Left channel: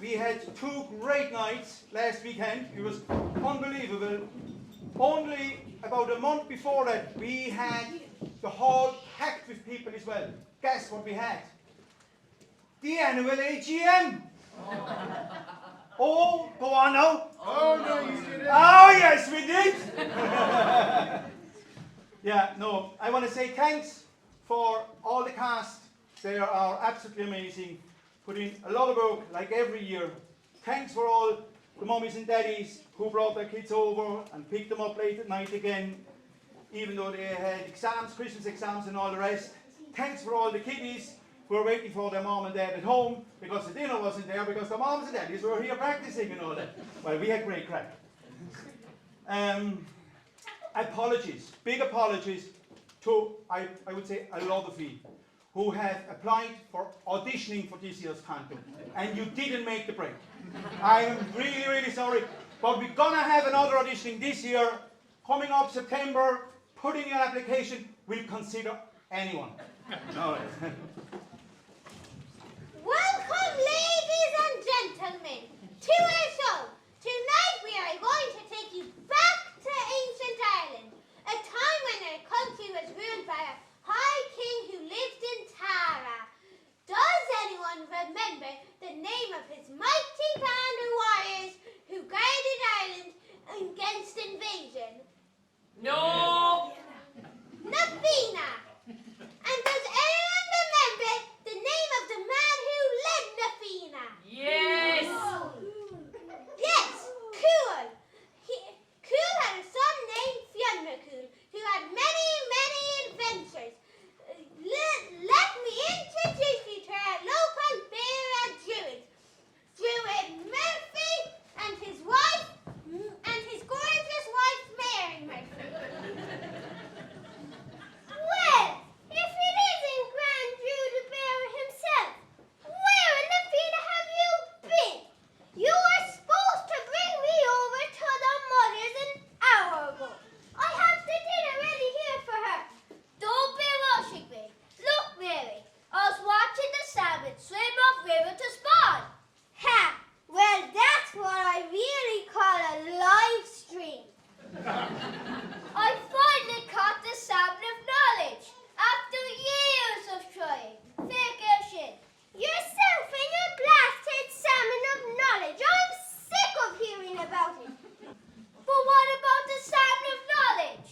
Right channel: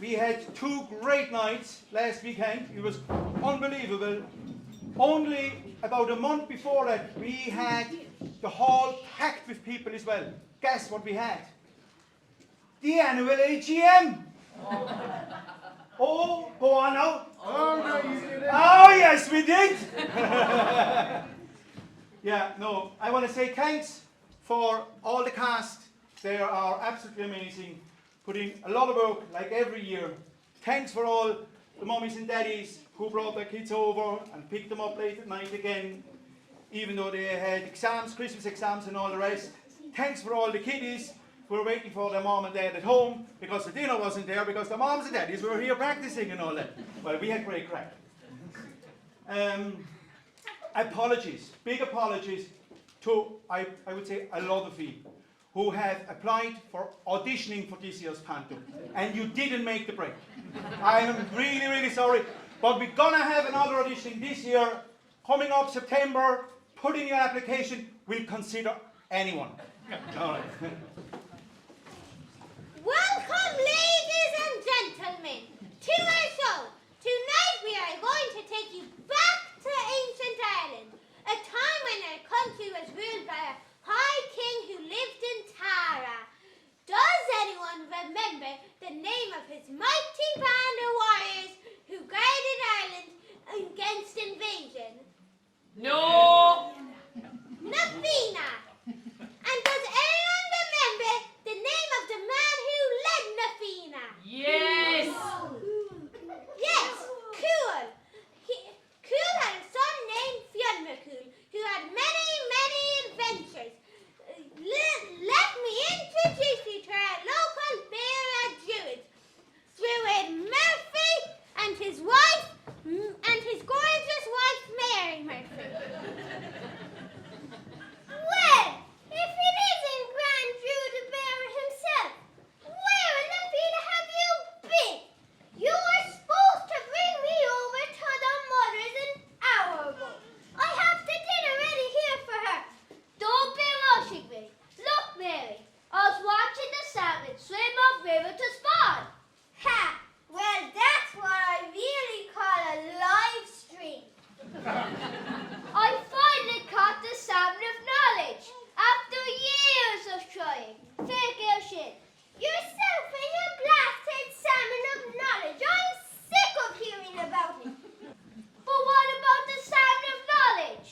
we had 2 great nights last weekend. It was unbelievable. Only about a month before that, we had the hall packed with people as well. Guess what we had? The annual AGM. Oh, go on now. Oh, no, you didn't. Oh, yes, we did. Yeah, no, I want to say thanks for all the cast. They are absolutely amazing. Put in a lot of work, like every year. Thanks for all the mummies and daddies who brought their kids over and picked them up late at night again, even though they had exams, Christmas exams and all the rest. Thanks for all the kiddies who were waiting for their mom and dad at home because the dinner wasn't there because the moms and daddies were here practicing and all that. Well, we had great crack. Apologies, big apologies to, I would say, a lot of you who have applied for auditioning for this year's Panto, and you didn't make the break. I am really, really sorry, but we're gonna have another auditioning this year, coming up September. Put in your application, we'll consider anyone. All right. Welcome, ladies and gentlemen, to our show. Tonight we are going to take you back to ancient Ireland, a time when our country was ruled by a high king who lived in Tara. Does anyone remember the name of his mighty band of warriors who guarded Ireland against invasion? No! Nafina! And does anyone remember the name of the man who led Nafina? Yes! Yes, Cool. Cool had a son named Fionn who had many, many adventures. Let me introduce you to our local bear and druid. Druid Murphy and his wife, and his gorgeous wife Mary Murphy. Well, if it isn't Grand Druid the Bear himself, where in the field have you been? You were supposed to bring me over to the mother's an hour ago. I have the dinner ready here for her. Don't be rushing me. Look, Mary, I was watching the salmon swim upriver to spawn. Ha! Well, that's what I really call a live stream. I finally caught the salmon of knowledge after years of trying. Fair girl shit. Yourself and your blasted salmon of knowledge. I'm sick of hearing about it. But what about the salmon of knowledge?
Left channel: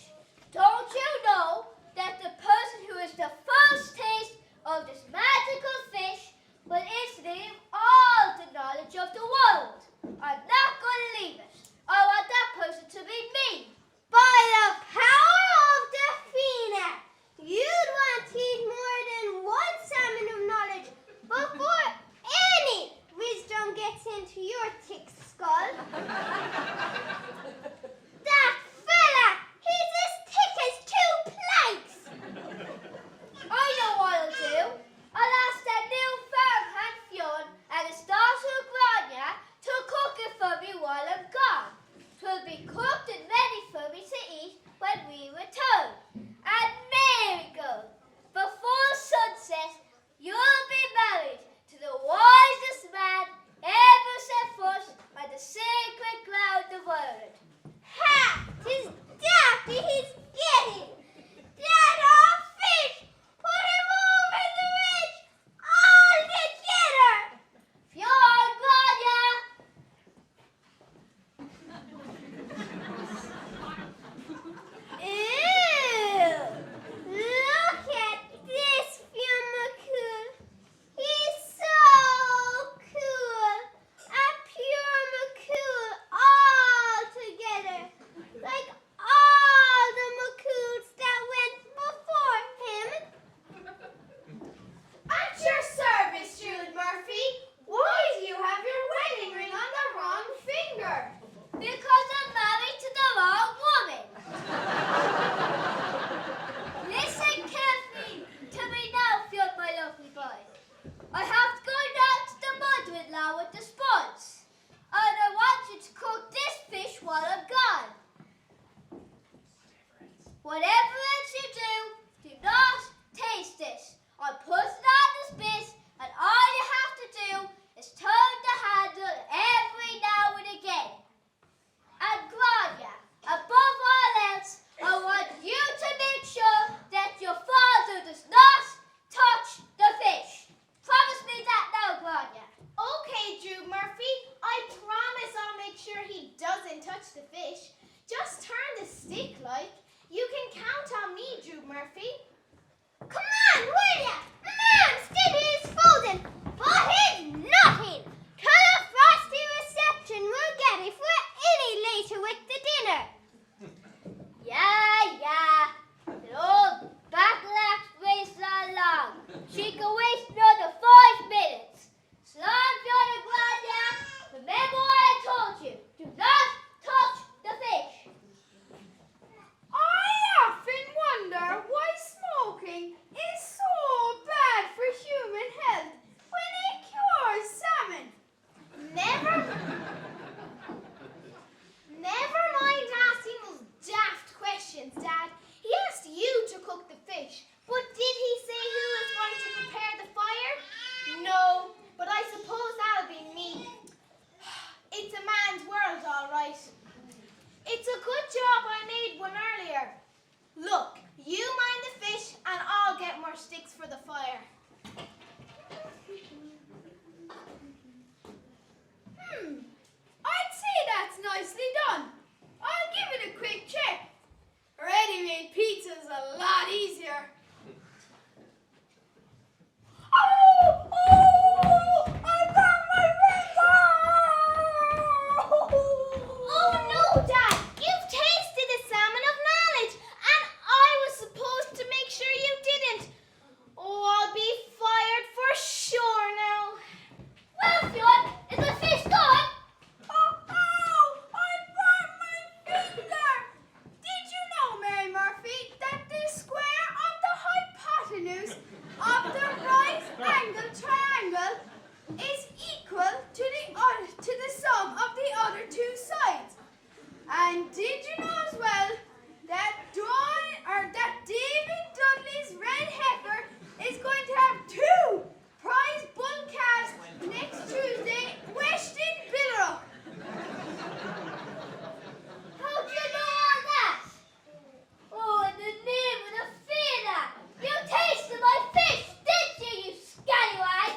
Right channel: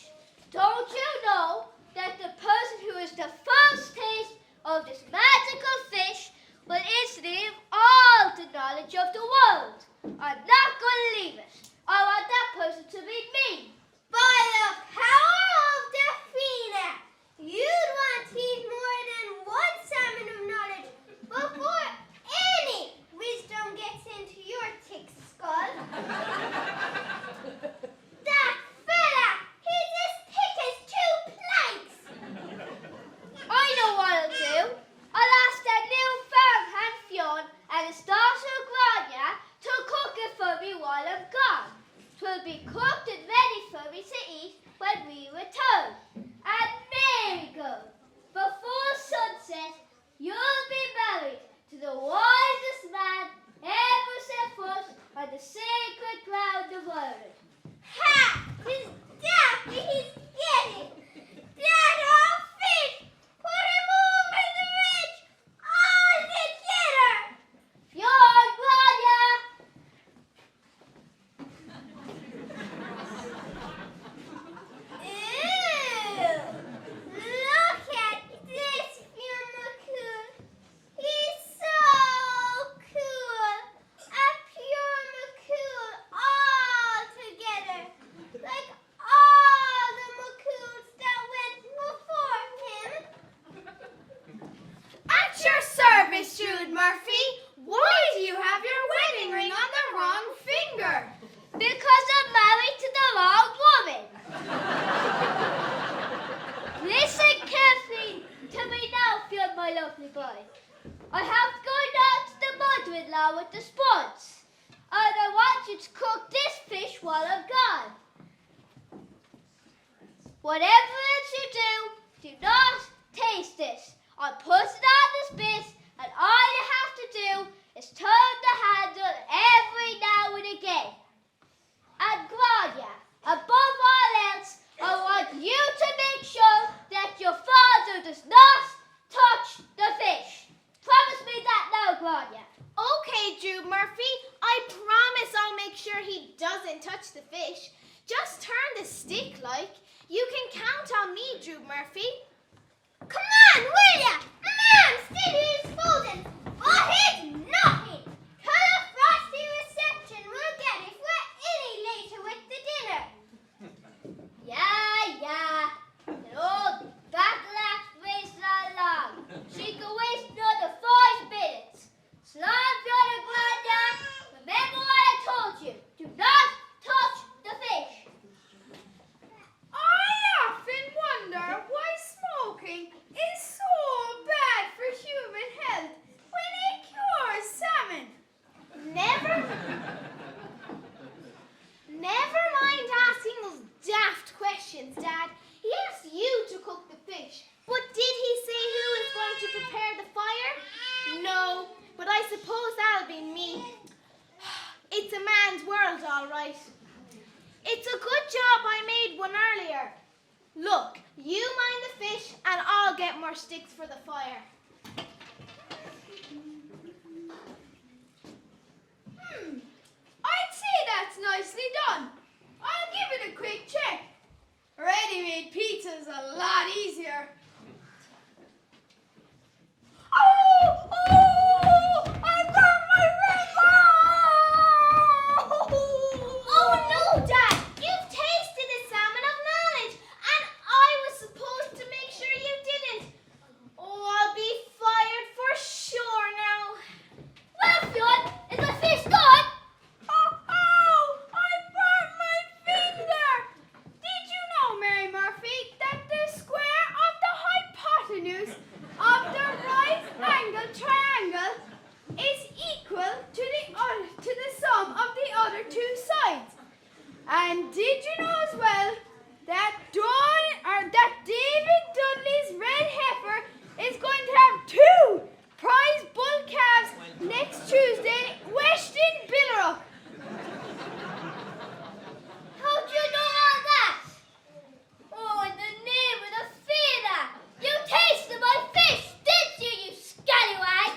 Don't you know that the person who is the first taste of this magical fish will instantly have all the knowledge of the world? I'm not going to leave it. I want that person to be me. By the power of the Fina, you'd want to eat more than one salmon of knowledge before any wisdom gets into your thick skull. That fella, he's as thick as 2 planks. I know what I'll do. I'll ask that new farmhand Fionn and his daughter Grania to cook it for me while I'm gone. 'Twill be cooked and ready for me to eat when we return. And Marigold, before sunset, you'll be married to the wisest man ever set foot on the sacred ground of Ireland. Ha! 'Tis that he's getting! That old fish! Put him over the ridge! All together! Fionn, Grania! Ew! Look at this, Fionn McCool. He's so cool. A pure McCool all together. Like all the McCools that went before him. At your service, Druid Murphy. Why do you have your wedding ring on the wrong finger? Because I'm married to the wrong woman. Listen carefully to me now, Fionn, my lovely boy. I have to go down to the mother-in-law with the spuds. And I want you to cook this fish while I'm gone. Whatever else you do not taste it. I put it on the spit, and all you have to do is turn the hand doesn't touch the fish. Just turn the stick like. You can count on me, Drew Murphy. Come on, will ya? A man still is frozen, but he's nothing. To the frosty reception we'll get if we're any later with the dinner. Yeah. The old battle-axe race along. She can waste another 5 minutes. Slide on the ground now. Remember what I told you. Do not touch the fish. I often wonder why smoking is so bad for human health when it cures salmon. Never mind asking those daft questions, Dad. He asked you to cook the fish, but did he say who was going to prepare the fire? No, but I suppose that'll be me. It's a man's world, all right. It's a good job I made one earlier. Look, you mind the fish and I'll get more sticks for the fire. I'd say that's nicely done. I'll give it a quick check. Ready-made pizza's a lot easier. Oh! I got my finger! Oh no, Dad! You've tasted the salmon of knowledge, and I was supposed to make sure you didn't. Oh, I'll be fired for sure now. Well, Fionn, is the fish gone? Oh! I burnt my finger! Did you know, Mary Murphy, that the square of the hypotenuse of the right-angled triangle is equal to the sum of the other 2 sides? And did you know as well that David Dudley's red heifer is going to have 2 prize bull calves next Tuesday, west in Billericay? How'd you know all that? Oh, in the name of the theatre! You tasted my fish, didn't you, you scallywag?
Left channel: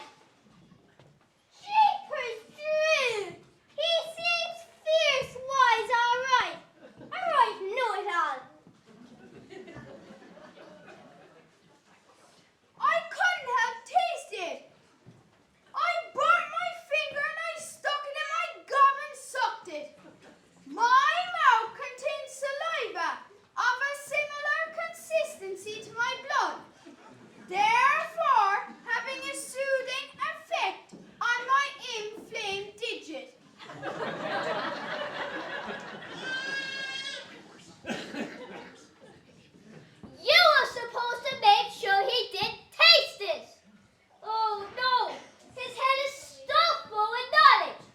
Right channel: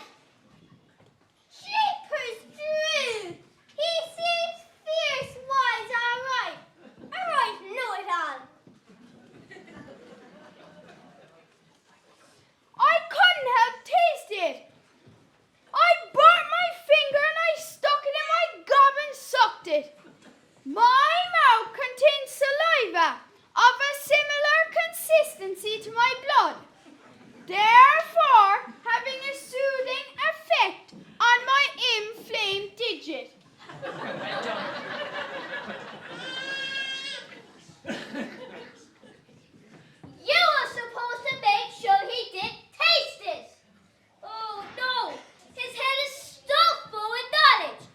Jeepers, Drew! He seems fierce wise, all right. All right, know it all. I couldn't have tasted it. I burnt my finger and I stuck it in my gob and sucked it. My mouth contains saliva of a similar consistency to my blood, therefore having a soothing effect on my inflamed digit. You were supposed to make sure he did taste it. Oh, no. His head is stuffed full with knowledge.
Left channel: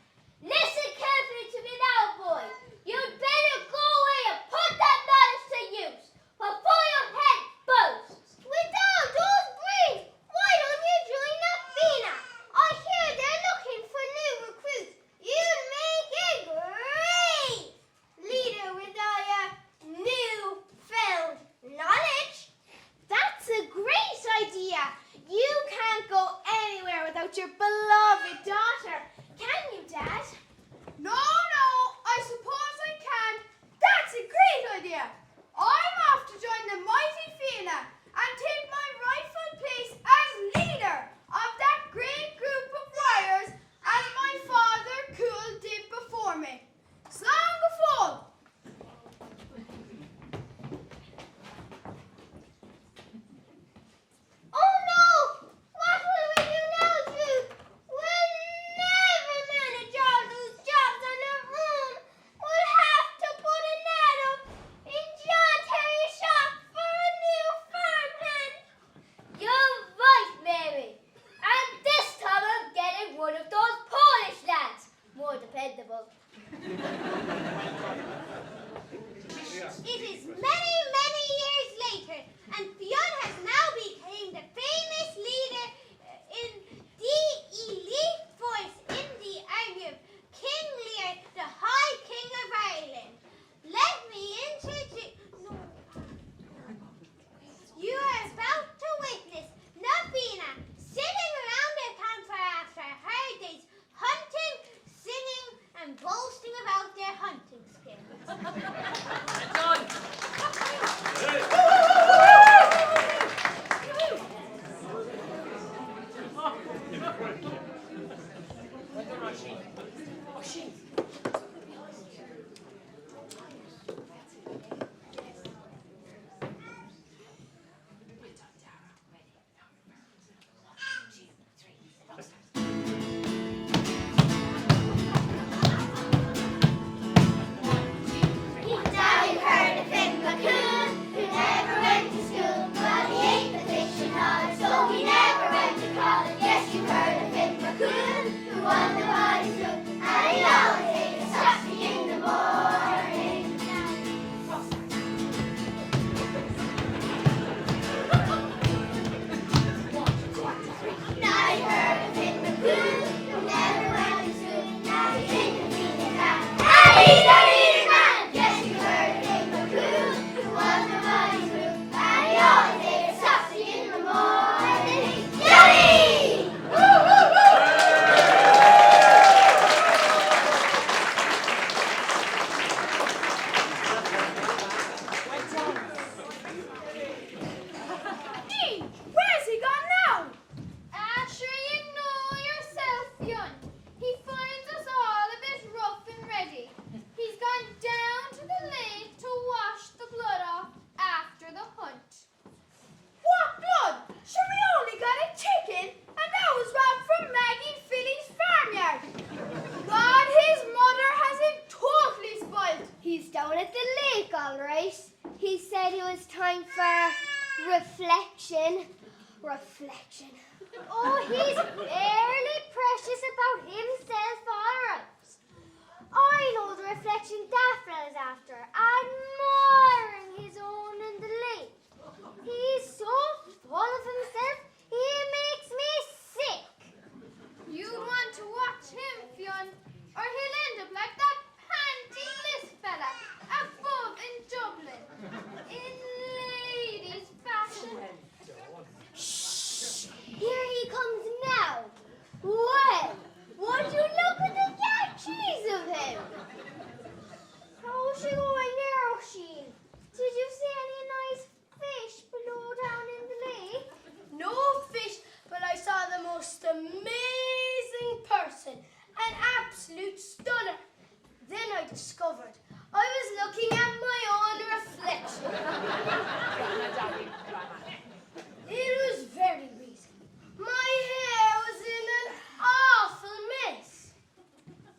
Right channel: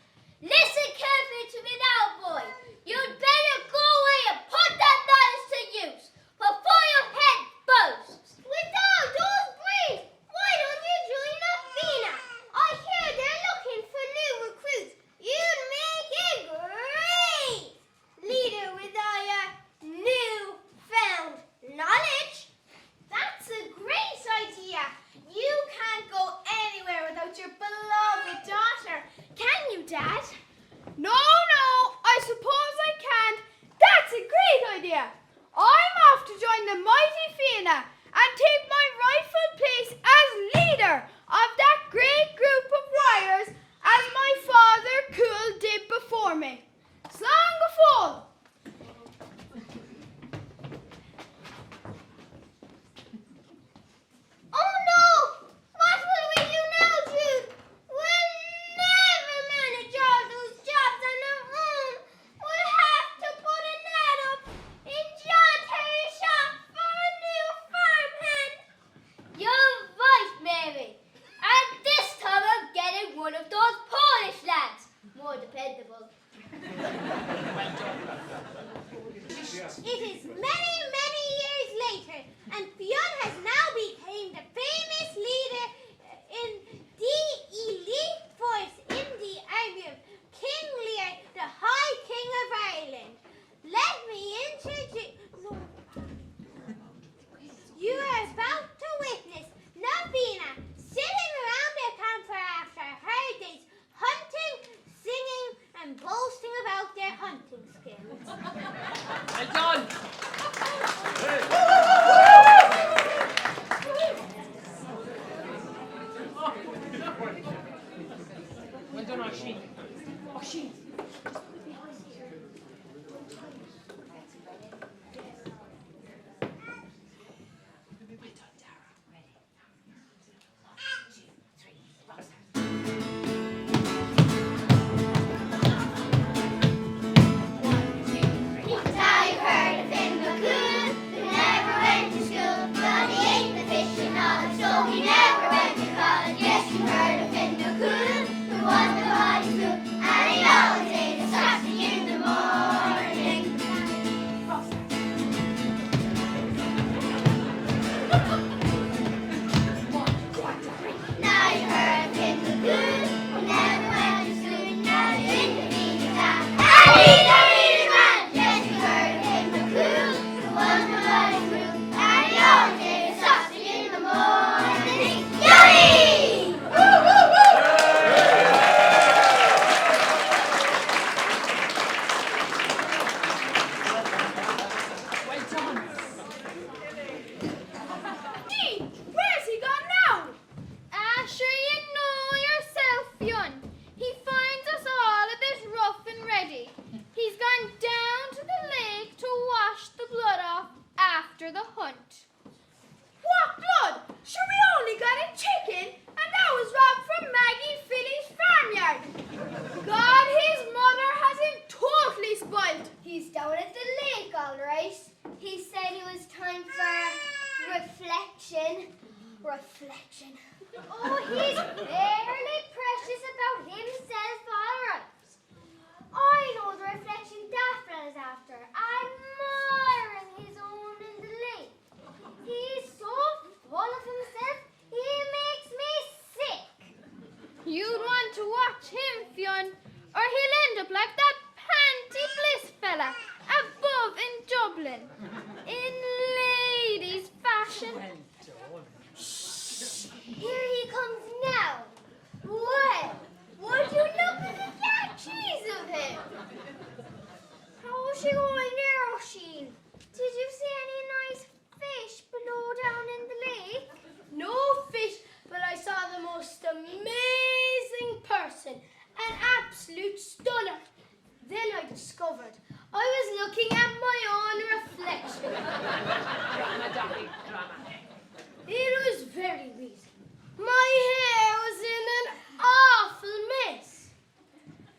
Listen carefully to me now, boy. You'd better go away and put that knowledge to use before your head bursts. With all those brains, why don't you join the FINA? I hear they're looking for new recruits. You'd make a great leader with all your newfound knowledge. That's a great idea. You can't go anywhere without your beloved daughter, can you, Dad? No, I suppose I can. That's a great idea. I'm off to join the mighty Fianna and take my rightful place as leader of that great group of warriors as my father Cool did before me. Slán go fóill. Oh no! What will we do now, Jude? We'll never manage all those jobs on our own. We'll have to put an ad up in John Terry's shop for a new farmhand. You're right, Mary. And this time I'm getting one of those Polish lads. More dependable. It is many, many years later, and Fionn has now become the famous leader in the elite force in the army of King Lear, the High King of Ireland. Let me introduce... No. You are about to witness Navina sitting around the campfire after a hard day's hunting, singing, and boasting about their hunt. Now you've heard of Finn McCool, who never went to school, but he ate the fish and all, so he never went to college. Yes, you've heard of Finn McCool, who won the Hodges school, and he always ate a sausage in the morning. Now you've heard of Finn McCool, who never went to school, now he's in the meeting town, and he's a meeting man. Yes, you heard of Finn McCool, who won the Hodges school, and he always ate a sausage in the morning. Yummy! Dean, where's he gone now? Asher, you know yourself, Fionn. He finds us all a bit rough and ready. He's gone down to the lake to wash the blood off after the hunt. What blood? Sure, we only got a chicken, and that was robbed from Maggie Philly's farmyard. God, his mother has him totally spoiled. He's down at the lake, all right. He said it was time for reflection. Reflection. Oh, he's barely precious about himself, all right. I know the reflection that fella's after, admiring his own in the lake. He's so full of himself, he makes me sick. You'd want to watch him, Fionn, or he'll end up like that Panty Bliss fella above in Dublin, in ladies' fashion. Here he comes now. Well, would you look at the catchies of him? How's she going there, Oisin? Did you see any nice fish below down in the lake? No fish, but I saw the most amazing person, an absolute stunner. Then I discovered I was looking at my own reflection. It was very reason. My hair was in an awful mess.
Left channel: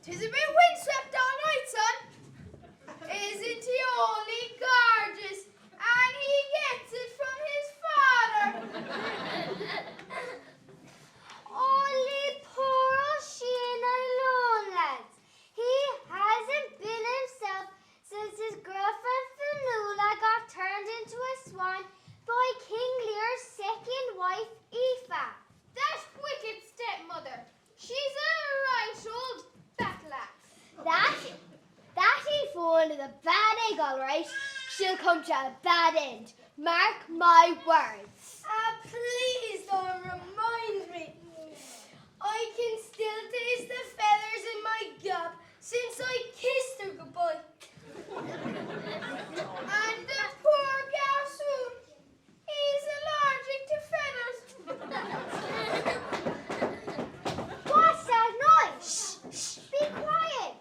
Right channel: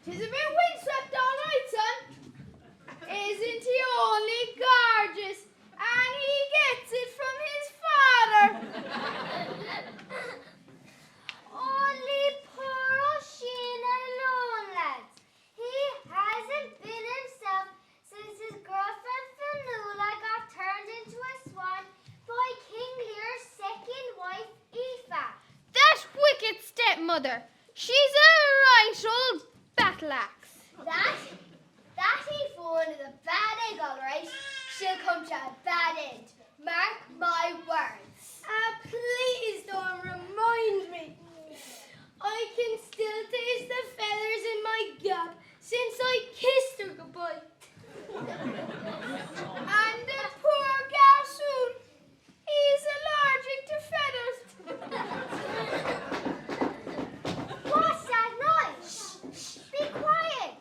'Tis a bit windswept all right, son. Isn't he only gorgeous? And he gets it from his father. Only poor Oisin alone, lads. He hasn't been himself since his girlfriend Fanula got turned into a swan by King Lear's second wife, Aoife. That wicked stepmother, she's a right old battle axe. That Aoife one is a bad egg, all right. She'll come to a bad end. Mark my words. Please don't remind me. I can still taste the feathers in my gap since I kissed her goodbye. And the poor garçon, he's allergic to feathers. What's that noise? Shh, be quiet.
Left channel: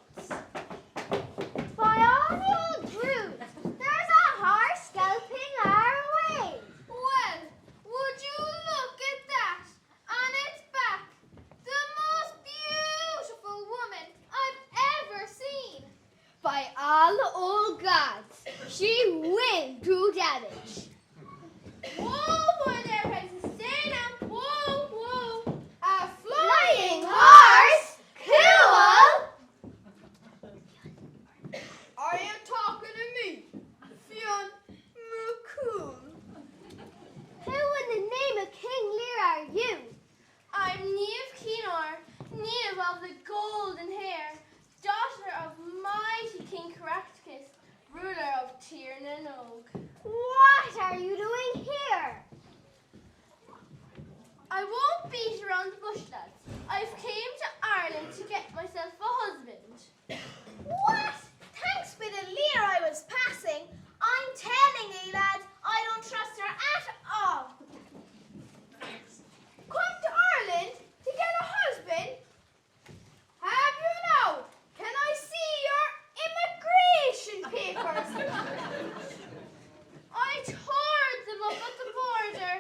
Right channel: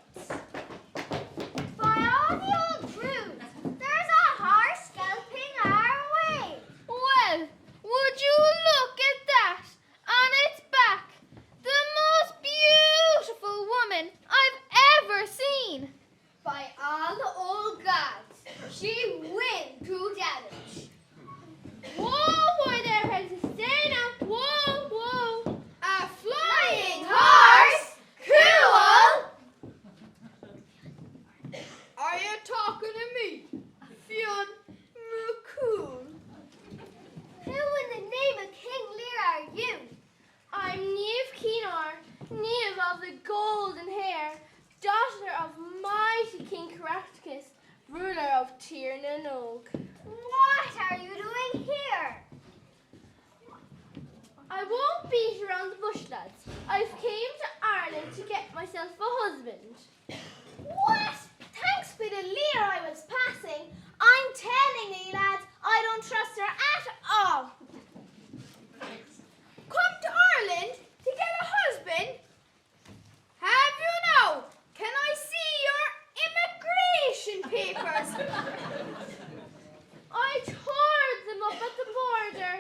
By all the old truth, there's a horse galloping our way. Well, would you look at that on its back? The most beautiful woman I've ever seen. By all the old gods, she will do damage. Whoa, boy there, Princess. Stay now. Whoa, whoa. A Flying horse? Cool! Are you talking to me, Fionn McCool? Who in the name of King Lear are you? I'm Niamh Keenor, Niamh of the golden hair, daughter of mighty King Caractacus, ruler of Tir na Nog. What are you doing here? I won't beat around the bush, lads. I've came to Ireland to get myself a husband. What? Thanks for the Lear I was passing. I'm telling you, lads, I don't trust her at all. Come to Ireland to get a husband? Have you now? I tore them up at the border.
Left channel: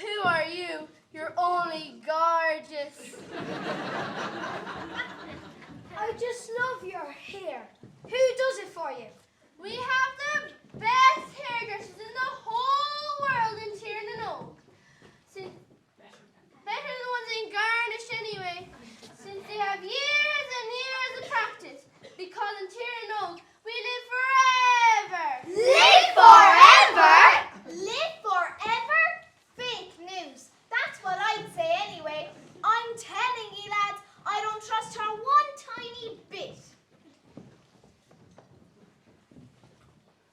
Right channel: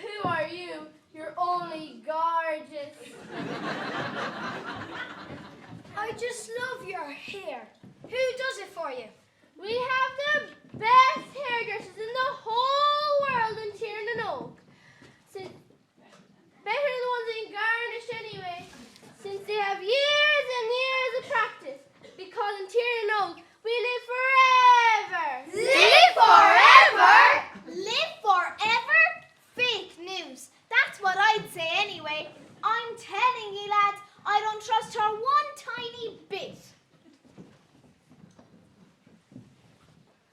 Who are you? You're only gorgeous. I just love your hair. Who does it for you? We have the best hairdressers in the whole world in Tiernan. Better than the ones in Garnish anyway, since they have years and years of practice. Because in Tiernan we live forever. Live forever? Live forever? Fake news. That's what I'd say anyway. I'm telling you, lads, I don't trust her one tiny bit.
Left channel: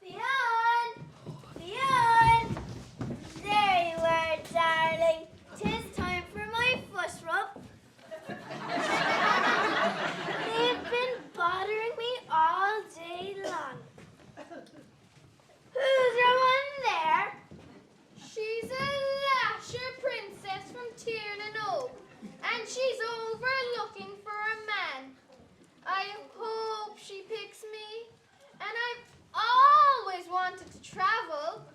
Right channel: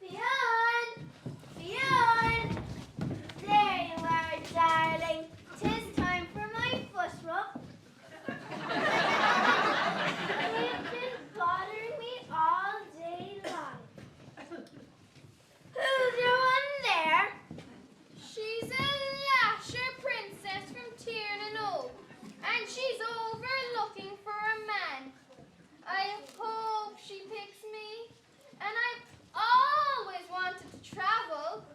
Leon! There you are, darling. 'Tis time for my foot rub. They've been bothering me all day long. Who's that one there? She's a lasher princess from Tiernan, and she's over looking for a man. I hope she picks me, and I've always wanted to travel.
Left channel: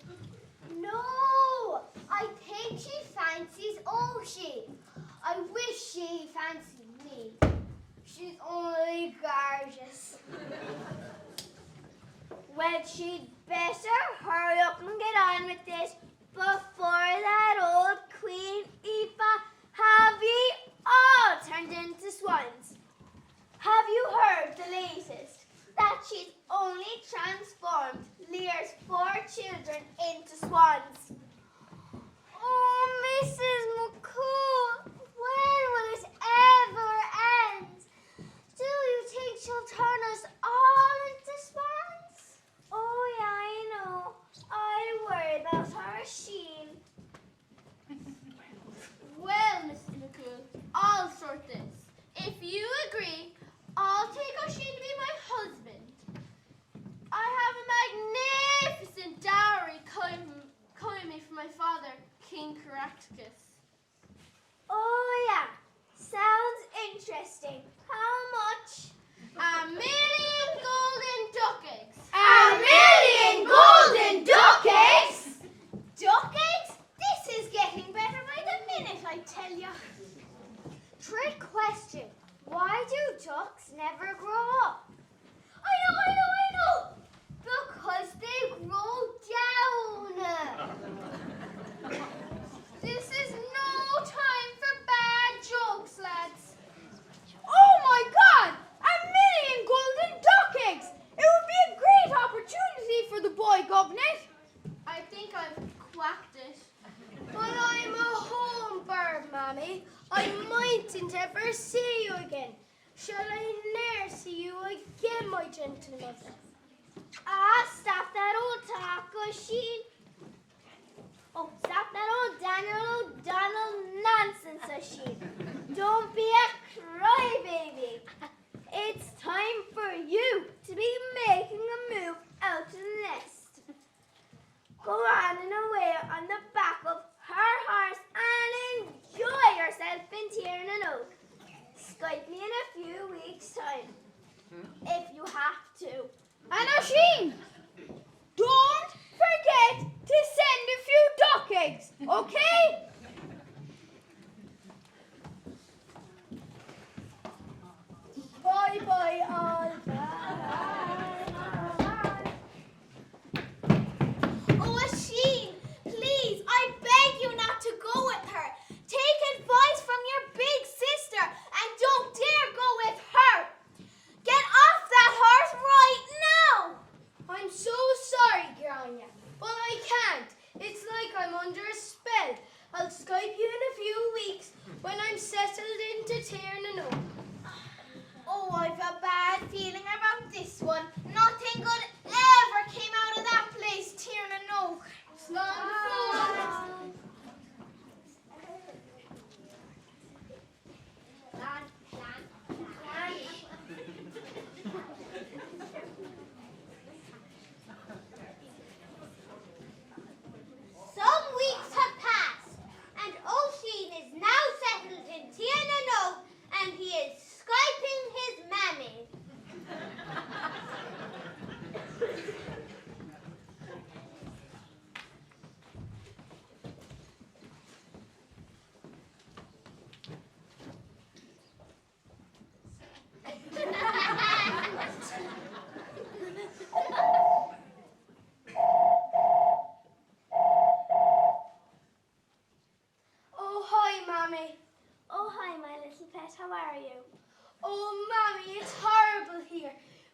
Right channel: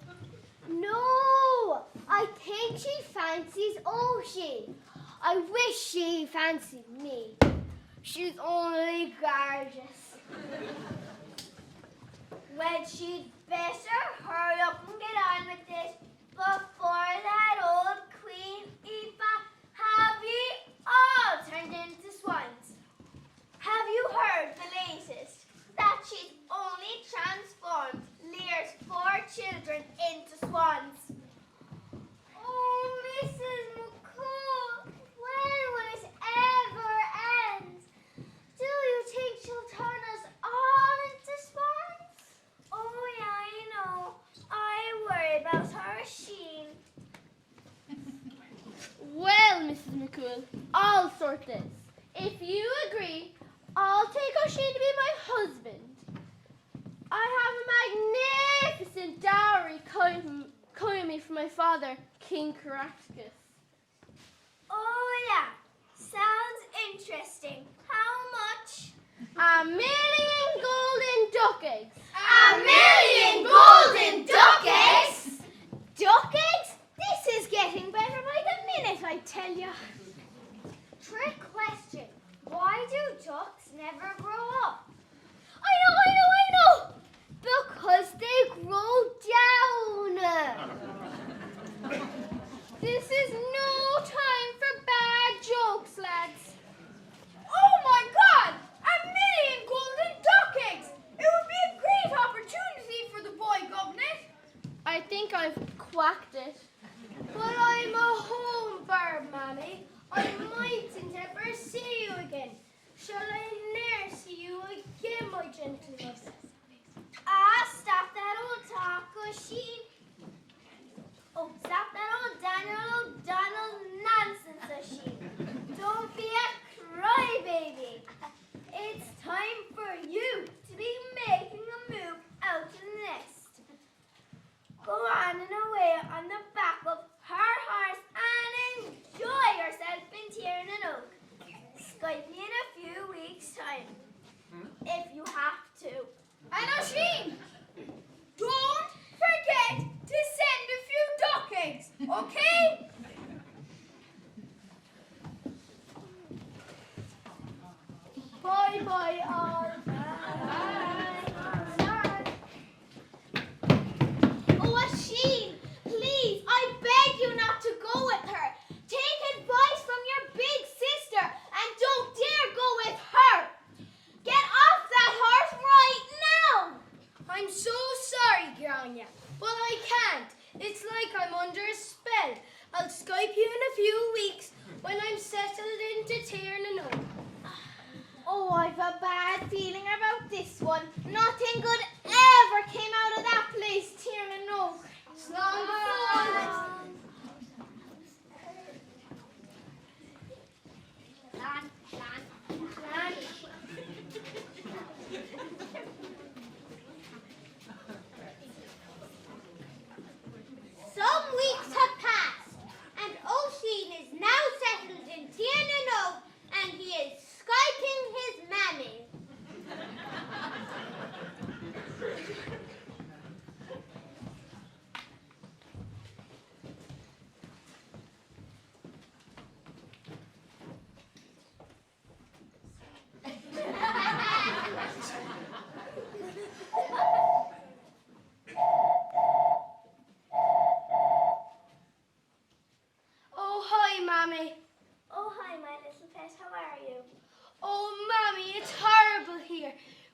No, I think she fancies Oshie. I wish she fancied me. She's only gorgeous. Well, she'd better hurry up and get on with this before that old Queen Aoife have ye all turned into swans. Have you heard the latest? That she's only transformed Lear's 4 children into swans. Oh, Mrs. McCool, when will it ever end? Do you think she'll turn us all into swans? Oh, yeah, I know. I worry about her Sheen. Well, Mrs. McCool, I'll sort this. If you agree, I'll take O'Shane to be my husband. I have a magnificent dowry coming me from my father, King Caractacus. Oh, yeah. Sounds interesting. How much? 1,000,000 golden duck eggs. 1,000,000 golden duck eggs? Duck eggs? This is getting better by the minute, I tell you. Trick question. Why do ducks never grow up? I know. Because they grow down. This is no time for bad jokes, lads. Oh my God! 1,000,000 golden duck eggs! It would be a great opportunity for the boy governor. I think I've quacked it. But I'm a home bird, Mammy. I mightn't ever see you again. Shall I ne'er see you again, my gentleness? Ah, stop that old talk, O'Sheen. Oh, stop that old Daniel O'Donnell nonsense, O'Sheen. Don't be a crybaby. It's time for you to be making a move out of the nest. Go on and away on the back of her horse and enjoy yourself in Tiernan. Skype me in a few weeks' time, if you have to. And O'Sheen, don't forget to send a few duck eggs, okay? Bye, all. Oh, O'Sheen, please, I beg you not to go with her. Take advice from your big sister and don't dare go with her. Get off that horse right now. I'm so sorry, Grania, but I can't. It's like I'm under a spell. I'll Skype you in a few weeks when I'm settled into Tiernan. Oh, I've a bad feeling about this one. Nothing good ever came out of that place, Tiernan. It's long before. Some weeks have passed, and O'Sheen is now settled in Tiernan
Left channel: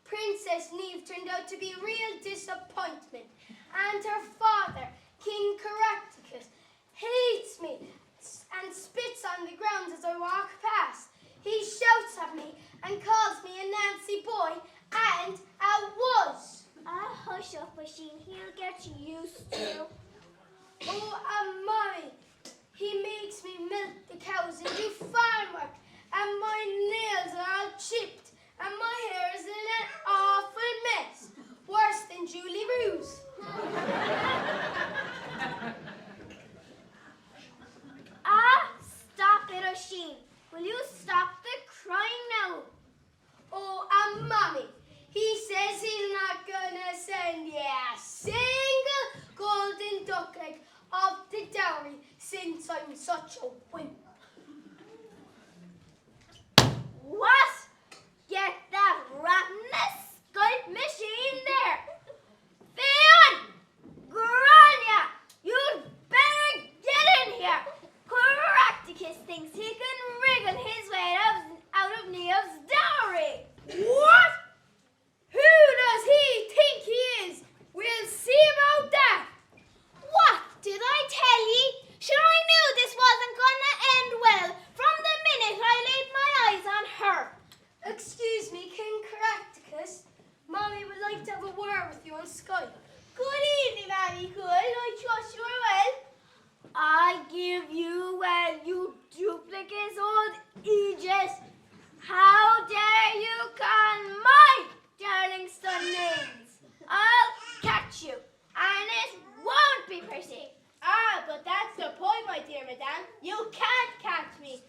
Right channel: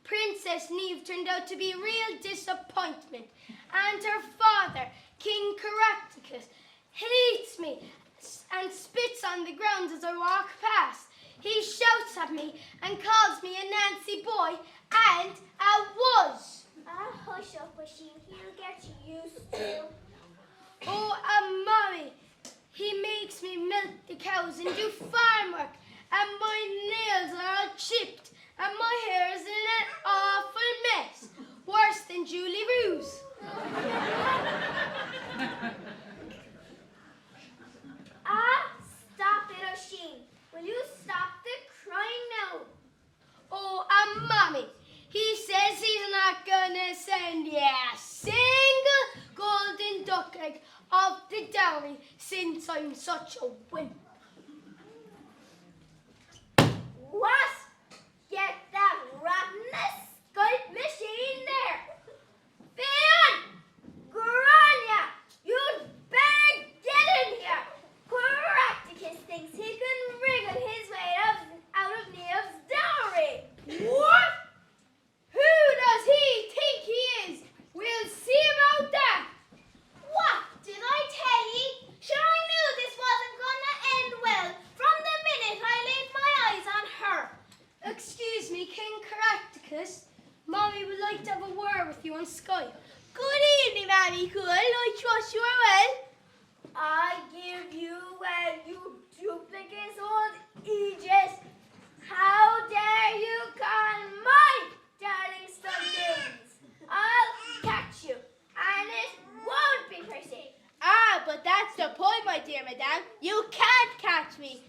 Princess Neve turned out to be a real disappointment, and her father, King Caractacus, hates me and spits on the ground as I walk past. He shouts at me and calls me a Nancy boy and a wuss. Ah, hush up, Oisin. He'll get used to. Oh, Mommy, he makes me milk the cows and do farm work, and my nails are all chipped, and my hair is in an awful mess, worse than Julie Ruse. Ah, stop it, Oisin. Will you stop the crying now? Oh, Mommy, he says he's not gonna send you a single golden duck egg of the dowry since I'm such a wimp. What? Get that rotten Skype machine there. Fionn! Grania! You'd better get in here. Caractacus thinks he can wriggle his way out of Neo's dowry. What? Who does he think he is? We'll see about that. What did I tell ye? Sure, I knew this wasn't gonna end well from the minute I laid my eyes on her. Excuse me, King Caractacus. Mommy would like to have a word with you on Skype. Good evening, Mammy Cool. I trust you are well. I give you well, you duplicate old Aegis. How dare you call my darling son names? I'll catch you, and it won't be pretty. Ah, but that's the point, my dear madame. You can't catch me.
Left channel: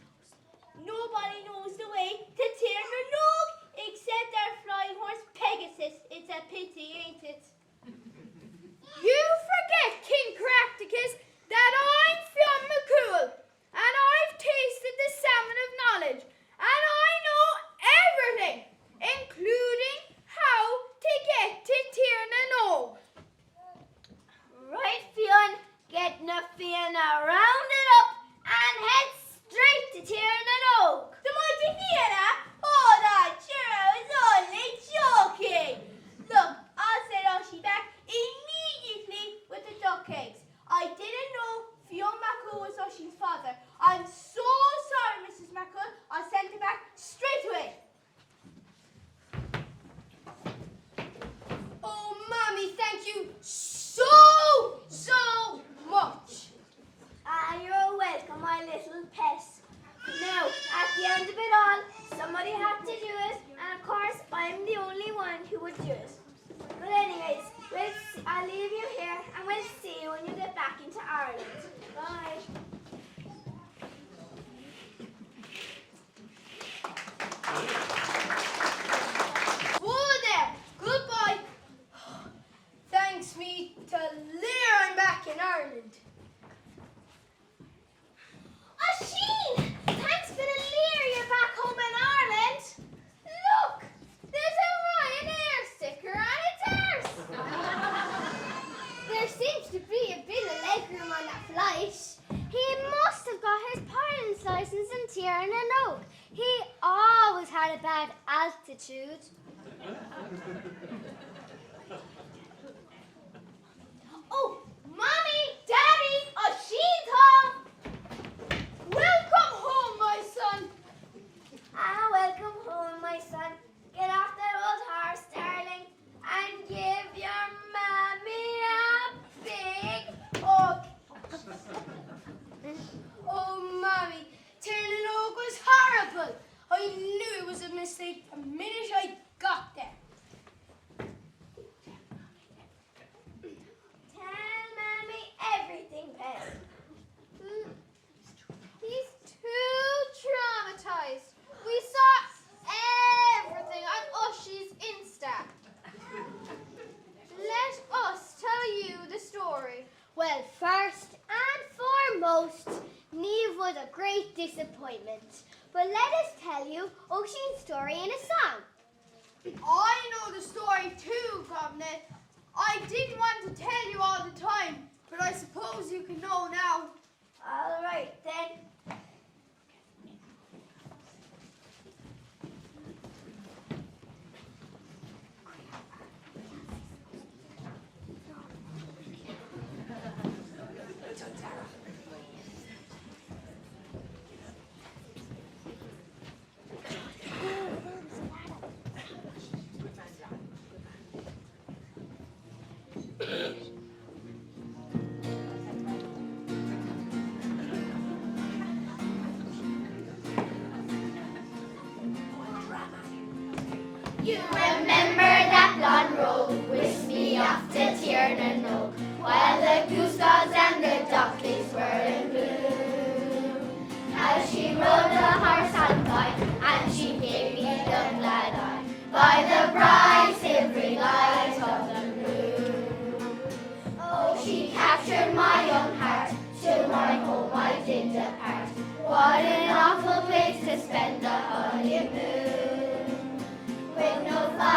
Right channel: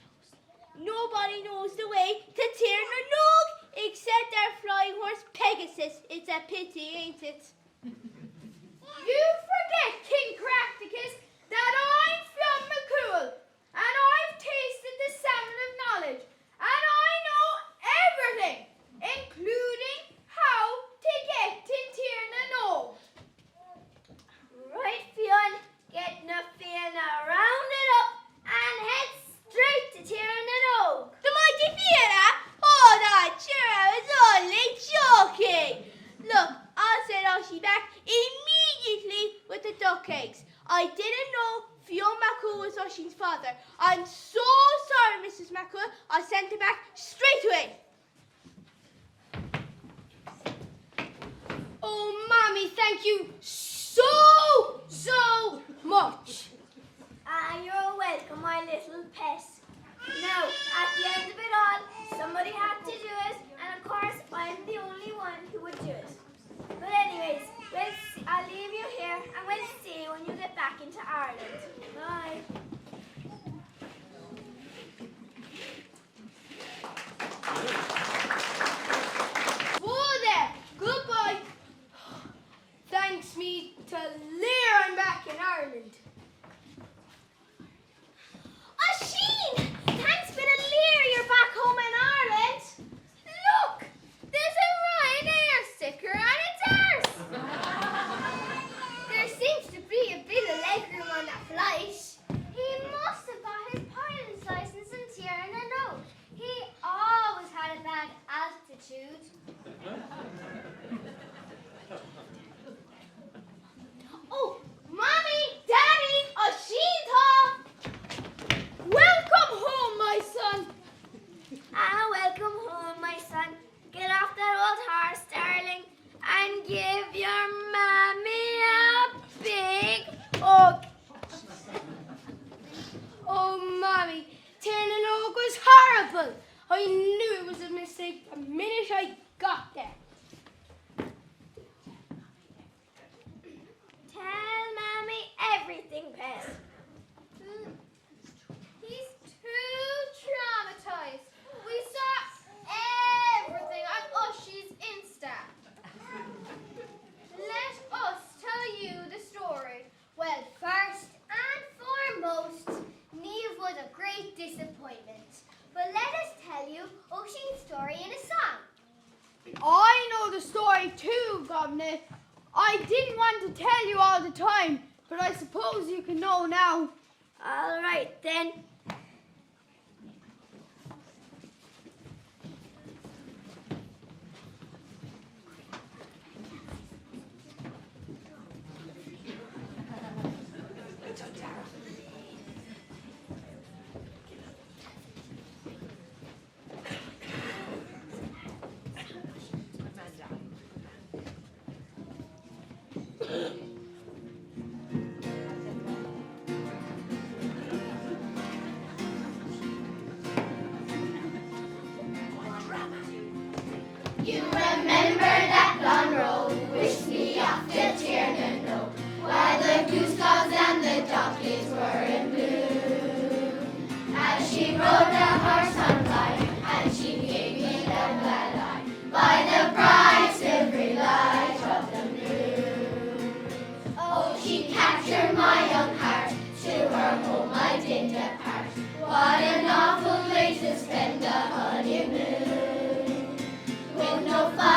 Nobody knows the way to Tirnanog except our flying horse Pegasus. It's a pity, ain't it? You forget, King Caractacus, that I'm from McCool, and I've tasted the salmon of knowledge, and I know everything, including how to get to Tirnanog. Right, Fionn, get Fiona rounded up and head straight to Tirnanog. The mighty Fiona? Oh, that sure, I was only joking. Look, I'll send Oshie back immediately with the duck eggs. I didn't know Fionn McCool was Oshie's father. I'm so sorry, Mrs. McCool. I'll send him back straight away. Oh, Mommy, thank you so much. Ah, you're welcome, my little pet. Now, at the end of it all, somebody had to do it, and of course, I'm the only one who would do it. But anyways, I'll leave you here, and we'll see you when you get back into Ireland. Bye. Whoa there, goodbye. Thanks me to Lear, I'm back in Ireland. Oisin! Thanks for the leer you're back home in Ireland. Look, there's a Ryanair sticker on its arse. There seems to be a bit of legroom on that flight. He must have got his pilot's license in Tirnanog. He always had a bad altitude. Oh, Mommy, Daddy, Oisin's home. Welcome home, my son. Ah, welcome home, my son. Get off that old horse, darling, and give your mommy a big hug. Oh, Mommy, Tirnanog was horrible. I knew it was a mistake the minute I got there. Tell Mommy everything, Pet. He's too traumatized. We saw everything on Oshie's Insta. Let us tell you the story. Well, first and foremost, Neve was a great disappointment. But let us tell you Oisin's story in a song. I know the story too, Governor. I didn't want to tell you all the time, but I suppose you can know now. All right, then. You remember that gone road, whisked me off to Tiernan Road, where the goose gods and the jockeys were in blue. As she rode the horse on fire, and she gave me the glad eye, by the bright silvery light of the moon. Oh, she captured my young heart, to her home I did depart. What an awful place to spend the honeymoon, with no fire.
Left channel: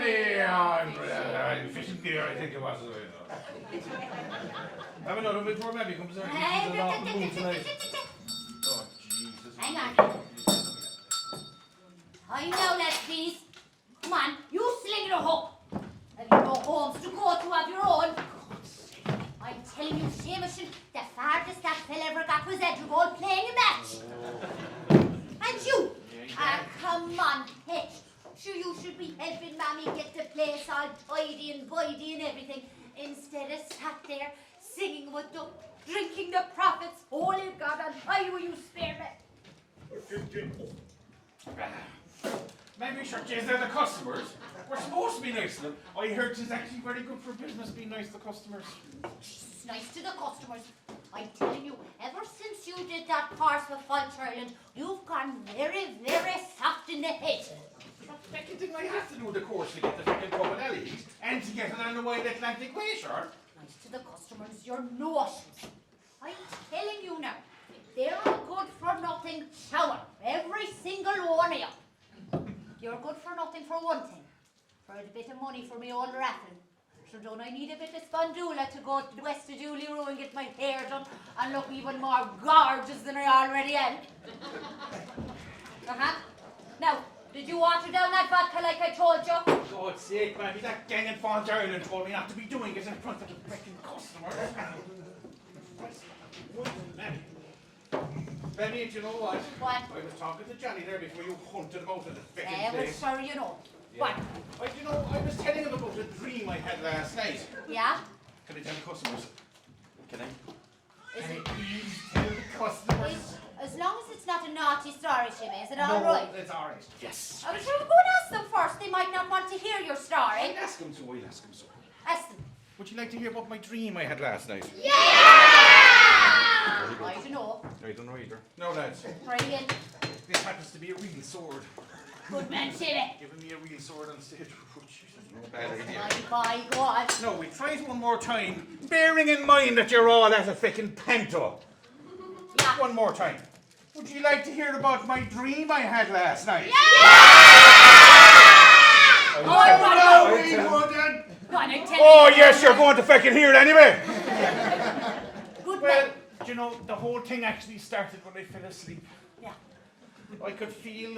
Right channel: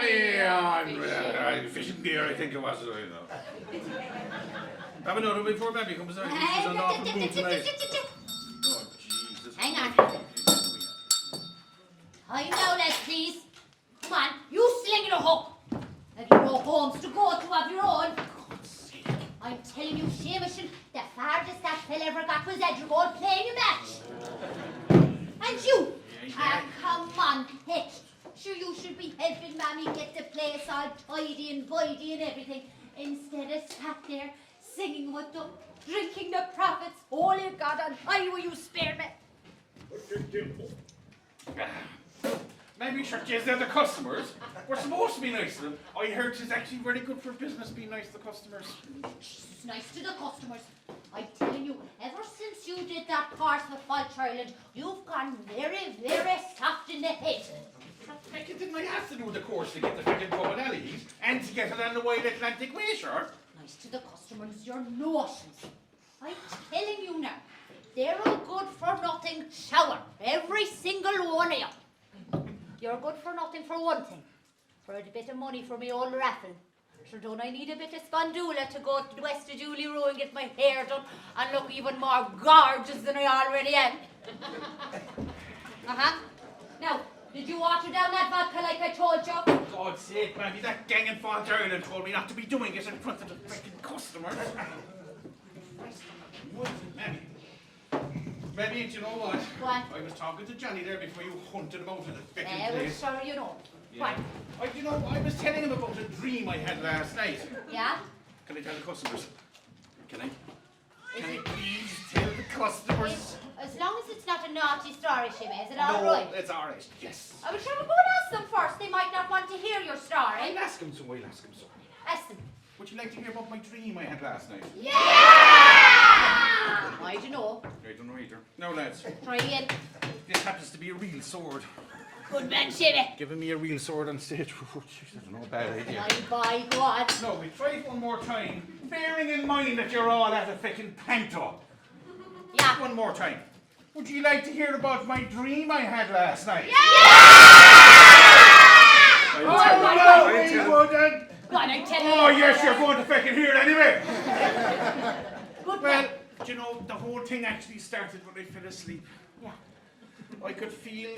money on fishing gear, I think it was. Have another before maybe comes out. He's on off the moon tonight. Oh, Jesus. Hang on. I know that, please. Come on, you sling the hook. Have you no homes to go to of your own? I'm telling you, Seamus, the farthest that fella ever got was Edgerbold playing a match. And you? Come on, Hitch. Sure, you should be helping Mammy get the place all tidy and tidy and everything, instead of sat there singing with them, drinking the profits. Holy God, and I will you spare me. Maybe sure, geez, they're the customers. We're supposed to be nice to them. I heard it's actually very good for business being nice to customers. It's nice to the customers. I'm telling you, ever since you did that course with Falch Ireland, you've gone very, very soft in the head. Becky, didn't I have to do the course to get the fucking pub and alleys and to get it on the Wild Atlantic Way, sure? Nice to the customers, your notions. I'm telling you now, they're a good for nothing shower, every single one of you. You're good for nothing for one thing, for a bit of money for my old raffle. Sure, don't I need a bit of spondula to go to the west of Julie Row and get my hair done and look even more gorgeous than I already am? Now, did you water down that vodka like I told you? For God's sake, Mammy, that gang in Falls Ireland told me not to be doing it in front of the fucking customers. Mammy, do you know what? What? I was talking to Johnny there before you hunted about in the fucking place. Well, you know. Yeah. I was telling him about a dream I had last night. Yeah? Can I tell the customers? Can I please tell the customers? As long as it's not a naughty story, Shimmy, is it all No, right? it's all right. Yes. I was going to go and ask them first. They might not want to hear your story. I'll ask him so. Ask them. Would you like to hear about my dream I had last night? Yeah! I don't know. I don't know either. No, lads. Try again. This happens to be a real sword. Good man, Shimmy. Giving me a real sword on stage. Oh, jeez, that's no bad idea. By God. No, we try it one more time, bearing in mind that you're all at a fucking panto. Yeah. One more time. Would you like to hear about my dream I had last night? Oh, yes, you're going to fucking hear it anyway. Good Well, man. do you know, the whole thing actually started when I fell asleep. Yeah. I could feel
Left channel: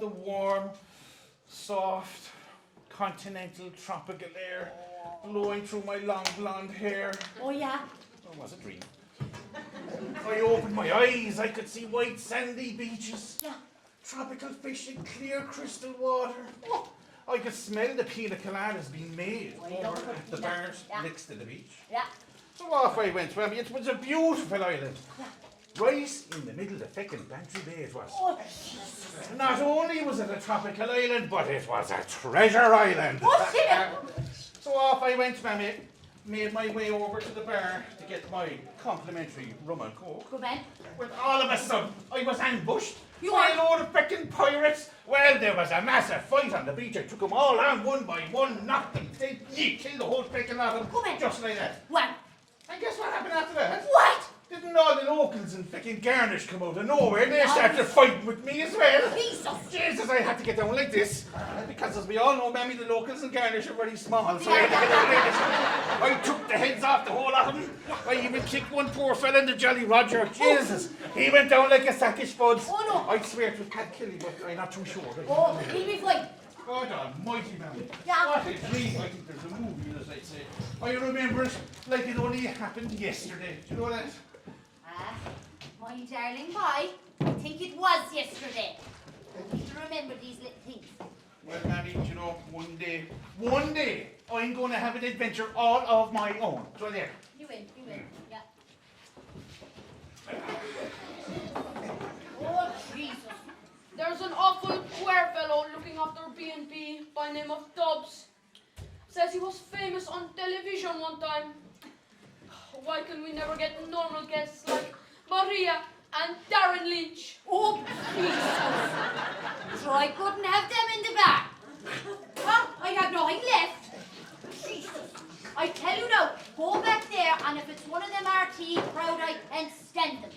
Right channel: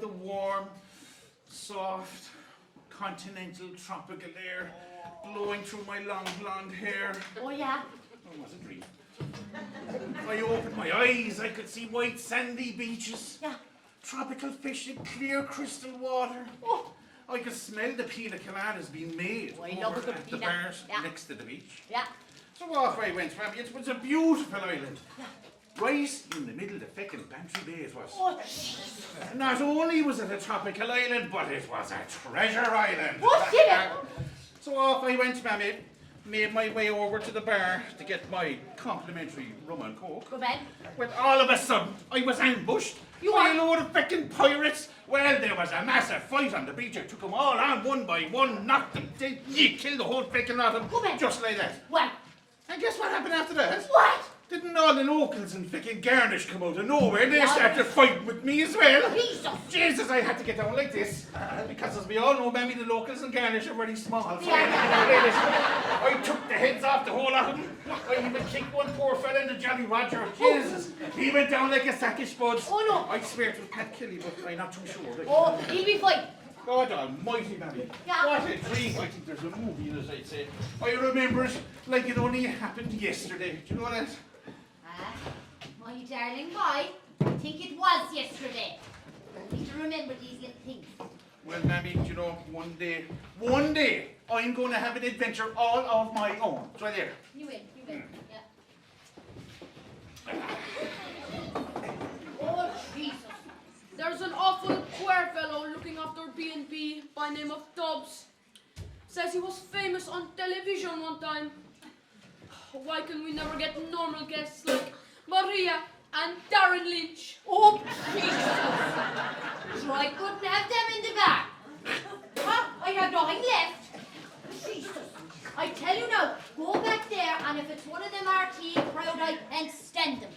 the warm, soft, continental, tropical air blowing through my long blonde hair. Oh, yeah. It was a dream. I opened my eyes, I could see white sandy beaches, Yeah. tropical fish in clear crystal water. Oh, I could smell the pina coladas being made Oh, I love over good at the pina. bars Yeah. next to the beach. Yeah. So off I went, Rabbi. It was a beautiful island. Right in the middle of the fucking Bantry Bay it was. Oh, Jesus. Not only was it a tropical island, but it was a treasure island. What, Shimmy? So off I went, Mammy. Made my way over to the bar to get my complimentary rum and coke. Good man. When all of a sudden, I was ambushed You by are? a load of fucking pirates. Well, there was a massive fight on the beach. I took them all on one by one, knocked them, killed the whole fucking lot of them, Come on. just like that. Well, And guess what happened after that? what? Didn't all the locals and fucking Garnish come out of nowhere? They started fighting with me as well. Jesus. Jesus, I had to get down like this. Because as we all know, Mammy, the locals and Garnish are very small. So Yeah. I had to get down like this. I took the heads off the whole lot of them. I even kicked one poor fella in the Jolly Roger. Jesus, he went down like a sack of spuds. Oh, no. I swear it was Pat Kelly, but I'm not too sure. Oh, he'll be fine. God almighty, Mammy. Yeah. What a dream. I think there's a movie, as I'd say. I remember it like it only happened yesterday. Do you know that? My darling boy, I think it was yesterday. I need to remember these little things. Well, Mammy, do you know, one day, I'm going to have an adventure all of my own. It's right there. You win, yeah. Oh, Jesus. There's an awful queer fellow looking after B&B by name of Dobbs. Says he was famous on television one time. Why can we never get normal guests like Maria and Darren Lynch? Oh, Jesus. So I couldn't have them in the bar. Huh? I have nothing left. Jesus. I tell you now, go back there, and if it's one of them RT crowd, I can't stand them.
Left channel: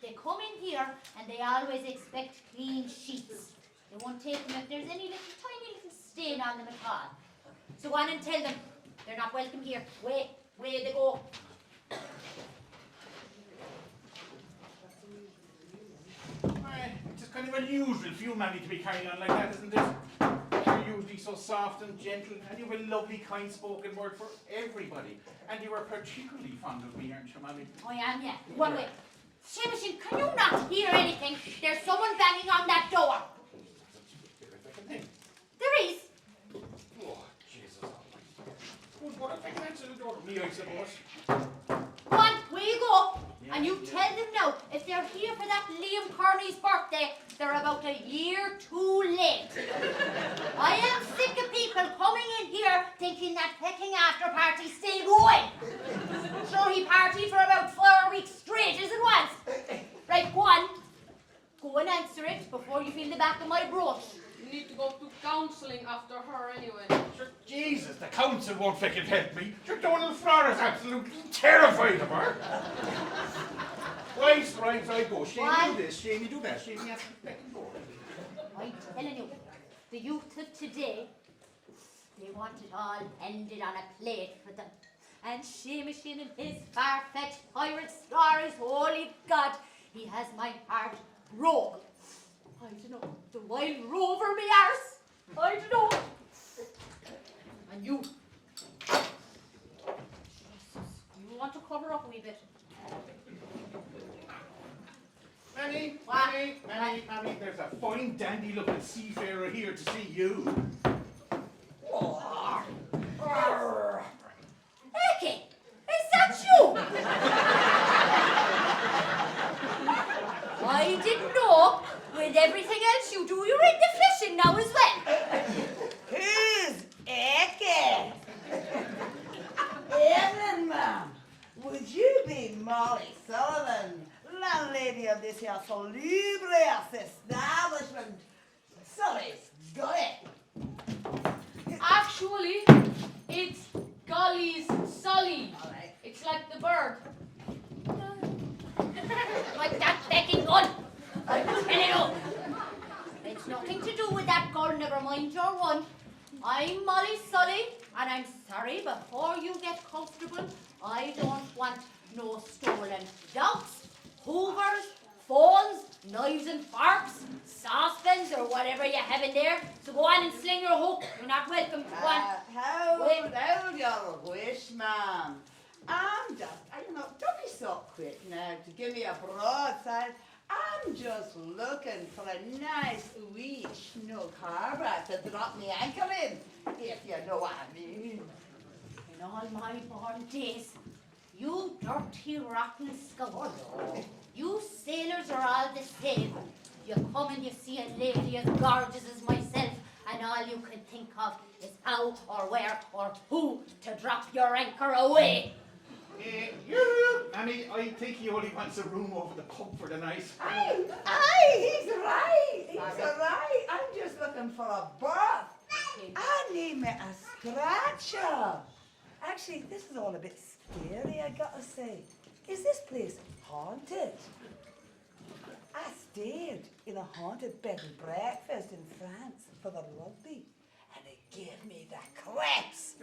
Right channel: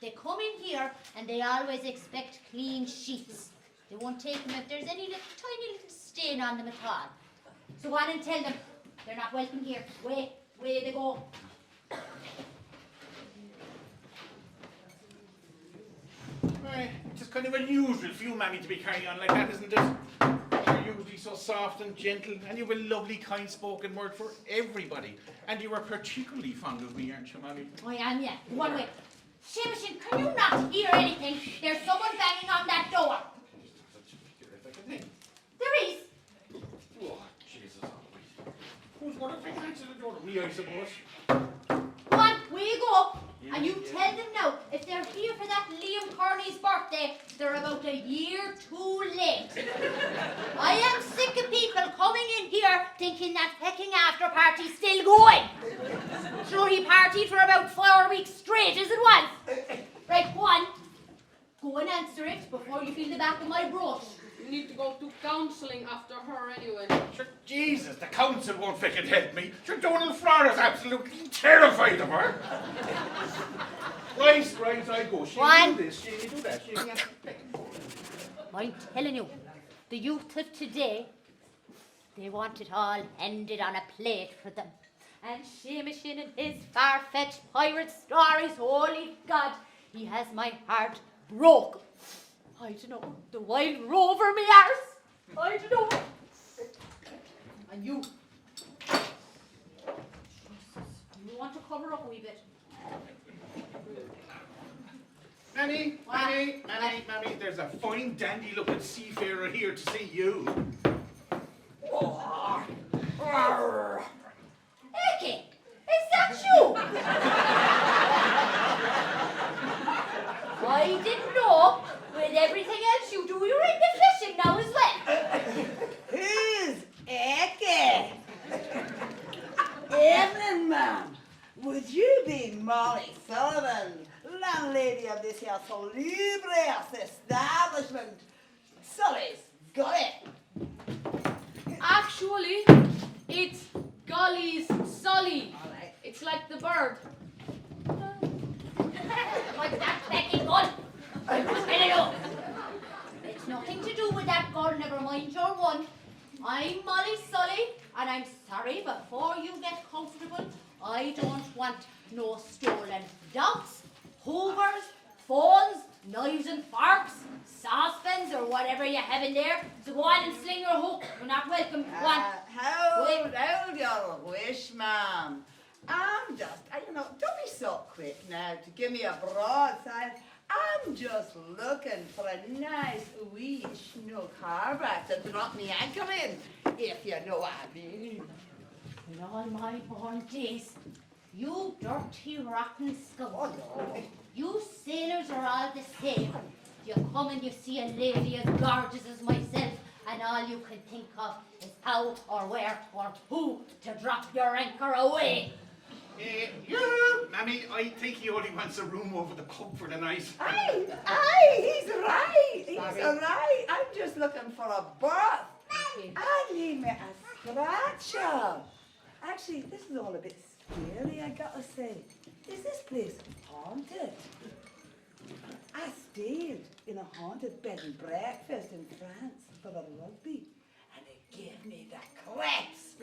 They come in here, and they always expect clean sheets. They won't take them if there's any little tiny little stain on them at all. So go on and tell them they're not welcome here. Way they go. It's just kind of unusual for you, Mammy, to be carrying on like that, isn't it? You're usually so soft and gentle, and you have a lovely, kind-spoken word for everybody. And you are particularly fond of me, aren't you, Mammy? I am, yeah. What way? Seamushin, can you not hear anything? There's someone banging on that door. There is. Oh, Jesus almighty. Who's going to answer the door? Me, I suppose. Go on, where you go? And you tell them now, if they're here for that Liam Kearney's birthday, they're about a year too late. I am sick of people coming in here thinking that pecking after party's still going. Sure, he partied for about 4 weeks straight, as it was. Right, go on. Go and answer it before you feel the back of my brush. You need to go to counselling after her anyway. Sure, Jesus, the council won't fucking help me. Sure, Donald Florida's absolutely terrified of her. Right, I go. Shane, do this, Shane, do that. Shane, I'm telling you, the youth of today, they want it all ended on a plate for them. And Seamushin and his far-fetched pirate stories, holy God, he has my heart broke. I don't know, the wild rover me arse. I don't know. And you. You want to cover up a wee bit? Mammy, there's a fine dandy-looking seafarer here to see you. Eke, is that you? I didn't know. With everything else you do, you're into fishing now as well. Who's Eke? Evening, ma'am. Would you be Molly Sullivan, landlady of this here salubrious establishment? Sully's got it. Actually, it's Golly's Sully. All right. It's like the bird. Like that pecking gun. I'm telling you. It's nothing to do with that gun, never mind your one. I'm Molly Sully, and I'm sorry, before you get comfortable, I don't want no stolen dogs, hoovers, phones, knives and forks, saucepans, or whatever you have in there. So go on and sling your hook. You're not welcome. Go on. Hold your wish, ma'am. I'm just, don't be so quick now to give me a broadside. I'm just looking for a nice wee snug harbour to drop me anchor in, if you know what I mean. In all my born days, you dirty, rotten scoundrel. You sailors are all the same. You come and you see a lady as gorgeous as myself, and all you can think of is how or where or who to drop your anchor away. Mammy, I think he only wants a room over the pub for the night. Aye, he's right. He's right. I'm just looking for a berth. I need me a scratcher. Actually, this is all a bit scary, I gotta say. Is this place haunted? I stayed in a haunted bed and breakfast in France for the rugby, and it gave me the creeps.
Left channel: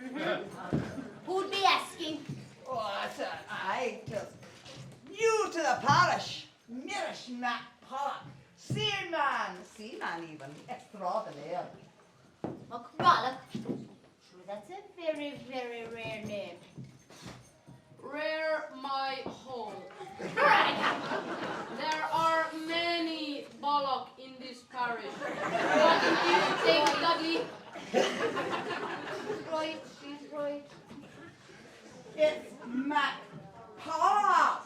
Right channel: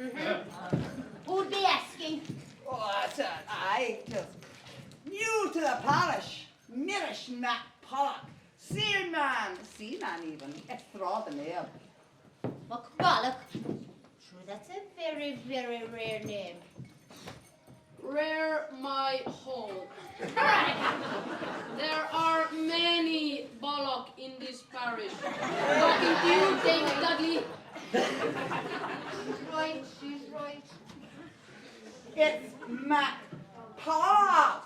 Who'd be asking? Oh, I just new to the parish. Mirish Mac Pollock. Seaman even. Extraordinaire. McPollock. Sure, that's a very, very rare name. Rare my hole. There are many Bollock in this parish. Talking to you, Dame Dudley. Right, she's right. It's Mac Pollock.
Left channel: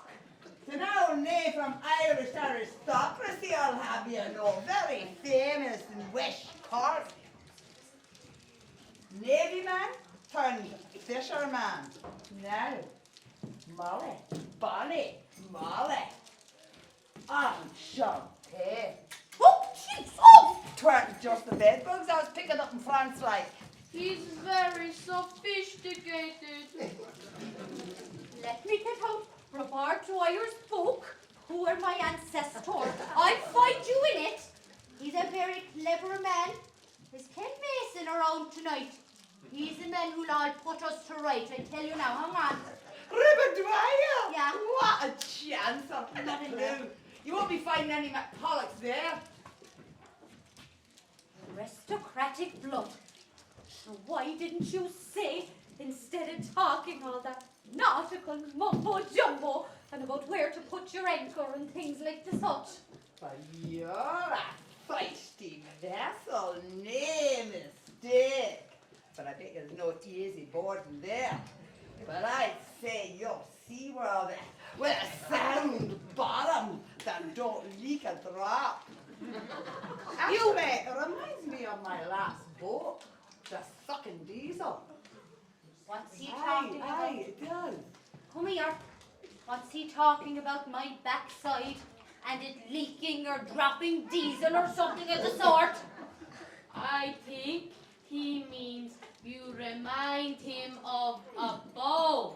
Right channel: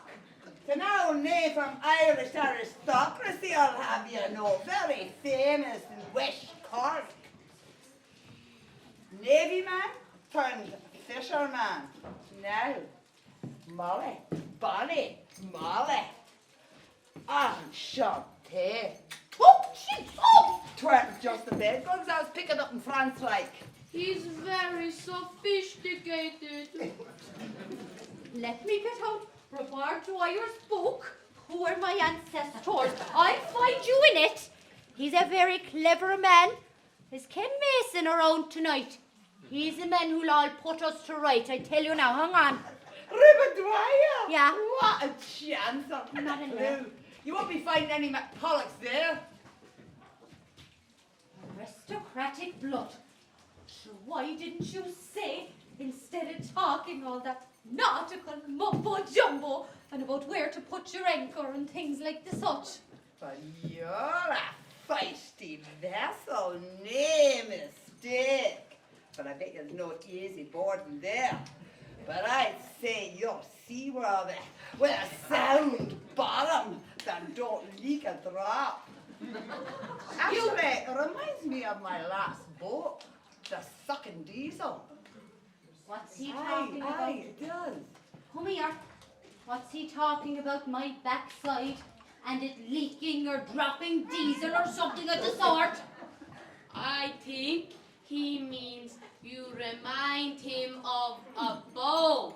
It's an old name from Irish aristocracy, I'll have you know. Very famous in West Cork. Navy man turned fisherman. Now, Molly, Bonnie, Molly. Enchanté. Oh, she's oh! Tweren't just the bed bugs I was picking up in France like. He's very sophisticated. Let me get out Robert Dwyer's book. Who are my ancestors? I'll find you in it. He's a very clever man. Is Ken Mason around tonight? He's the man who'll all put us to right. I tell you now, hang on. River Dwyer? Yeah. What a chance. I've not a clue. You won't be finding any McCullochs there. Aristocratic blood. So why didn't you say, instead of talking all that nautical mumbo jumbo and about where to put your anchor and things like the such? But you're a feisty vessel, no mistake. But I bet there's no easy boarding there. But I'd say you're seaworthy with a sound bottom that don't leak a drop. Actually, it reminds me of my last boat, the sucking diesel. What's he talking about? Aye, it does. Come here. What's he talking about my backside and it leaking or dropping diesel or something of the sort? I think he means you remind him of a bow.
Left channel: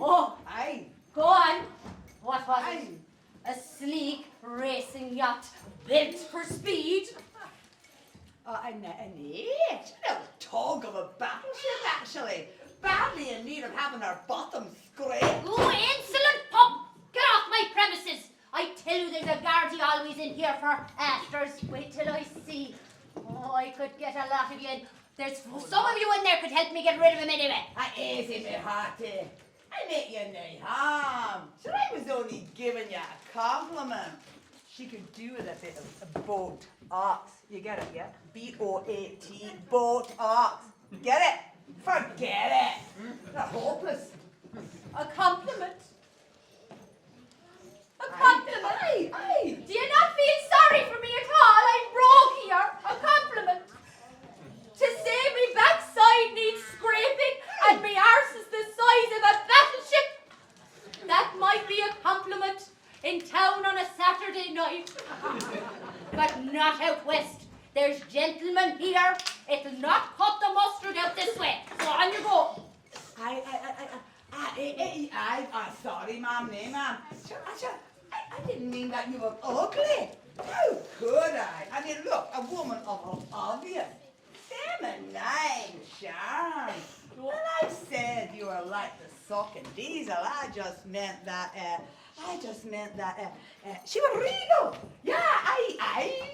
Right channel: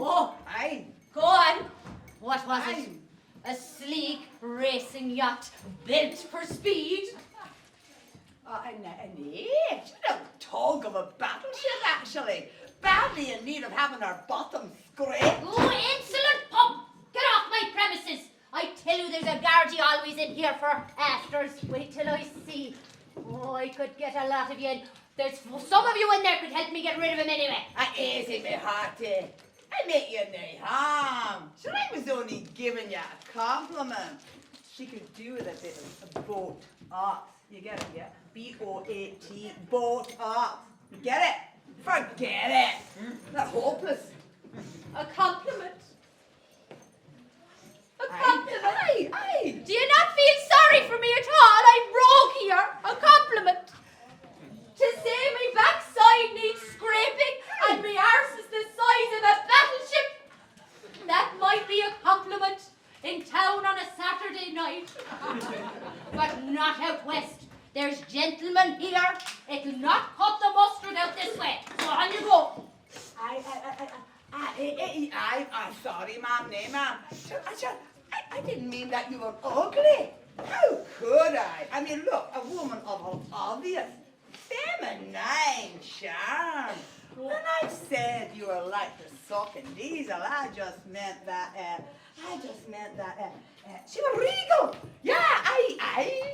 Oh, Aye. go on. What was Aye. it? A sleek racing yacht built for speed? An age, no tug of a battleship actually. Badly in need of having our bottom scraped. Oh, insolent pup! Get off my premises! I tell you there's a guardy always in here for afters. Wait till I see. Oh, I could get a lot of you in. There's some of you in there could help me get rid of him anyway. Easy, me hearty. I make you no harm. Sure, I was only giving you a compliment. She could do with a bit of boat ox. You get it, yeah? B-O-A-T, boat ox. Get it? Forget it. They're hopeless. A compliment? A Aye, compliment? aye, aye. Do you not feel sorry for me at all? I'm broke here. A compliment. To say me backside needs scraping and me arse is the size of a battleship. That might be a compliment in town on a Saturday night. But not out west. There's gentlemen here. It'll not cut the mustard out this way. So on you go. I'm sorry, ma'am, no, ma'am. I didn't mean that you were ugly. How could I? I mean, look, a woman of obvious feminine charm. When I said you were like the sucking diesel, I just meant that, she was regal. Yeah,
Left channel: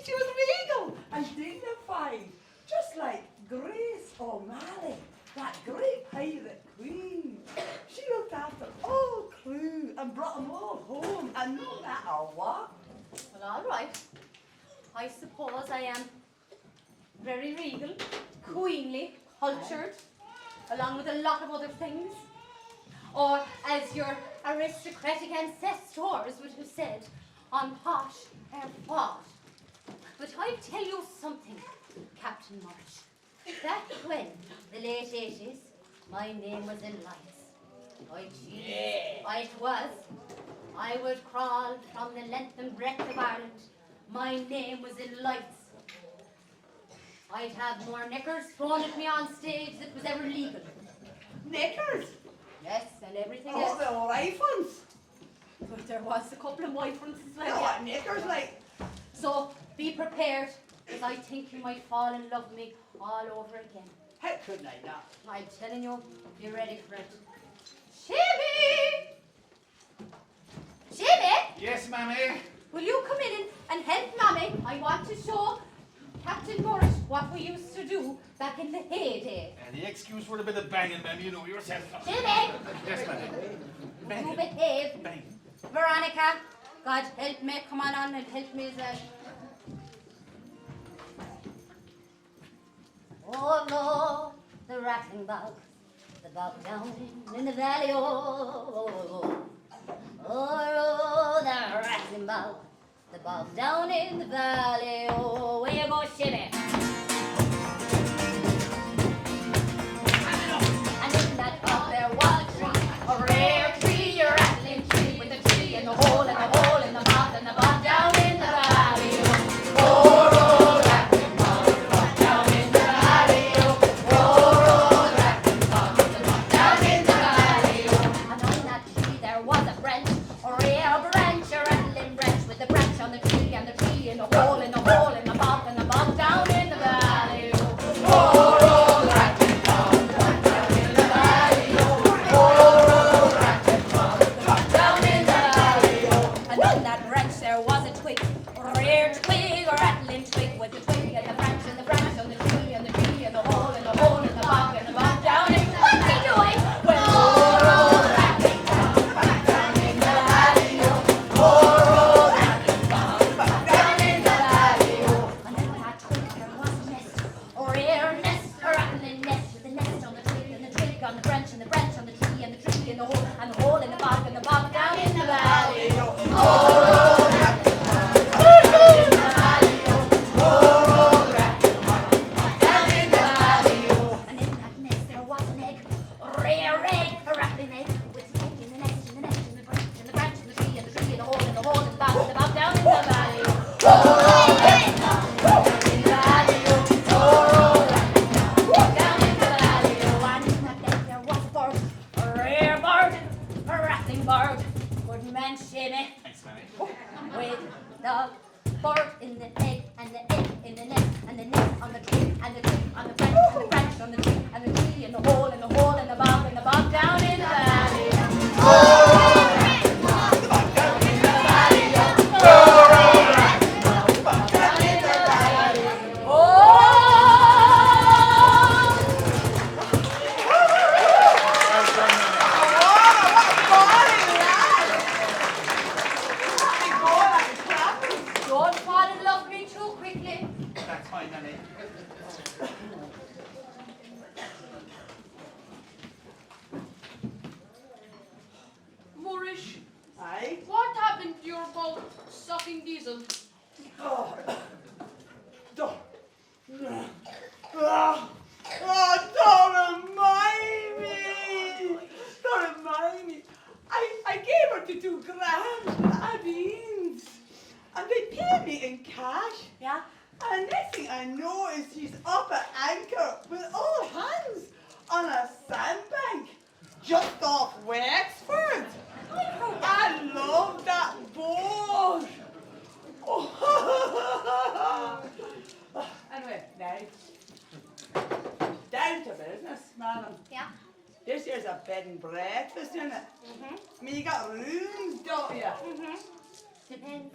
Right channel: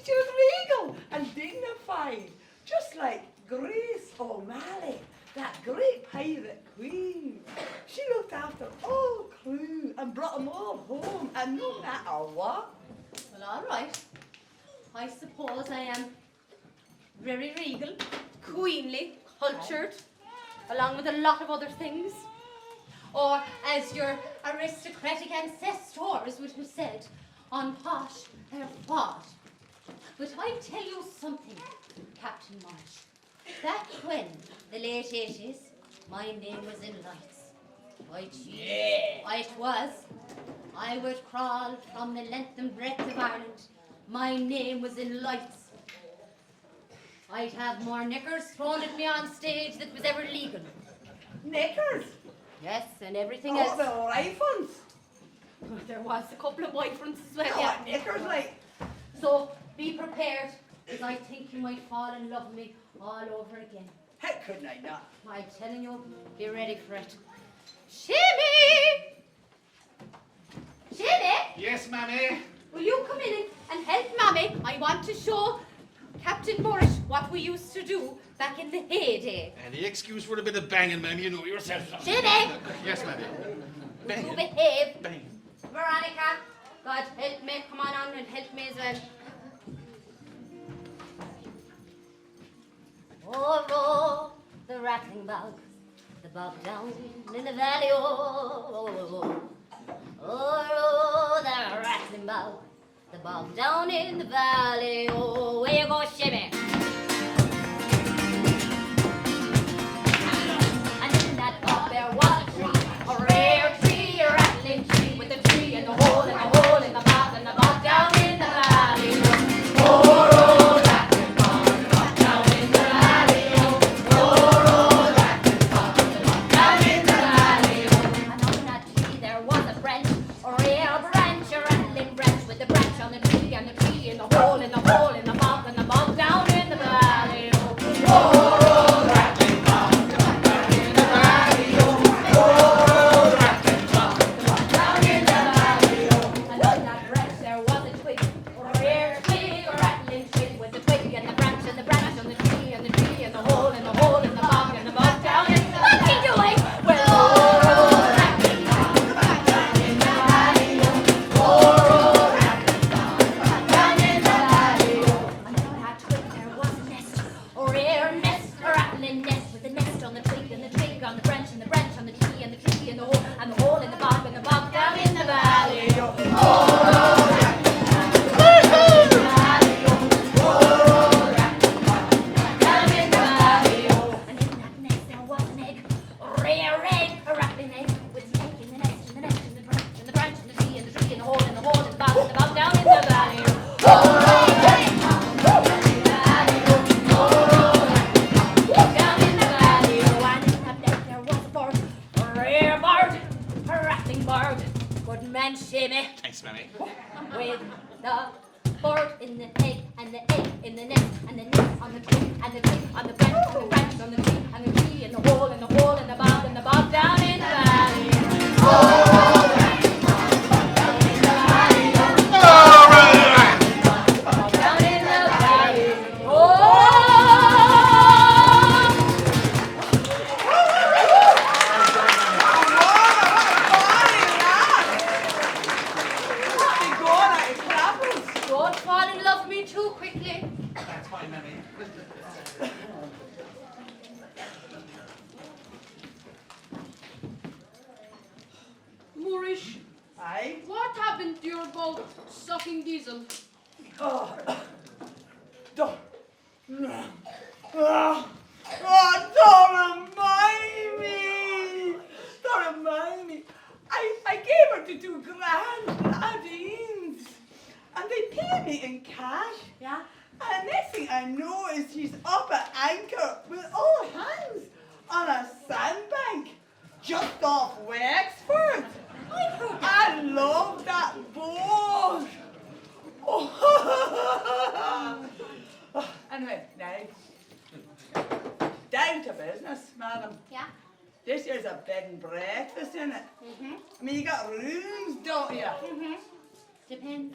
she was regal and dignified. Just like Grace O'Malley, that great pirate queen. She looked after all crew and brought them all home, and no matter what. Well, all right. I suppose I am very regal, queenly, cultured, along with a lot of other things. Or, as your aristocratic ancestors would have said, on posh and posh. But I tell you something, Captain March. Back when, the late 80s, my name was in lights. It was. I would crawl from the length and breadth of Ireland. My name was in lights. I'd have more knickers thrown at me on stage that was ever legal. Knickers? Yes, and everything Oh, else. the right ones. But there was a couple of white ones as well, No, yeah. knickers like. So, be prepared, because I think you might fall in love with me all over again. How couldn't I not? I'm telling you, be ready for it. Jimmy! Jimmy, Yes, mammy. will you come in and help Mammy? I want to show Captain Boris what we used to do back in the heyday. Any excuse for a bit of banging, mammy, you know yourself. Jimmy! Yes, mammy. Will you behave? Bang. Veronica, God help me, come on and help me as well. Oh, oh, the rattling bog, the bog down in the valley, oh, oh, oh, oh, the rattling bog, the bog down in the valley, oh, where you go, shimmy. And in that bog there was a rare tree, a rattling tree, with a tree in the hole, and a hole in the bog, and the bog down in the valley, oh, oh, oh, the rattling bog, the bog down in the valley, oh, oh, the rattling bog, the bog down in the valley, oh. And on that tree there was a branch, a rare branch, a rattling branch, with the branch on the tree, and the tree in the hole, in the hole, in the bog, and the bog down in the valley, oh, oh, the rattling bog. Mammy. With the bird in the egg and the egg in the nest and the nest on the tree and the tree on the branch and the branch on the tree and the tree in the hole and the hole and the bob down in the valley. Don't fall in love with me too quickly. That's fine, Mammy. Moorish, Aye. what happened to your boat sucking diesel? Oh, don't. Don't remind me. Don't remind me. I gave her to £2,000 Adines, and they paid me in cash. Yeah? And next thing I know is she's up at anchor with all hands on a sandbank just off Wexford. I love that boat. Oh. Anyway, now, down to business, madam. Yeah? This here's a bed and breakfast in it. Mm-hmm. I mean, you got rooms, don't you? Mm-hmm. Depends.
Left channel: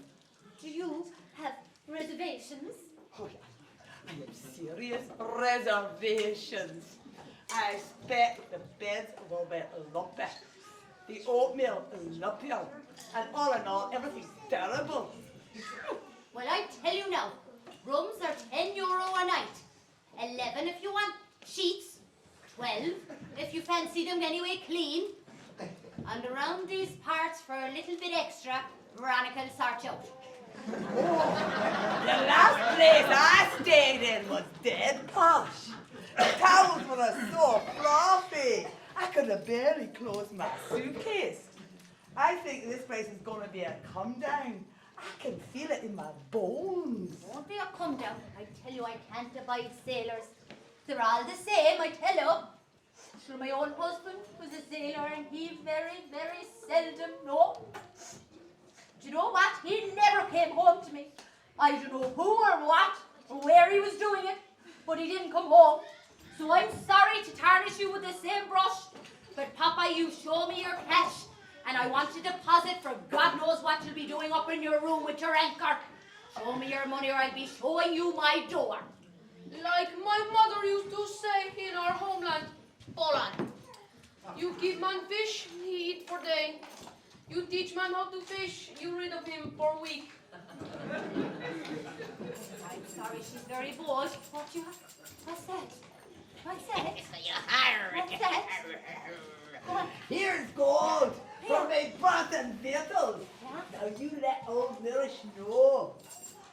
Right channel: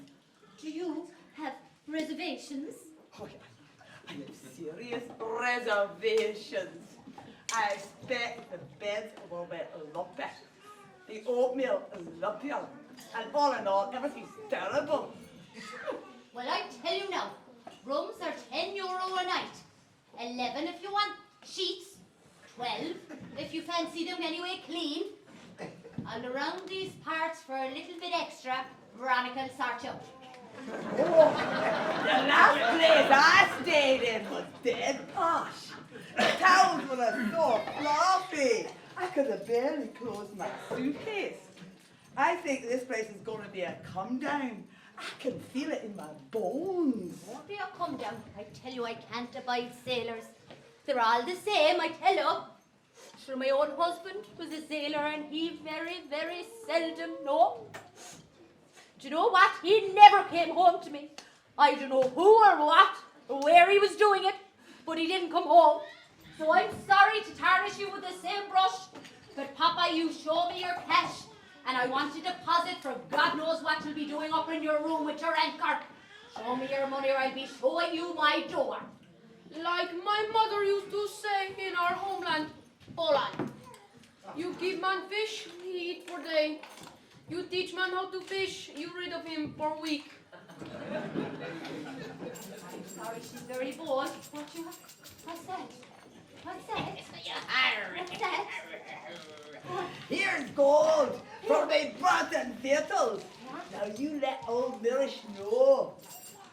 Do you have reservations? Oh, yeah. I have serious reservations. I expect the beds will be lumpy. The oatmeal is lumpier. And all in all, everything's terrible. Well, I tell you now, rooms are €10 a night. 11 if you want sheets. 12 if you fancy them anyway clean. And around these parts for a little bit extra, Veronica will sort you out. The last place I stayed in was dead posh. The towels were so fluffy, I could have barely closed my suitcase. I think this place is going to be a come down. I can feel it in my bones. Won't be a come down. I tell you, I can't abide sailors. They're all the same, I tell you. Sure, my own husband was a sailor and he very, very seldom, no. Do you know what? He never came home to me. I don't know who or what or where he was doing it, but he didn't come home. So I'm sorry to tarnish you with the same brush, but Papa, you show me your cash, and I want to deposit for God knows what you'll be doing up in your room with your anchor. Show me your money or I'll be showing you my door. Like my mother used to say in our homeland, Poland. You give man fish, he eat for day. You teach man how to fish, you rid of him for week. I'm sorry, she's very bold. What's that? What's that? What's that? What? Here's gold for my broth and victuals. Now you let old Mirish know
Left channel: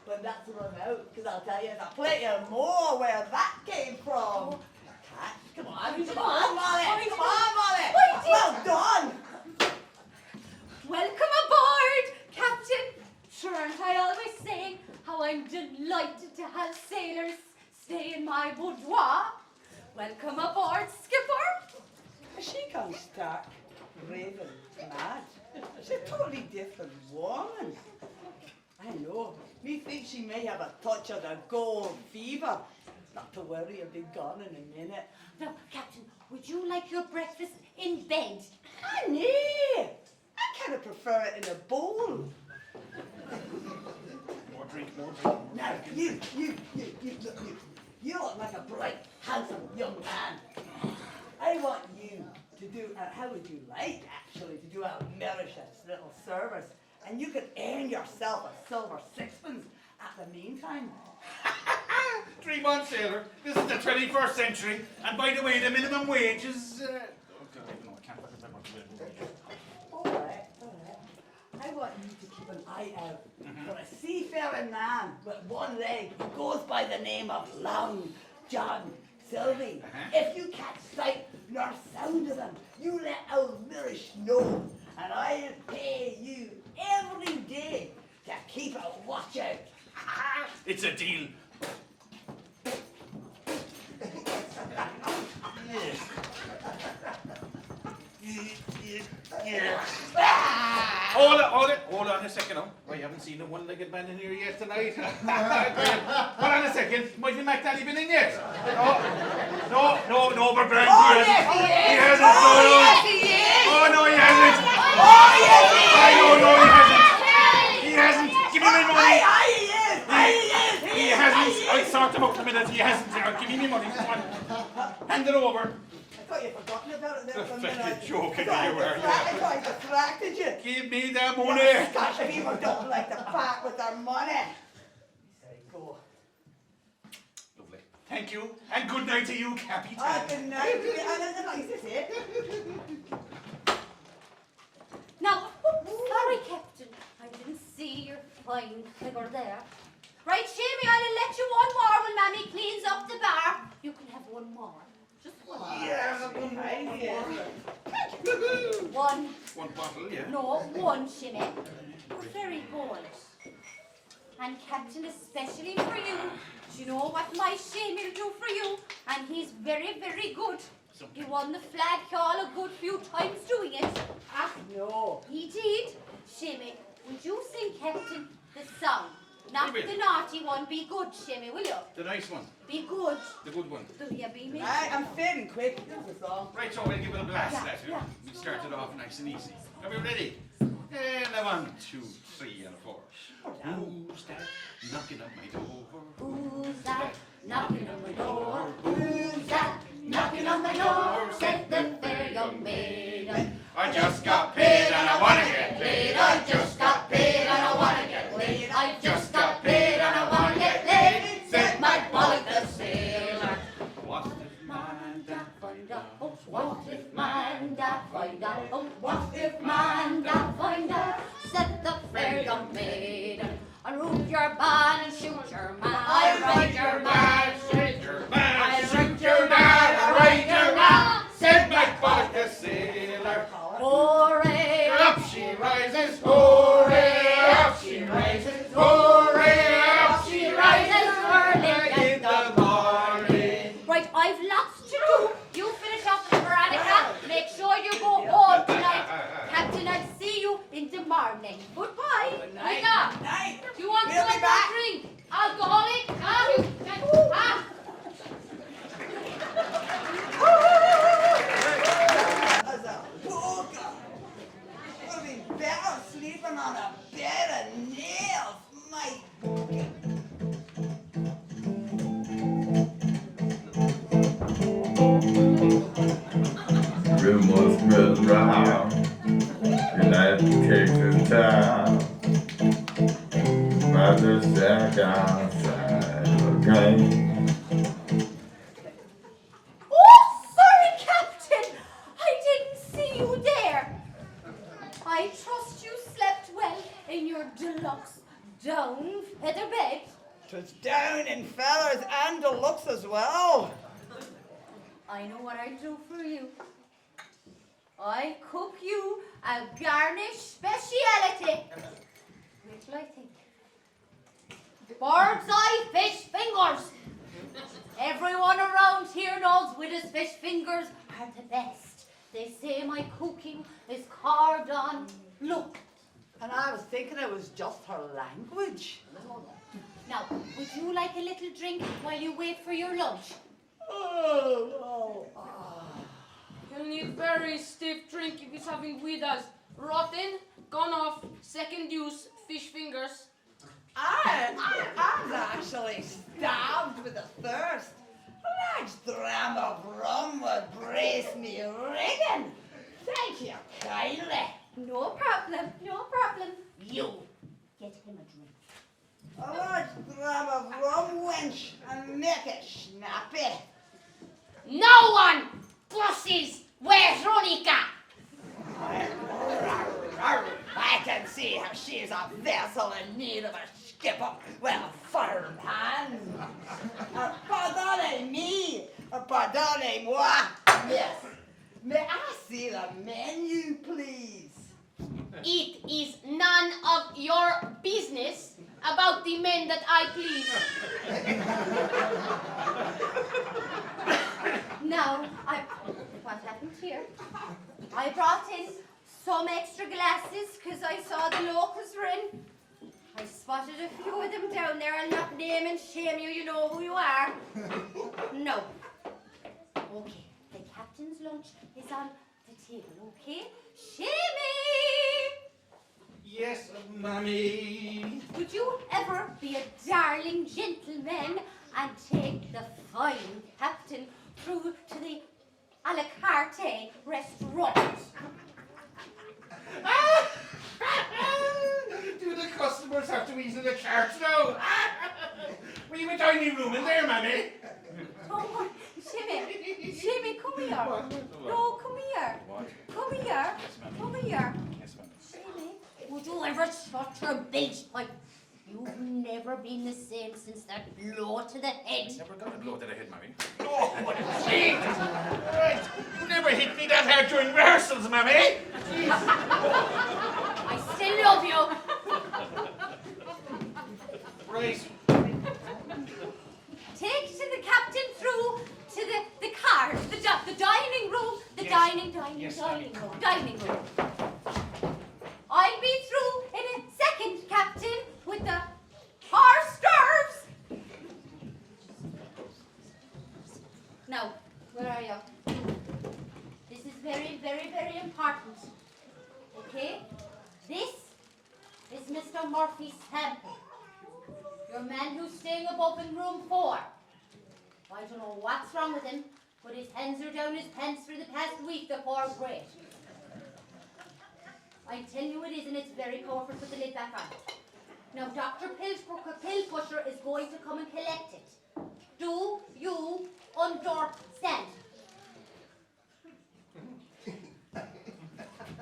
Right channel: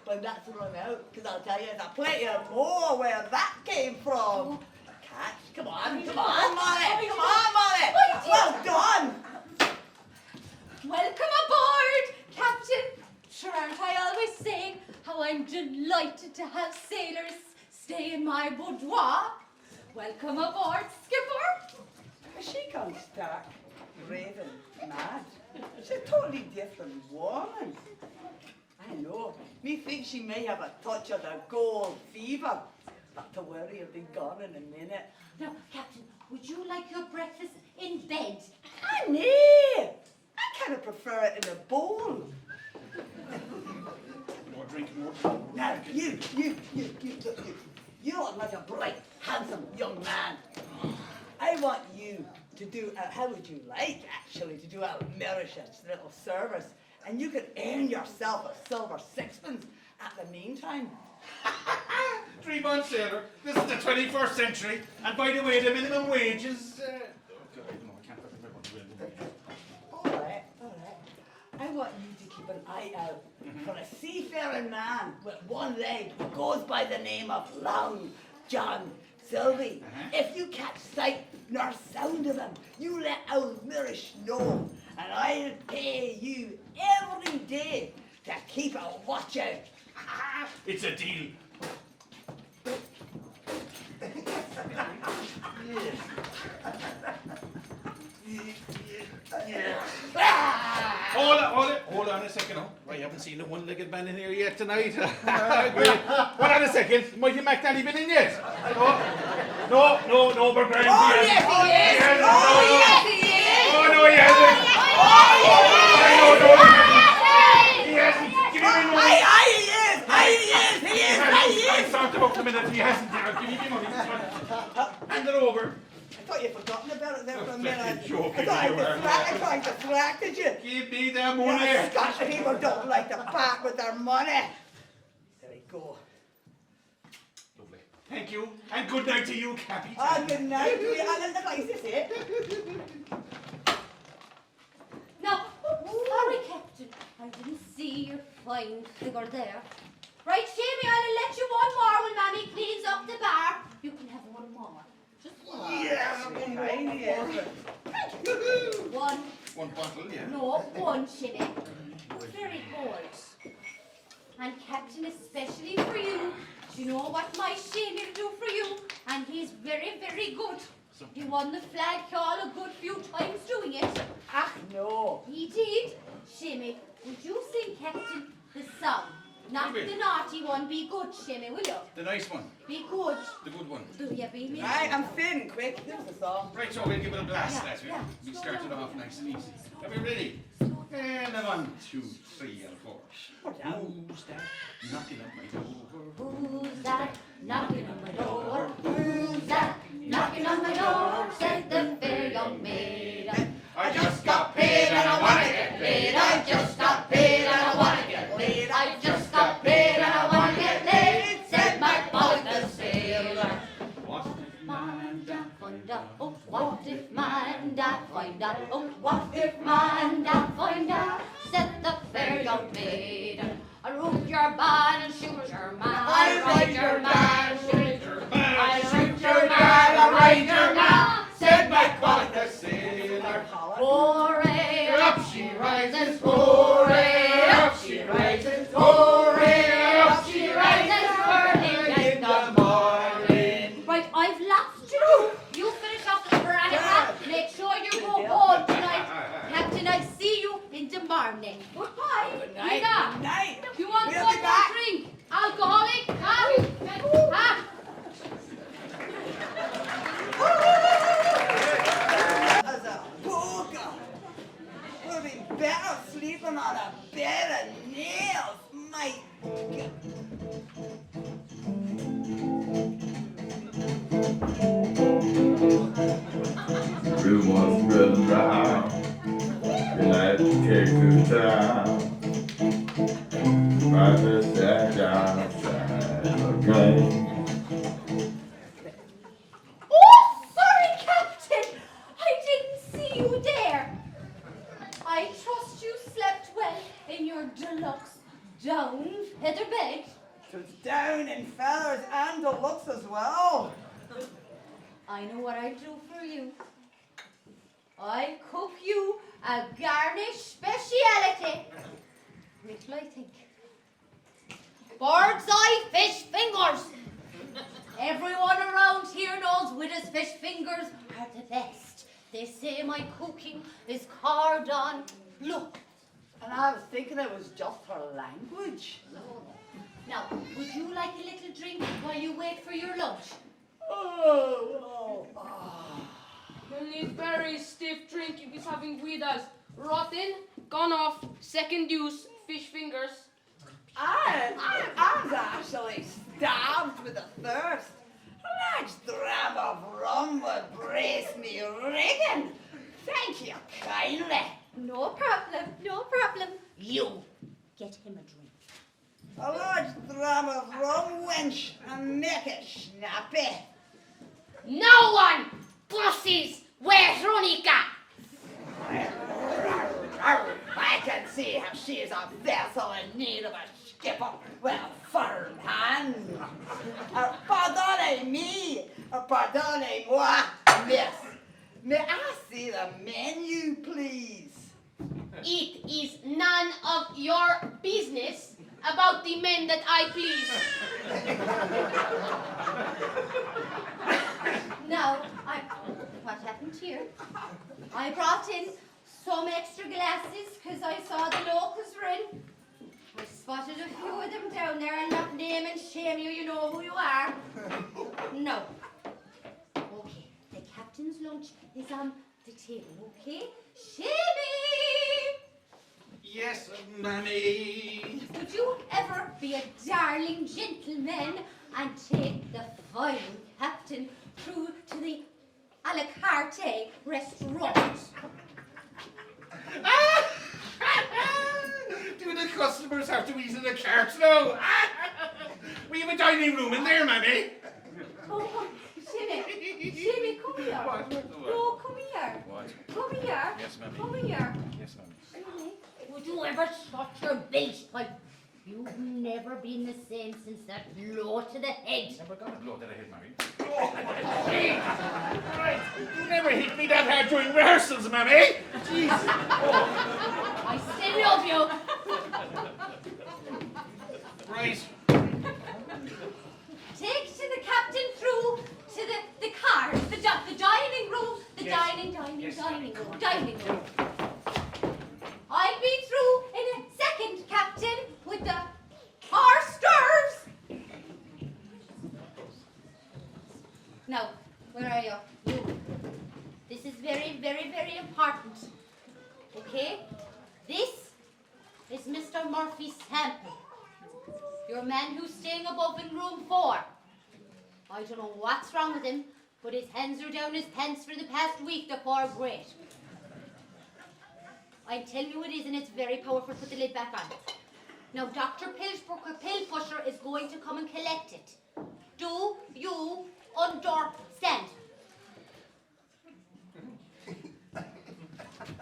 when that's run out, because I'll tell you there's plenty of more where that came from. Catch, come on, Molly, come on, Molly. Well done. Welcome aboard, Captain. Sure, aren't I always saying how I'm delighted to have sailors stay in my boudoir? Welcome aboard, Skipper. She comes stark, raving, mad. She's a totally different woman. I know. Methinks she may have a touch of the gold fever. Not to worry, I'll be gone in a minute. Now, Captain, would you like your breakfast in bed? Ah, nay! I kind of prefer it in a bowl. More drink, more. Now, you, look, you look like a bright, handsome young man. I want you to do, how would you like, actually, to do a Mauritius little service, and you could earn yourself a silver sixpence at the meantime. 3 months, sailor. This is the 21st century, and by the way, the minimum wage is. Okay, wait, no, I can't talk about what All right. I want you to keep an eye out for a seafaring man with one leg who goes by the name of Long John Sylvie. If you catch sight nor sound of him, you let old Mirish know, and I'll pay you every day to keep a watch out. It's a deal. Hold on a second. Oh, I haven't seen a one-legged man in here yet tonight. Hold on a second. Mighty McNally been in yet? No, but man, Oh, he yes, hasn't. he is. He hasn't. Oh, No. yes, he is. Oh, no, he hasn't. Oh, yes, No, he hasn't. Give me my money. Aye, he is. He hasn't. I talked about the minute. He hasn't. Give me my money. Hand it over. I thought you'd forgotten about it there for a minute. Fucking joking, I you were. thought I distracted you. Give me the money. Yeah, Scottish people don't like to part with their money. There we go. Lovely. Thank you. And good night to you, Capitan. Oh, good night. And then the license, eh? Now, sorry, Captain. I didn't see your fine figure there. Right, Jamie, I'll let you one more when Mammy cleans up the bar. You can have one more. Just one. Yes, One. One bottle, yeah. No, one shimmy. Very good. And Captain, especially for you. Do you know what my shimmy will do for you? And he's very, very good. He won the flag call a good few times doing it. Ah, no. He did. Shimmy, would you sing, Captain, the song? Not Will we? the naughty one. Be good, Shimmy, will you? The nice one. Be good. The good one. Do you be me? Right, I'm fading quick. This is a song. Right, so we'll give it a blast. Yeah, As yeah. we started off nice and easy. Are we ready? And a 1, 2, 3, and a 4. Who's that knocking at my door? Who's that knocking on my door? Who's that knocking on my door? Said the fair young maiden. I just got paid and I wanna get Laid. I just got paid and I wanna get laid. I just got paid and I wanna get laid. Said my bollock the sailor. What if man that Find out, oh, what if man that find out? Oh, what if man that find out? Said the fair young maiden. I root your man and shoot your man. I ride your man, shoot your man. I root your man, I ride your man. Said my bollock the sailor. Hooray, up she rises, hooray, up she rises, hooray, up she rises, early in the morning. Right, I've lots to do. You finish up the veronica. Make sure you go home tonight. Captain, I'll see you in the morning. Goodbye. Good night. Rita, Good night. do you want We'll one be more back. drink? Alcoholic? As a booger. Would be better sleeping on a bed of nails, mate. The rumors spreading round, United cake to town. About to stack outside the game. Oh, sorry, Captain. I didn't see you there. I trust you slept well in your deluxe down feather bed. 'Twas down in feathers and deluxe as well. I know what I do for you. I cook you a garnish speciality. Wait till I think. Bird's eye fish fingers. Everyone around here knows Widows fish fingers are the best. They say my cooking is cordon bleu. And I was thinking it was just her language. Now, would you like a little drink while you wait for your lunch? Oh. You need very stiff drink if he's having Guidas. Rotten, gone off, second use, fish fingers. I was actually starved with a thirst. A large dram of rum would brace me ringing. Thank you kindly. No problem, no problem. You get him a drink. A large dram of rum, wench, and make it snappy. No one buses where's Ronica? I can see how she is a vessel in need of a skipper with a firm hand. Pardonnez-moi, miss. May I see the menu, please? It is none of your business about the men that I please. Now, what happened here? I brought in some extra glasses because I saw the locals were in. I spotted a few of them down there. I'll not name and shame you, you know who you are. No. Okay, the captain's lunch is on the table, okay? Shimmy! Yes, Mammy. Could you ever be a darling gentleman and take the fine captain through to the a la carte restaurant? Do the customers have to eat in the carts now? We have a dining room in there, Mammy. Oh, Shimmy, come here. What? No, come here. What? Come here. Yes, Mammy. Come here. Yes, Mammy. Shimmy, would you ever shut your bilge pipe? You've never been the same since that blow to the head. Never got a blow to the head, Mammy. Oh, gee! Right. You never hit me that hard during rehearsals, Mammy. I still love you. Right. Take to the captain through to the cars, the dining room, the Yes. dining Mammy. room, dining room. I'll be through in a second, Captain, with the hors d'oeuvres. Now, where are you? This is very, very, very important. Okay? This is Mr. Murphy's sample. Your man who's staying above in room 4. I don't know what's wrong with him, but his hands are down his pants for the past week to 4 great. I'm telling you it is, and it's very powerful. Put the lid back on. Now, Dr. Pill Pusher is going to come and collect it. Do you understand?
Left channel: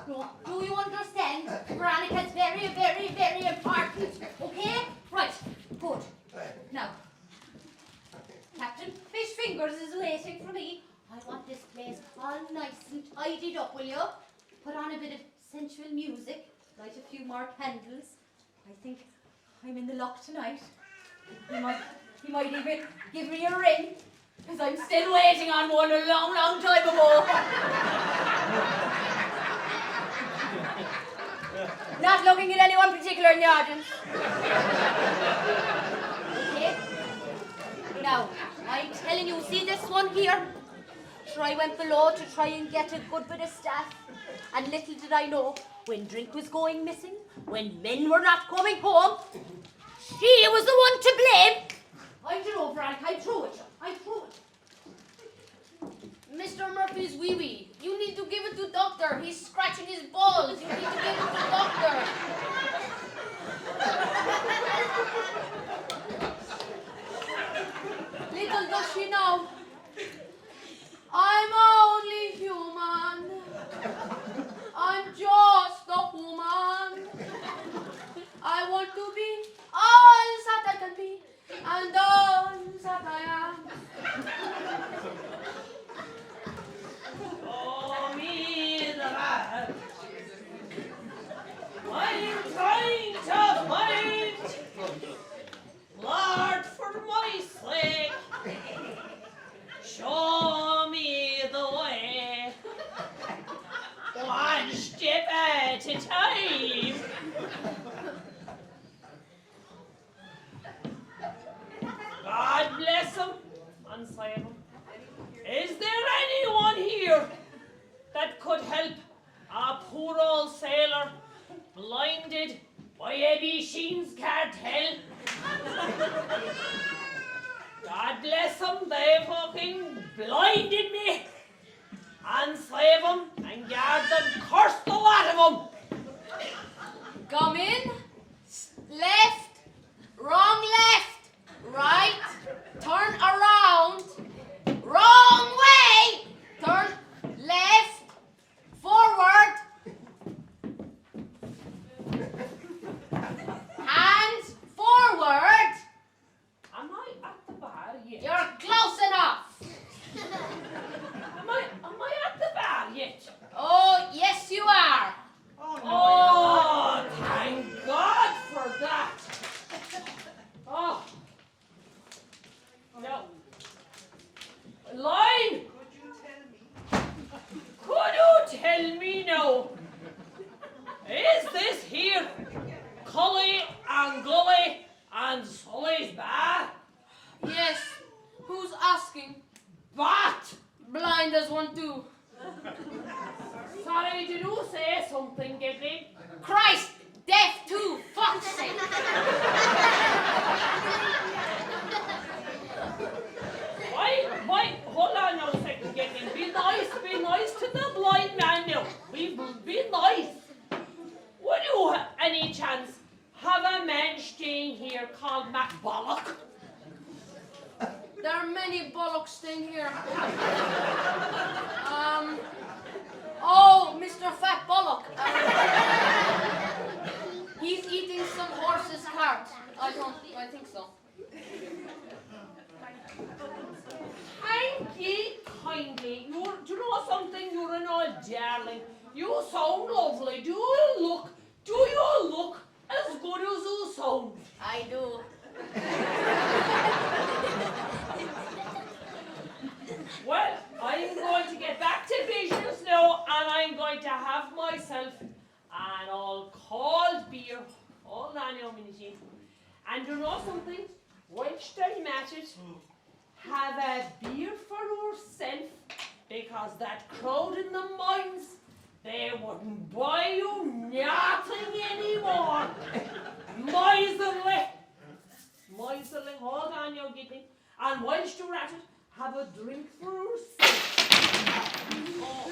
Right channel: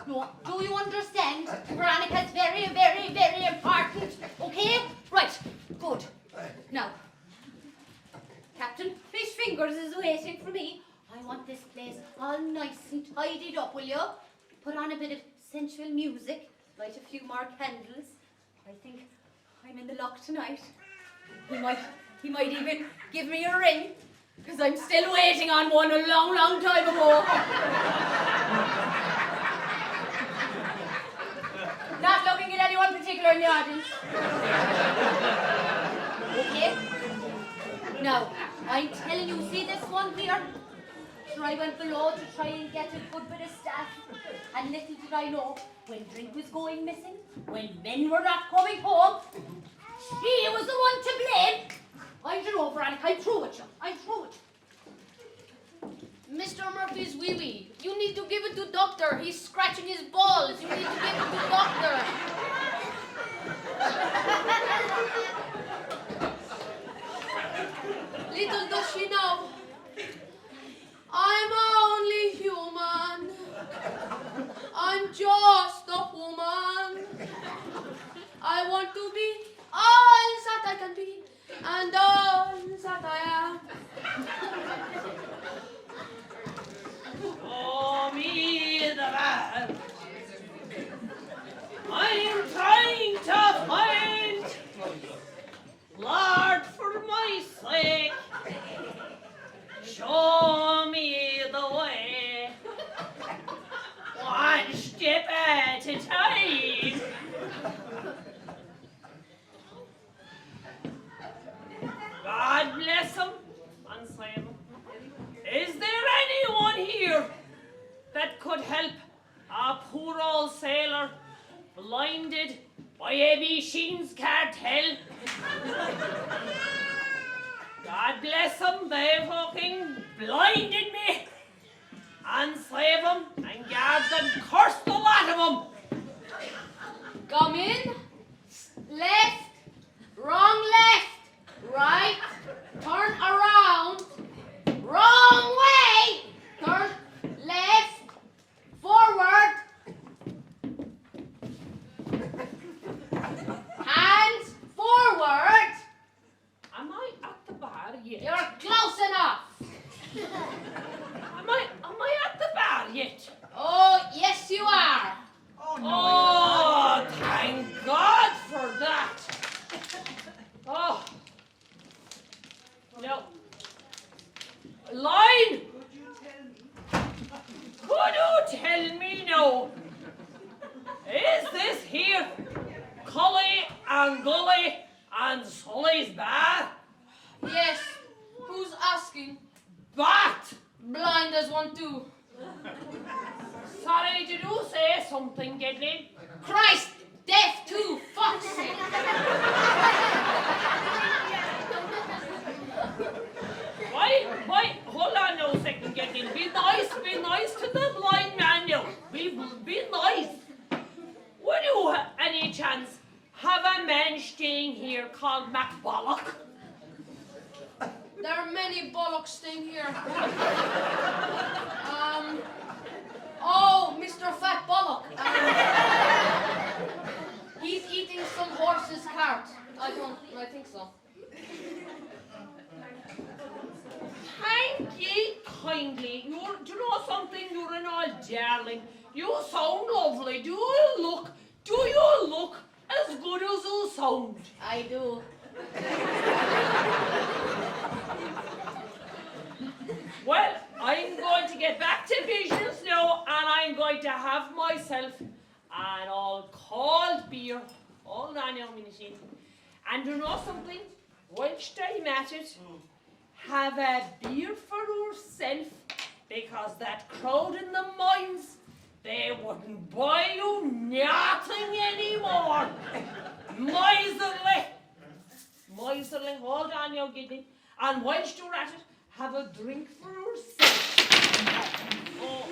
No, do you understand? Veronica's very, very, very important. Okay? Right. Good. Now, Captain Fish Fingers is waiting for me. I want this place all nice and tidied up, will you? Put on a bit of sensual music, light a few more candles. I think I'm in the luck tonight. He might even give me a ring, because I'm still waiting on one a long, long time ago. Not looking at anyone particular in the audience. Okay? Now, I'm telling you, see this one here? So I went below to try and get a good bit of staff. And little did I know, when drink was going missing, when men were not coming home, she was the one to blame. I don't know, Veronica, I'm through with you. I'm through with you. Mr. Murphy's wee-wee. You need to give it to doctor. He's scratching his balls. You need to give it to doctor. Little does she know, I'm only human. I'm just a woman. I want to be all that I can be and all that I am. Show me the man. I'm trying to find, Lord, for my sake. Show me the way. One step at a time. God bless him and save him. Is there anyone here that could help a poor old sailor blinded by Eddie Sheen's cartel? God bless them, they fucking blinded me. And save them and guard them, curse the lot of them. Come in, left, wrong left, right, turn around, wrong way, turn left, forward, hands forward. Am I at the bar yet? You're close enough. Am I at the bar yet? Oh, yes you are. Oh, thank God for that. Oh. No. Line! Could you tell me now Gully and Sully's Bar? Yes. Who's asking? Bat! Blind as one too. Sorry, did you say something, Gedley? Christ, deaf too, fuck's sake. Why, hold on now a second, Gedley. Be nice to the blind man now. Be nice. Would you, any chance, have a man staying here called MacBollock? There are many bollocks staying here. Oh, Mr. Fat Bollock. He's eating some horse's cart. I think so. Thank ye kindly. Do you know something? You're an old darling. You sound lovely. Do you look as good as you sound? I do. Well, I'm going to get back to business now, and I'm going to have myself an all cold beer. Hold on now a minute. And you know something? Whilst I'm at it, have a beer for yourself, because that crowd in the mines, they wouldn't buy you nothing anymore. Miserly. Hold on now, Giddy. And whilst you're at it, have a drink for yourself. Oh,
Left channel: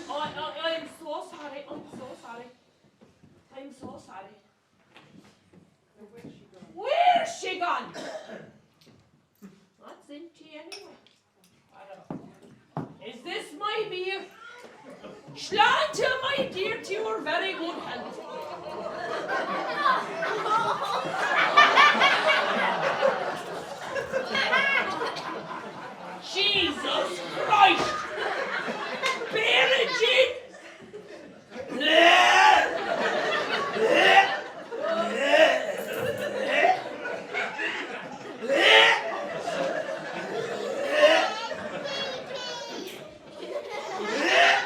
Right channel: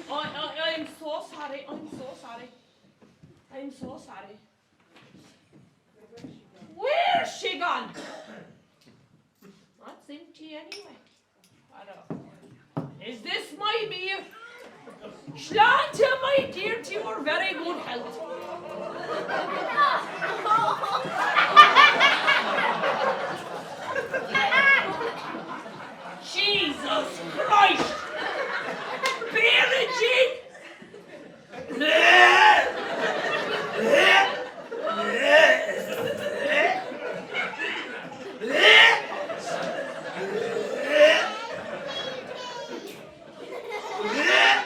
I'm so sorry. Where's she gone? That's empty anyway. I don't know. Is this my beer? Sláinte, my dear, to your very good health. Jesus Christ! Beer and gin!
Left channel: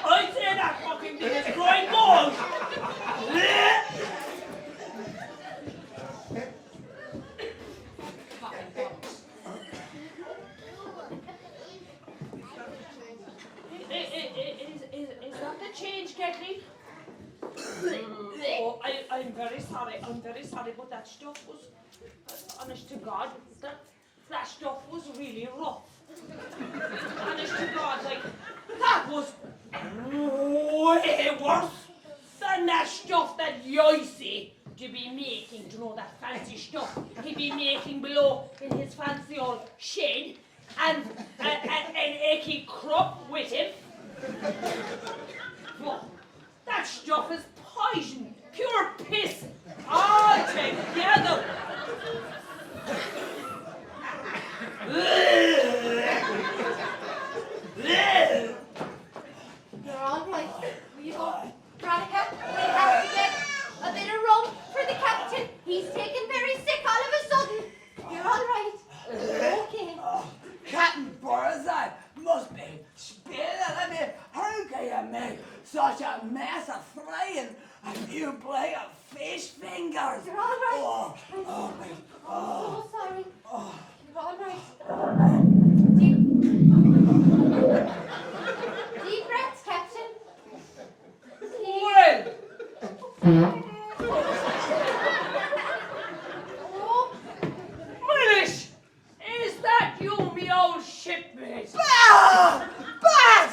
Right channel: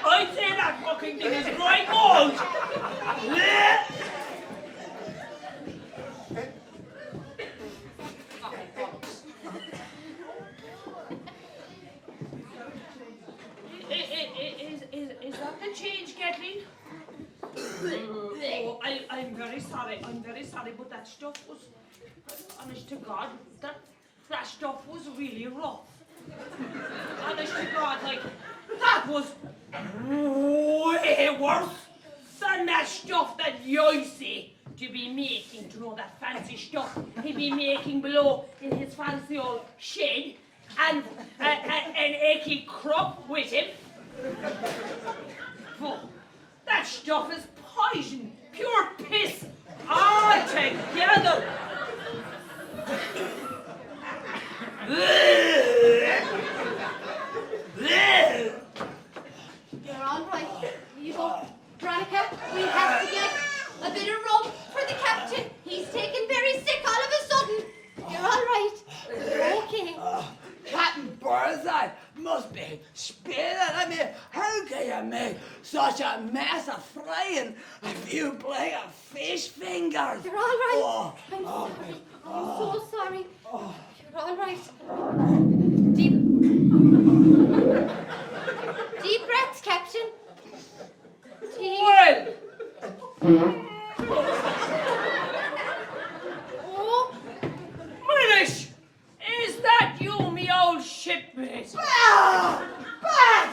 I'd say that fucking thing is growing old! Is that the change, Kathleen? Oh, I'm very sorry, but that stuff was, honest to God, that stuff was really rough. Honest to God, like, that was way worse than that stuff that Yoisey to be making, to know that fancy stuff he'd be making below in his fancy old shed, and an achy crop with him. Well, that stuff is poison, pure piss, all together. You're all right. You go, Veronica, we have to get a bit of rope for the captain. He's taken very sick all of a sudden. You're all right. You're okay. Captain Birdseye must be spilling. I mean, how can you make such a mess of frying if you play a fish fingers? You're all right. Oh, I'm oh, sorry. oh, I'm so sorry. oh. You're all right. Deep breaths, Captain. Well, Oh, Milish, is that you, me old shipmate? Bah! Bad!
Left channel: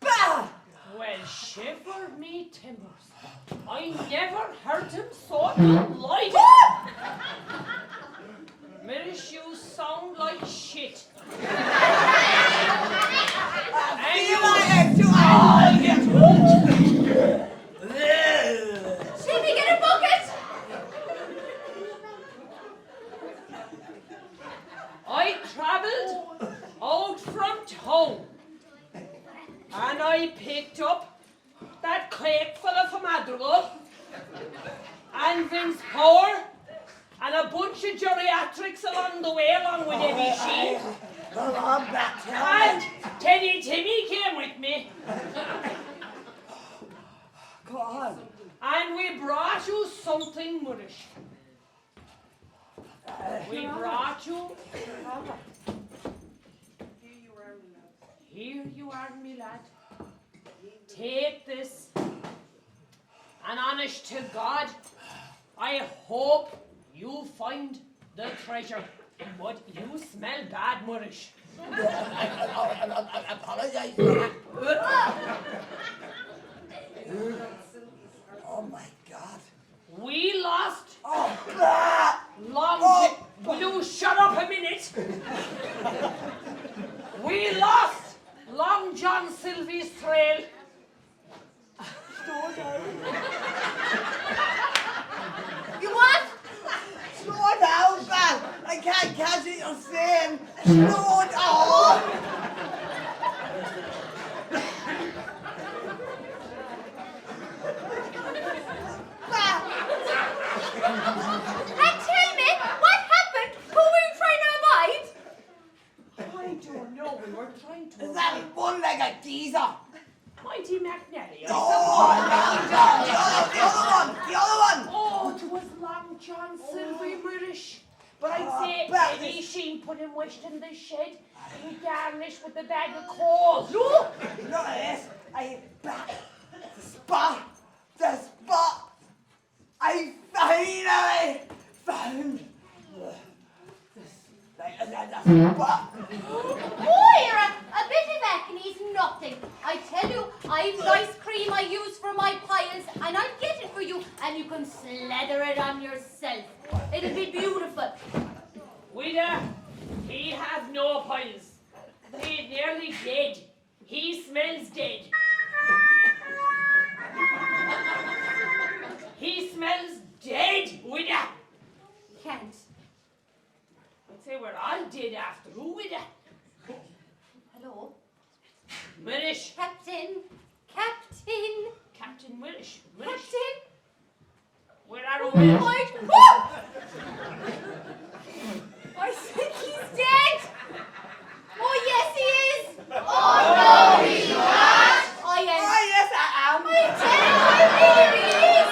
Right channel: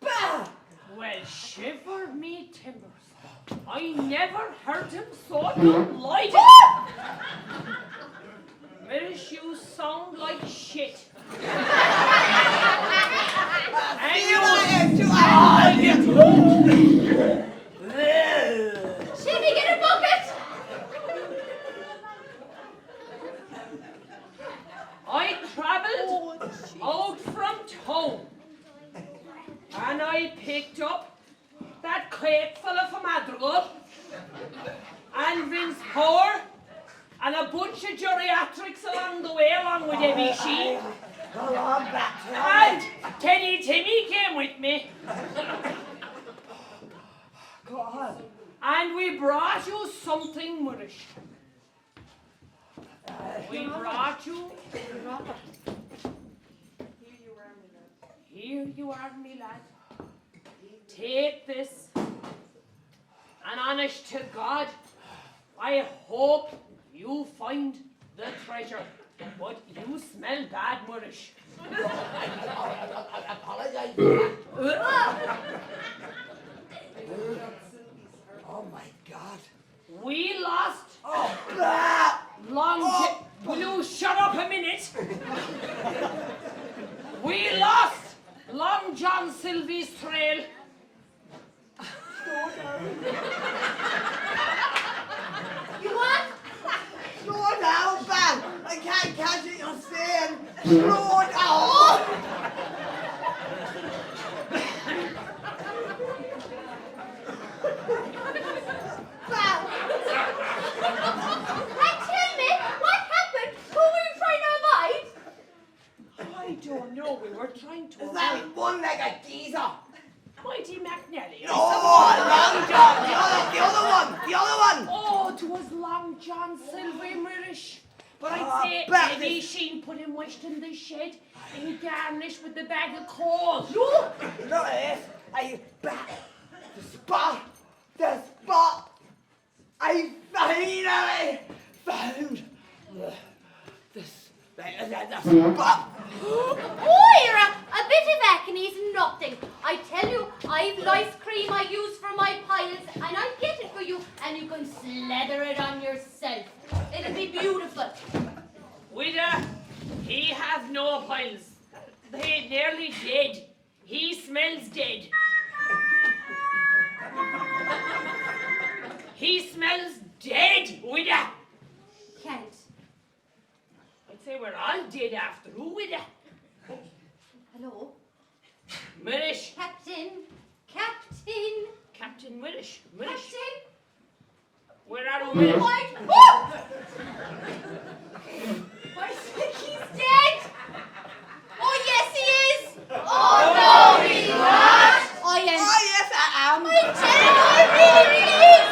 Bad! Well, shiver me timbers. I never heard him so delighted. Milish, you sound like shit. And Jimmy, get a bucket. I travelled out from town, and I picked up that crate fella from Madrigal, and Vince Power, and a bunch of geriatrics along the way, along with Debbie Sheen. And Teddy Timmy came with me. Go on. And we brought you something, Murish. We brought you. Here you are, me lad. Take this. And honest to God, I hope you find the treasure. But you smell bad, Murish. I apologize for that. Oh my God. We lost Oh, bah! Will you shut up a minute? We lost Long John Sylvie's trail. You what? Slow down, man. I can't catch it you're saying. Slow down. And tell me, what happened? Who were you trying to avoid? I don't know. We were trying to. Is that one-legged geezer? Mighty McNally. No, the other one. Oh, it was Long John Sylvie Mirish. But I'd say maybe she put him west in the shed and garnished with the bag of coal. No, yes. The spot. I finally found the spot. Moira, a bit of acne is nothing. I tell you, I've nice cream I use for my piles, and I'll get it for you, and you can slather it on yourself. It'll be beautiful. Wida, he have no piles. They nearly dead. He smells dead. He smells dead, Wida. Can't. I'd say we're all dead after all, Wida. Hello? Mirish. Captain. Captain Mirish. Captain? Where are we? Oh! I think he's dead. Oh, yes, he is. Oh, no, he's not. I am. Oh, yes, I am. I'm telling you, I really is.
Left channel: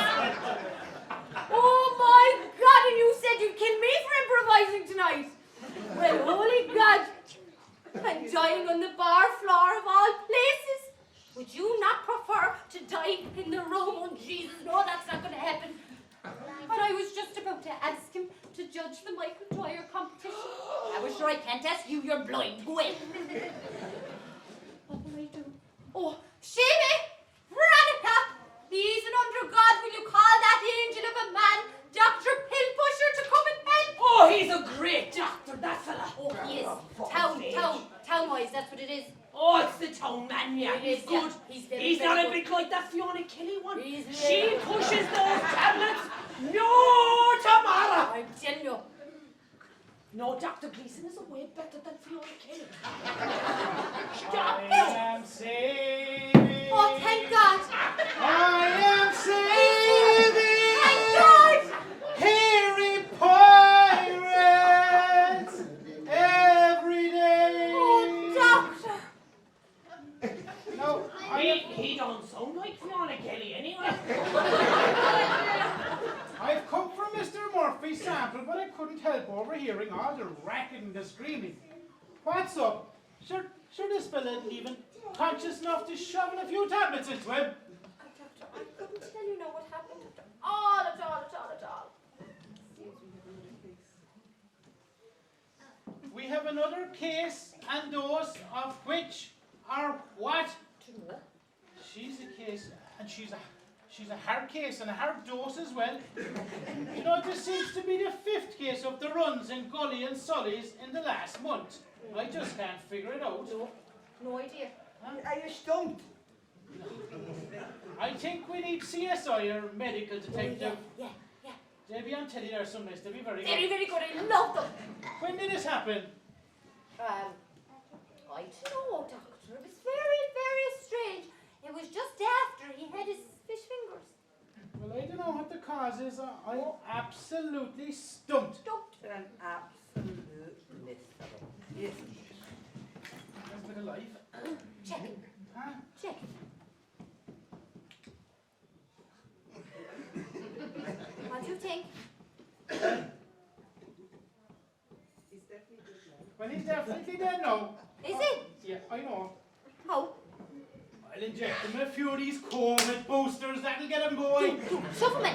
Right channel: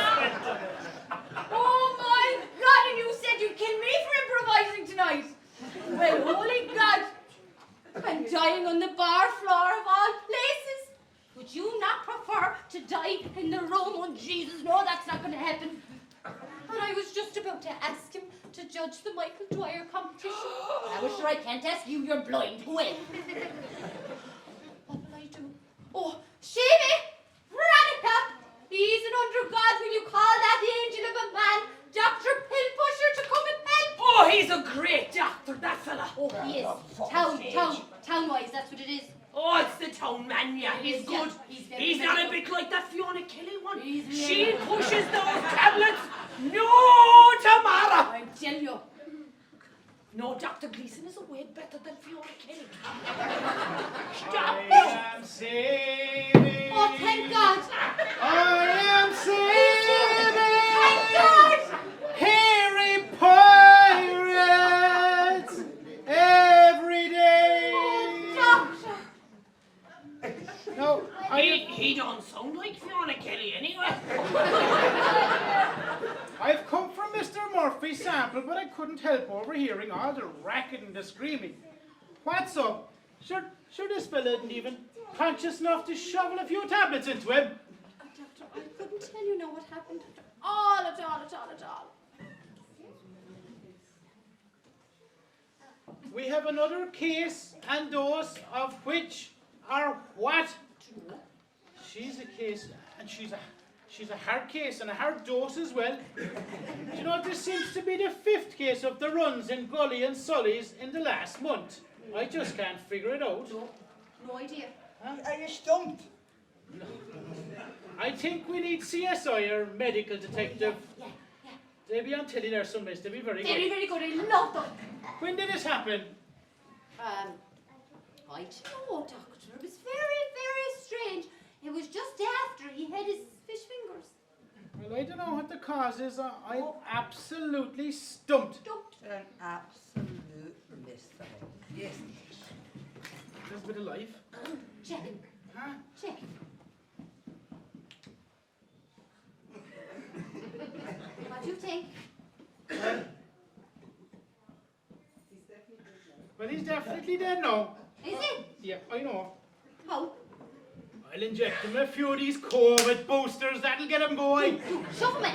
Oh, my God, and you said you'd kill me for improvising tonight. Well, holy God. And dying on the bar floor of all places. Would you not prefer to die in the room? Oh, Jesus, no, that's not going to happen. And I was just about to ask him to judge the Michael Dwyer competition. But I was sure I can't ask you, you're blind. Well. What will I do? Oh, Shavy! Veronica! Please and under God, will you call that angel of a man, Dr. Pillpusher, to come and help? Oh, he's a great doctor, that fella. Oh, he is. Town-wise, that's what it is. Oh, it's the town man, yeah. He He's is, good. yeah. He's Very not a good. bit like that Fiona Kelly one. He's She very- pushes those tablets. No tomorrow. I'm telling you. No, Dr. Gleason is a way better than Fiona Kelly. I Stop. am saving. Oh, thank God. I am saving. Thank God. Hairy pirates every day. Oh, Doctor. Now, He don't sound like Fiona Kelly anyway. I've come from Mr. Murphy's sample, but I couldn't help overhearing all the racket and the screaming. What's up? Sure this fella isn't even conscious enough to shovel a few tablets into him. Doctor, I couldn't tell you now what happened at all. We have another case and dose of which are what? She's a case, and she's a hard case and a hard dose as well. You know, this seems to be the 5th case of the runs in Gully and Sully's in the last month. I just can't figure it out. No idea. Are you stumped? I think we need CSI or medical detective. Yeah. They'll be on telly there some days. They'll be very Very, good. very good. I love them. When did this happen? I don't know, Doctor. It was very, very strange. It was just after he had his fish fingers. Well, I don't know what the cause is. I'm absolutely stumped. An absolute mystery. Yes. There's a bit of life. Check. Huh? Check. What do you think? Well, he's definitely dead now. Is it? Yeah, I know. How? I'll inject him a few of these COVID boosters. That'll get him going. Shove him in.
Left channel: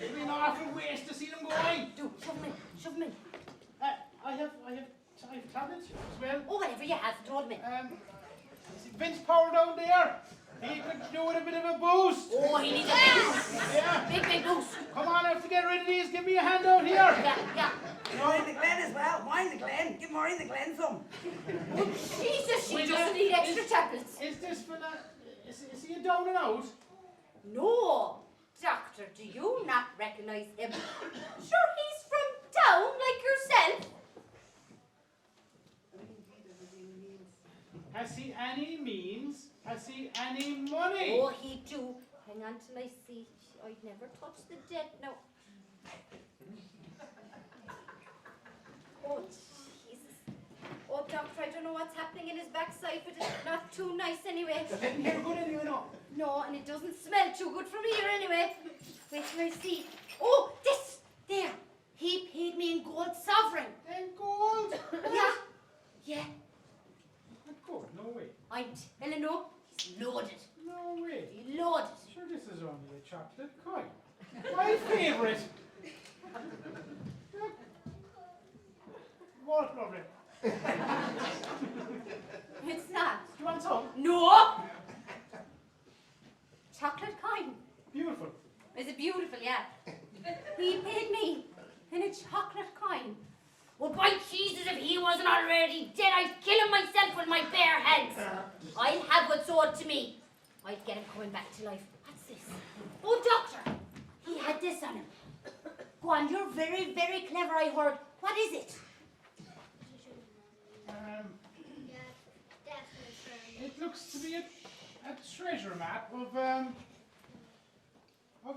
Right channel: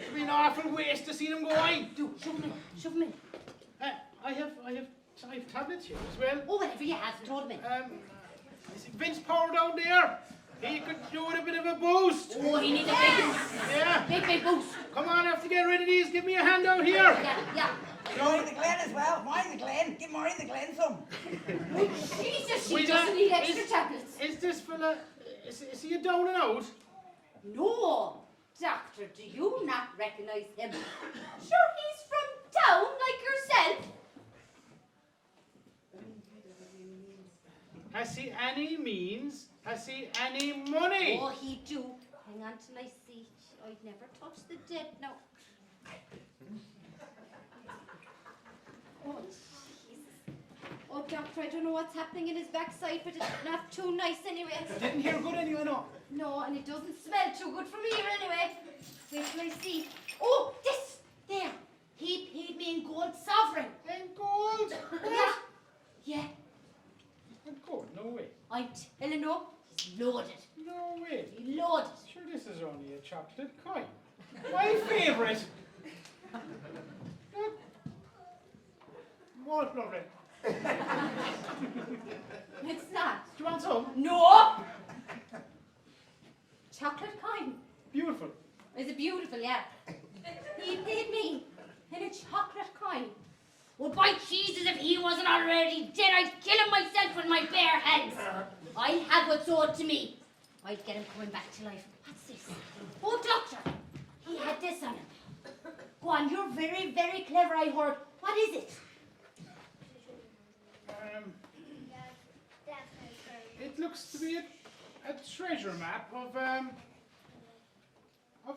It'll be an awful waste to see him going. Do, shove him in. Shove him in. I have tablets here as well. Oh, whatever you have, throw them in. Vince Power down there. He could do with a bit of a boost. Oh, he needs a big, Yeah. big boost. Come on, I have to get rid of these. Give me a hand out here. Yeah. Maureen the Glen as well. Maureen the Glen. Give Maureen the Glen some. Oh, Jesus, she Wait, doesn't need extra tablets. Is this fella, is he a down and out? No, Doctor, do you not recognize him? Sure, he's from town like yourself. Has he any means? Has he any money? Oh, he do. Hang on till I see. I'd never touch the dead now. Oh, Jesus. Oh, Doctor, I don't know what's happening in his backside, but it's not too nice anyway. Didn't hear good anyway, no. No, and it doesn't smell too good from here anyway. Wait till I see. Oh, this! There! He paid me in gold sovereign. In gold? Yeah. In gold? No way. I'm telling you, he's loaded. No way. He loaded. Sure, this is only a chocolate coin. My favourite. What, lovely? It's not. Do you want some? No! Chocolate coin. Beautiful. Is it beautiful? Yeah. He paid me in a chocolate coin. Well, by Jesus, if he wasn't already dead, I'd kill him myself with my bare hands. I'll have what's owed to me. I'd get him coming back to life. What's this? Oh, Doctor, he had this on him. Go on, you're very, very clever, I heard. What is it? It looks to be a treasure map of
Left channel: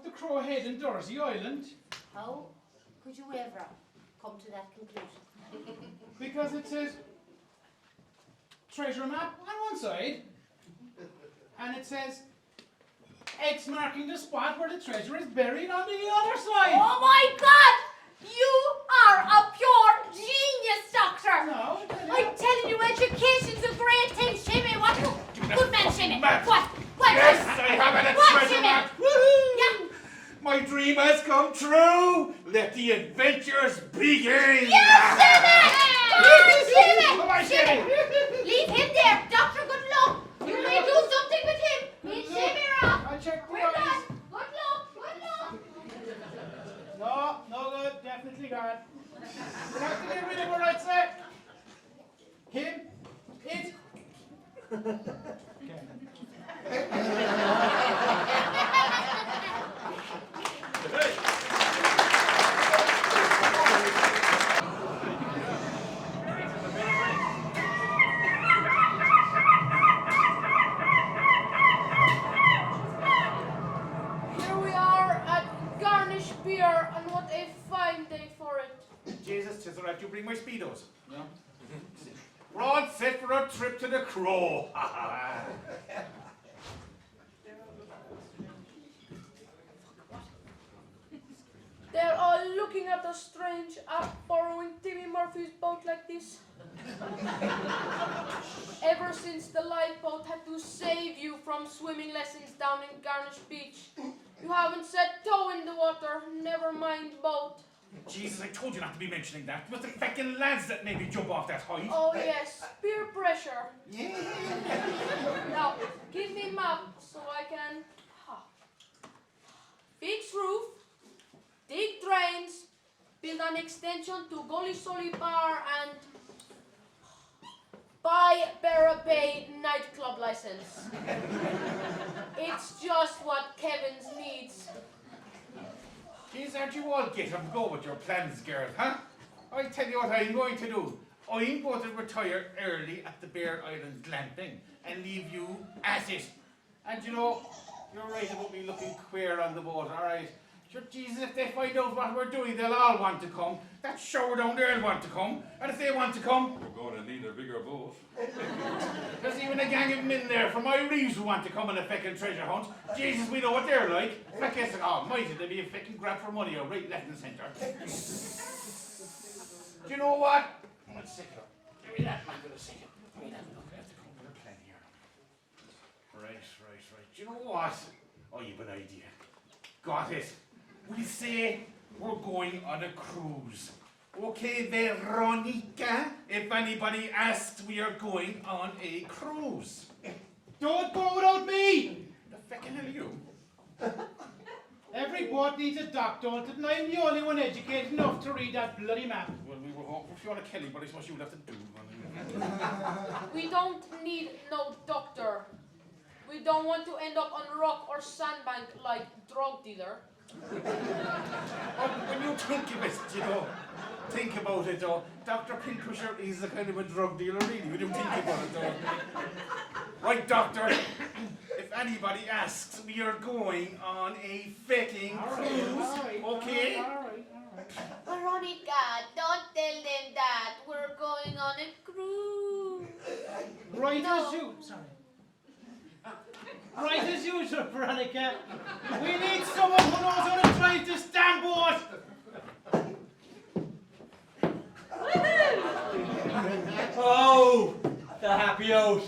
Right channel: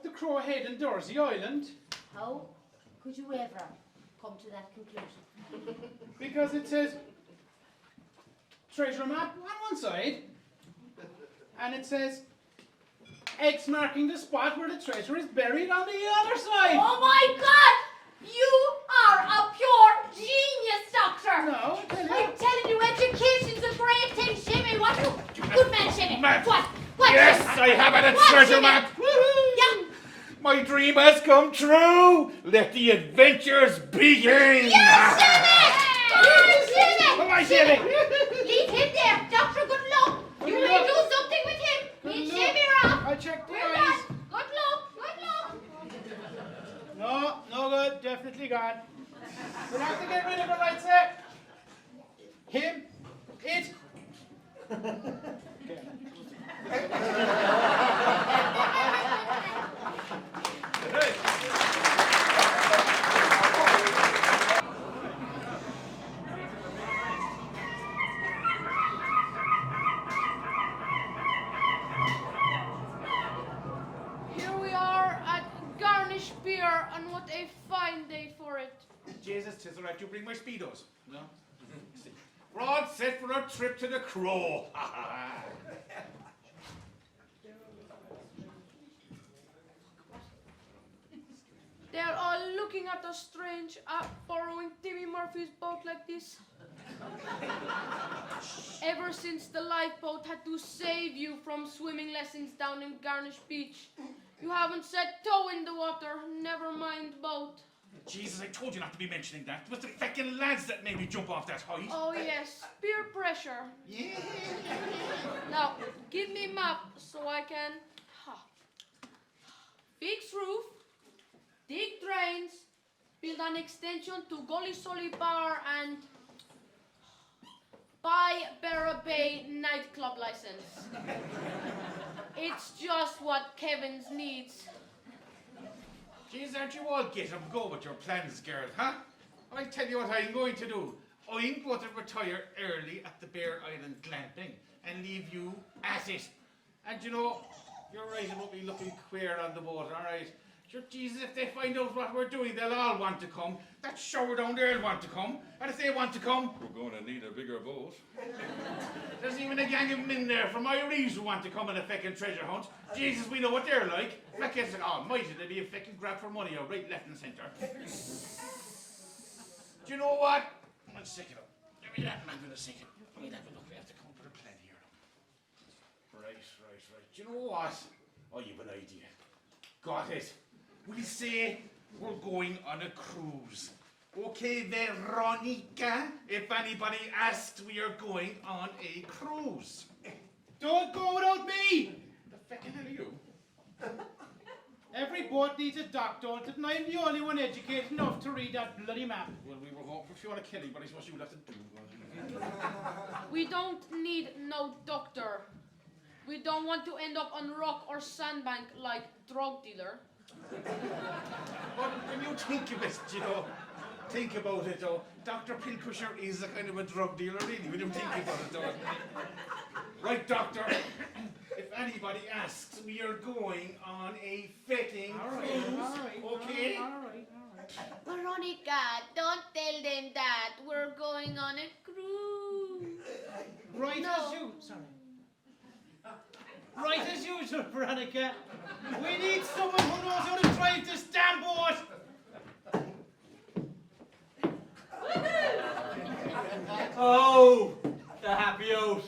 the Crow Head and Dorsey Island. How could you ever come to that conclusion? Because it says treasure map on one side, and it says X marking the spot where the treasure is buried on the other side. Oh my God! You are a pure genius, Doctor! No, I'm telling you, education's a great thing, Shimmy. What? Good man, Shimmy. Map. What? What? Yes, I have it, a What, treasure Shimmy? map. Yeah. My dream has come true. Let the adventures begin. Yes, Shimmy! Shimmy! Come on, Shimmy. Leave him there. Doctor, good luck. You may do something with him. Me and Shimmy are off. I'll check the We're eyes. done. Good luck. Good luck. No good. Definitely gone. We'll have to get rid of him, right, sir? Him. It. Here we are at Garnish Beer, and what a fine day for it. Jesus, 'tis alright, you bring my speedos. No? Broad set for a trip to the Crow. They're all looking at us strange, borrowing Timmy Murphy's boat like this. Ever since the lifeboat had to save you from swimming lessons down in Garnish Beach, you haven't set toe in the water, never mind boat. Jesus, I told you not to be mentioning that. It was the fucking lads that made me jump off that height. Oh yes, peer pressure. Yeah. Now, give me map so I can fix roof, dig drains, build an extension to Gully Solly Bar, and buy Barra Bay nightclub license. It's just what Kevin's needs. Jeez, aren't you all get up go with your plans, girl, huh? I'll tell you what I'm going to do. I'm going to retire early at the Bear Island glamping and leave you at it. And you know, you're right about me looking queer on the boat, alright? Sure, Jesus, if they find out what we're doing, they'll all want to come. That shower down there will want to come. And if they want to come, We're going to need a bigger boat. there's even a gang of them in there from Irish who want to come on a feckin' treasure hunt. Jesus, we know what they're like. Feckin', oh, might it be a feckin' grab for money or right, left and centre. Do you know what? a second. Give me that mic for a second. Wait a minute, we have to come up with a plan here. Right. Do you know what? Oh, you've an idea. Got it. We say we're going on a cruise. Okay, Veronica, if anybody asks, we are going on a cruise. Don't go without me! The feckin' hell are you? Every boat needs a dock, don't it? And I'm the only one educated enough to read that bloody map. Well, we were hoping for Fiona Kelly, but I suppose you'll have to do one. We don't need no doctor. We don't want to end up on rock or sandbank like drug dealer. Oh, when you think of it, think about it, Dr. Pinkusher is a kind of a drug dealer, really, when you think about it, Right, doctor, if anybody asks, we are going on a fecking cruise, okay? Veronica, don't tell them that. We're going on a cruise. Right No. as you, sorry. Right as usual, Veronica. We need someone who knows how to drive this damn boat. Oh, the happy out.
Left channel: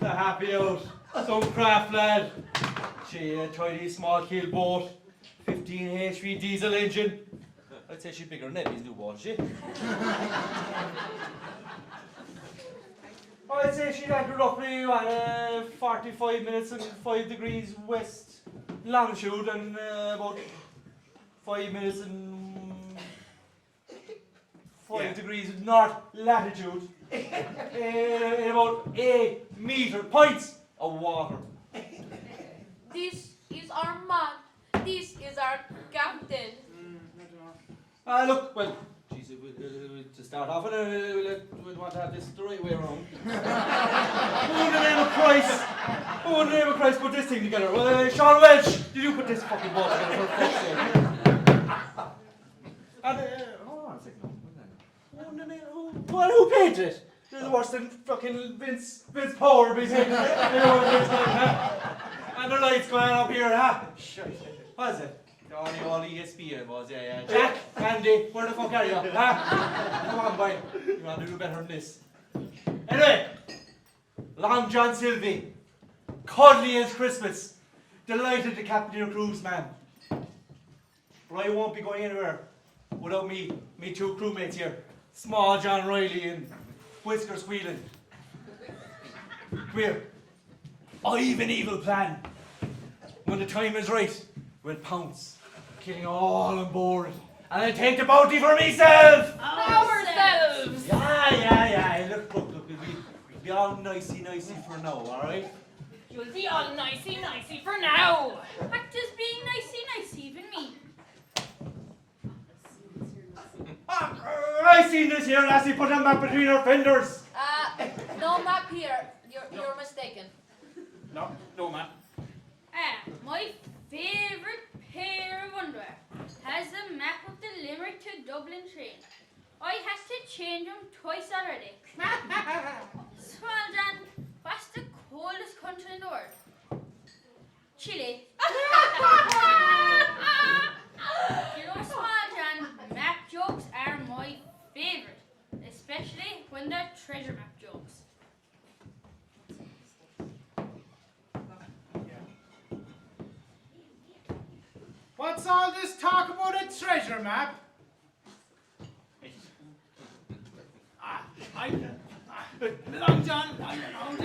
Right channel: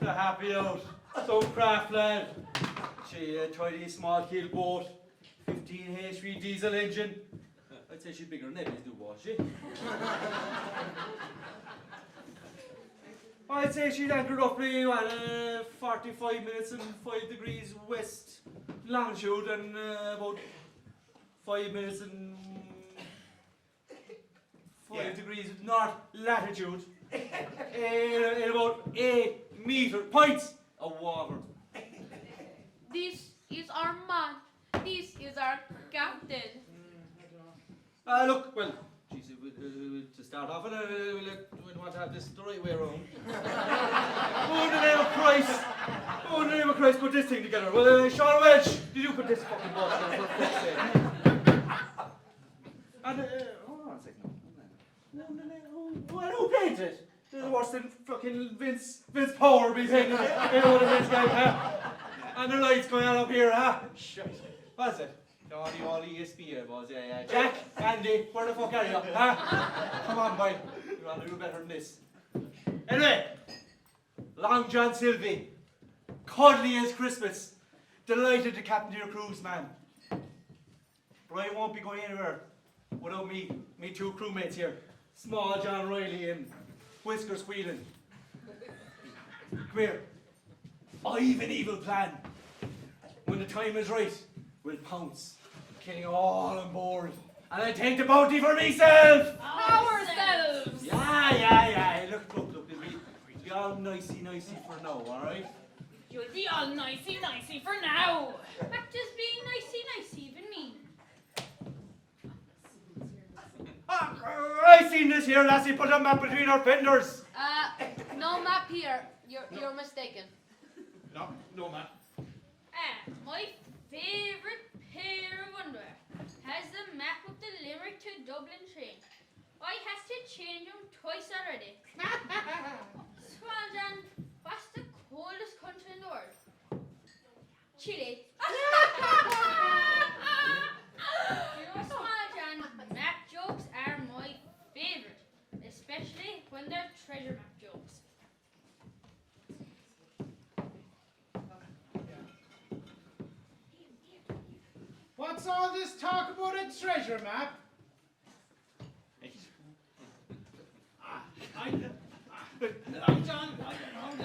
The happy out. Some craft lad. Gee, a tiny small keel boat. 15 HP diesel engine. I'd say she's bigger than Ebbie's new boat, she? I'd say she'd anchor roughly 45 minutes and 5 degrees west longitude and about 5 minutes and 5 degrees north latitude. In about 8 meter pints of water. This is our man. This is our captain. Look, well, geez, to start off with, we'll want to have this the right way around. Who in the name of Christ? Who in the name of Christ put this thing together? Sean Welch, did you put this fucking boat together for fuck's sake? And, hold on a second. Who painted it? There's worse than fucking Vince Power between anyone in this type, huh? And the lights going on up here, huh? What is it? All ESPN was, yeah. Jack, Andy, where the fuck are you? Huh? Come on, boy. You want to do better than this. Anyway, Long John Sylvie, cuddly as Christmas. Delighted to captain your cruise, man. But I won't be going anywhere without me two crewmates here. Small John Riley and Whisker Squealing. Come here. I've an evil plan. When the time is right, we'll pounce. Killing all on board. And I'll take the bounty for myself! Ourselves! Yeah. Look, we'll be all nicey for now, alright? You'll be all nicey for now. What does being nicey even mean? I seen this here lassie put a map between her fenders. No map here. You're mistaken. No, man. My favourite pair of underwear has the map of the Limerick to Dublin train. I has to change them twice already. Swanjan, what's the coldest country in the world? Chile. You know, Swanjan, map jokes are my favourite, especially when they're treasure map jokes. What's all this talk about a treasure map? Long John.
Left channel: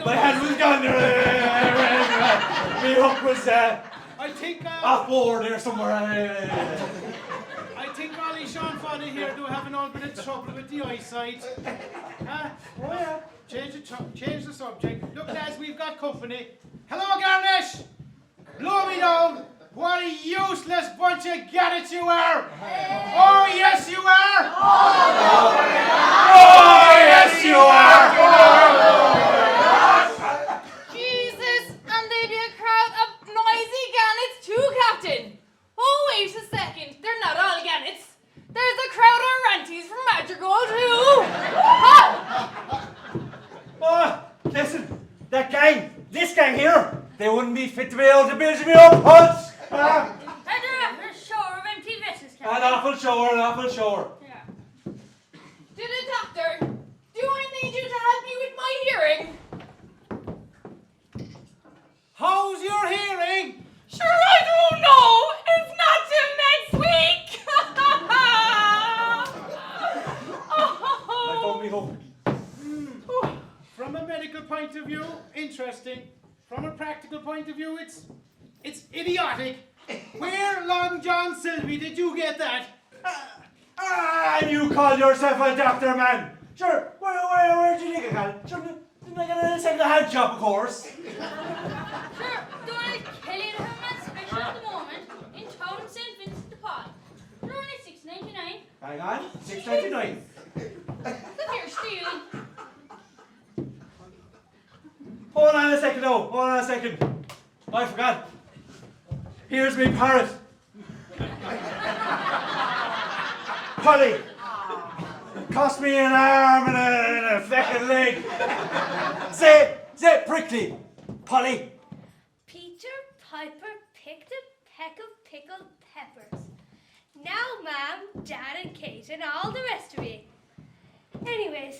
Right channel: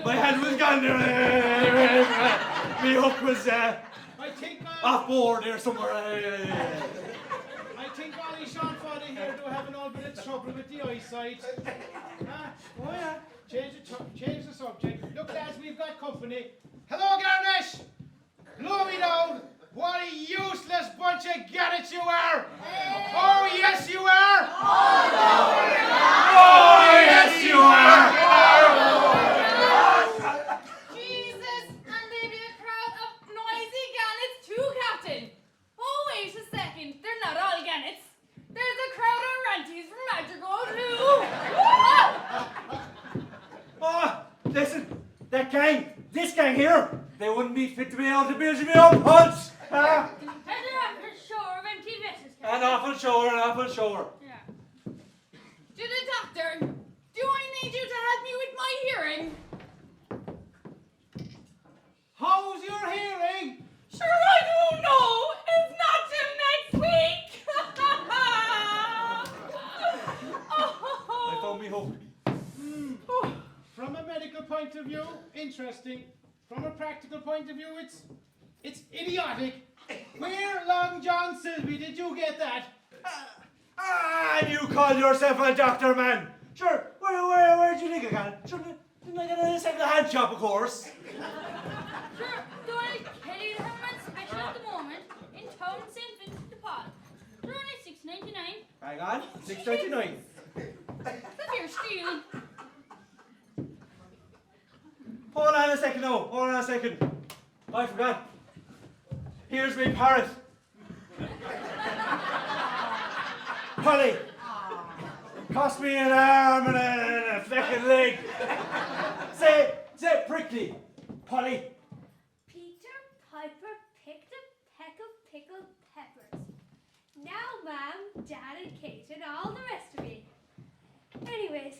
My hand was gone there. My hook was I think off board there somewhere. I think Ollie Sean Foddy here do have an old bit of trouble with the eyesight. Oh yeah. Change the subject. Look, lads, we've got company. Hello, Garnish. Blow me down. What a useless bunch of gadgets you are! Oh, yes, you are! Oh, yes, you are! Jesus, and they be a crowd of noisy gannets too, Captain. Oh, wait a second. They're not all gannets. There's a crowd of ranties from Madrigal too. Oh, listen, this gang here, they wouldn't be fit to be able to build me up pulse. And they're after a shower of empty vessels, An awful shower. Yeah. To the doctor. hearing? How's your hearing? Sure, I don't know. It's not till next week. I found me hope. From a medical point of view, interesting. From a practical point of view, it's idiotic. Where, Long John Silvey, did you get that? And you call yourself a doctor, man? Sure, where'd you think I got it? Sure, didn't I get a second-hand job, of course? Sure, doing a Killian Herman special at the moment in town St. Vincent de Paul. They're only $6.99. Hang on, $6.99. Come here, Steele. Hold on a second, though. Hold on a second. I forgot. Here's me parrot. Polly. Cost me an arm and a fucking leg. Say prickly. Polly. Peter Piper picked a peck of pickled peppers. Now, Ma'am, Dad and Kate and all the rest of you. Anyways,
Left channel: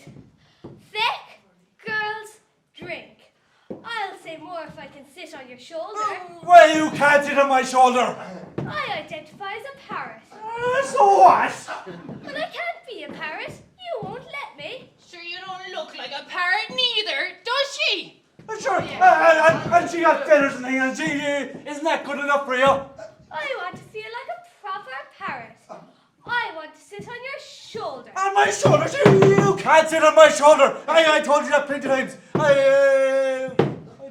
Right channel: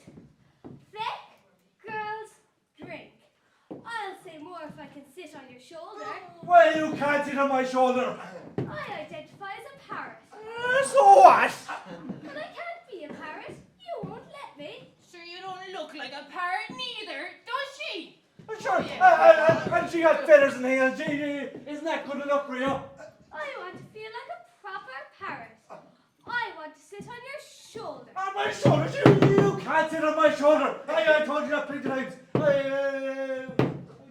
thick girls drink. I'll say more if I can sit on your shoulder. Well, you can't sit on my shoulder. I identify as a parrot. So what? But I can't be a parrot. You won't let me. Sure, you don't look like a parrot neither, does she? Sure. And she got feathers and things. Isn't that good enough for you? I want to feel like a proper parrot. I want to sit on your shoulder. On my shoulder? You can't sit on my shoulder. I told you that plenty of times. I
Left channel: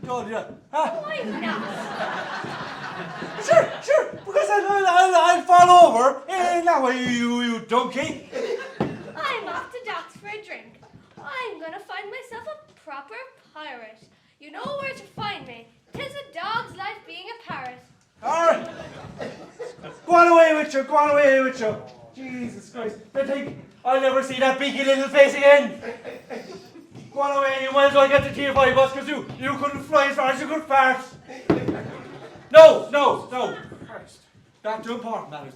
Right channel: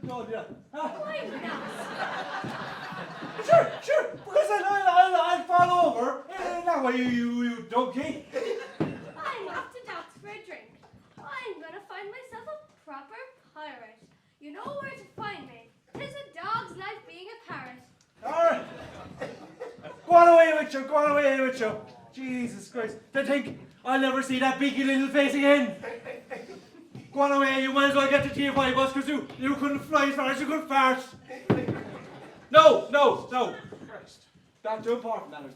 told you that. Huh? Why not? Sure. Because I'll fall over. Now you donkey. I'm off to Doc's for a drink. I'm gonna find myself a proper pirate. You know where to find me. 'Tis a dog's life being a parrot. Alright. Go on away with you. Jesus Christ. Don't think I'll never see that beaky little face again. Go on away, you might as well get the TFI bus because you couldn't fly as far as you could fart. No. Back to important matters.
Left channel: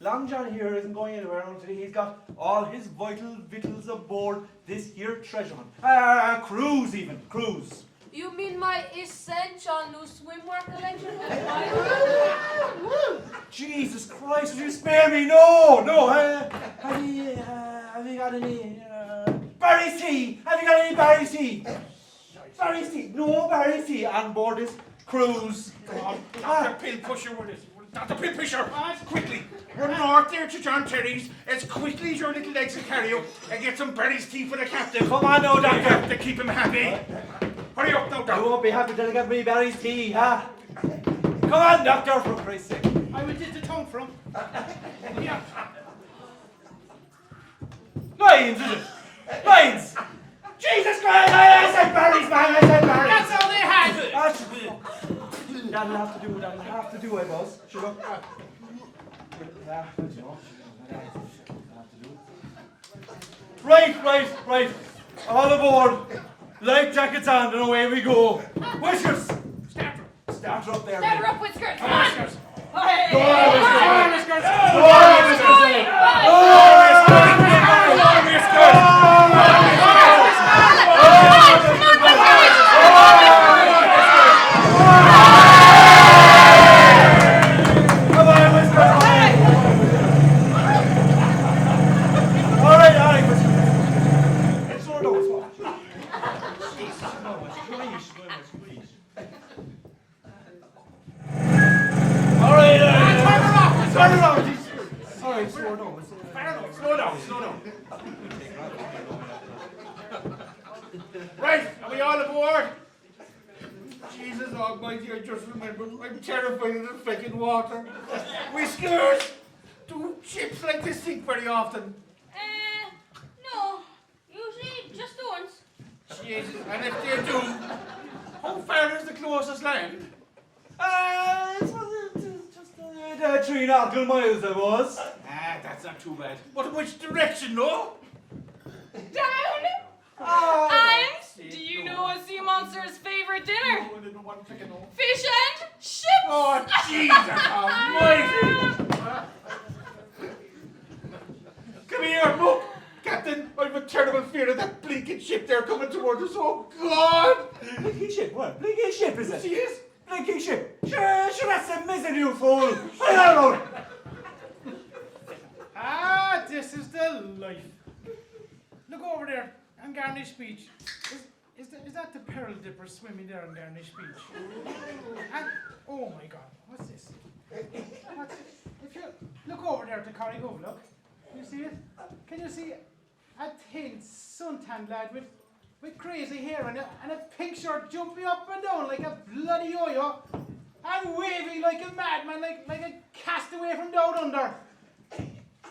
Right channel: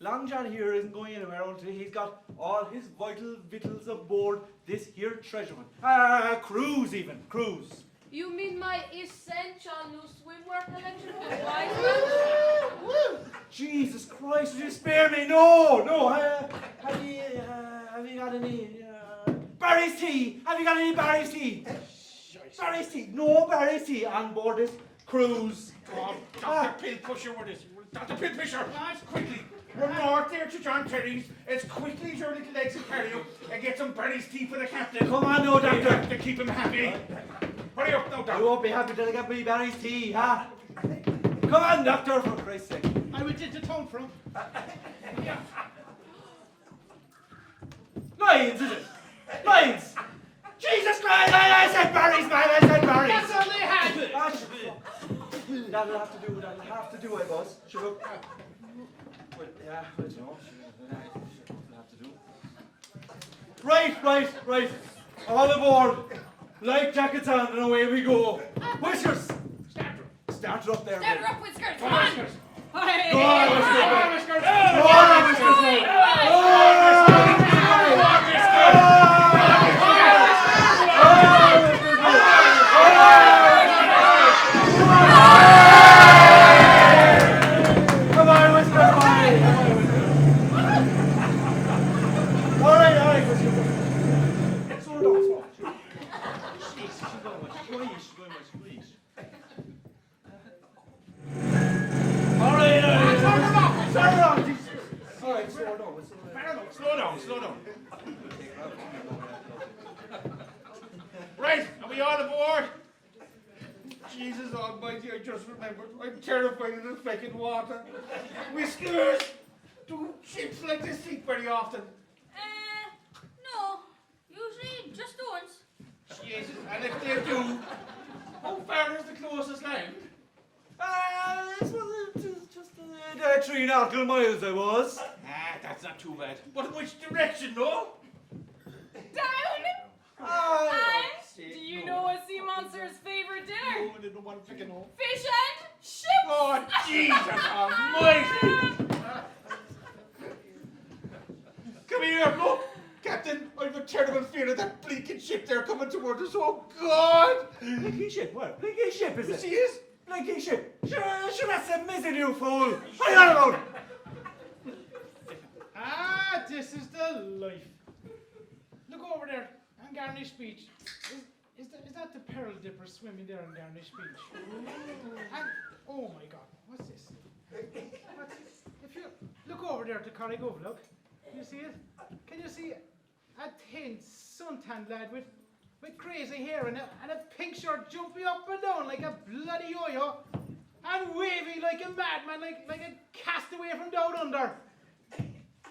Long John here isn't going anywhere until he's got all his vital victuals aboard this here treasure hunt. Cruise. You mean my essential new swimwear collection? Jesus Christ, will you spare me? No. Have you got any Barry's tea? Have you got any Barry's tea? Barry's tea? No Barry's tea on board this cruise. Dr. Pillpusher with us. Dr. Pillpusher, quickly. Run north there to John Terry's as quickly as your little legs can carry you and get some Barry's tea for the captain. Come on now, We Doctor. have to keep him happy. Hurry up now, You Doctor. won't be happy till I get me Barry's tea, huh? Come on, Doctor, for Christ's sake. I went into town for him. Yeah. Lions, is it? Lions! Jesus Christ! I said Barry's, man! I said Barry's! That's how they had it. Ah, that'll have to do, I boss. Sure, look. Yeah, I don't know. That'll have to do. Right. All aboard. Life jackets on and away we go. Whiskers! Start her up there, Step mate. her up, Whiskers. Come on. Hey. Go on, Whiskers, Come on, mate. Whiskers. Go on, Whiskers, mate. Go on, Whiskers. Slow down. Right, are we all aboard? Jesus almighty, I just remembered. I'm terrified of the freaking water. Whiskers! Do ships like this sink very often? No. Usually just the once. Jesus, and if they do, how far is the closest land? It's just 3 nautical miles, I was. That's not too bad. But which direction, no? Down. Oh. And do you know a sea monster's favorite dinner? Fish and chips! Oh, Jesus almighty! Come here, look! Captain, I've a terrible fear of that blinking ship there coming towards us. Oh, God! Blinking ship? What? Blinking ship is it? She is. Blinking ship? Sure, that's a misery, you fool. I don't know. Ah, this is the life. Look over there on Garnish Beach. Is that the pearl dipper swimming there on Garnish Beach? And, oh my God, what's this? If you look over there to Corrigo, look. Can you see it? Can you see a thin, suntanned lad with crazy hair and a pink shirt jumping up and down like a bloody yo-yo and waving like a madman, like a castaway from down under?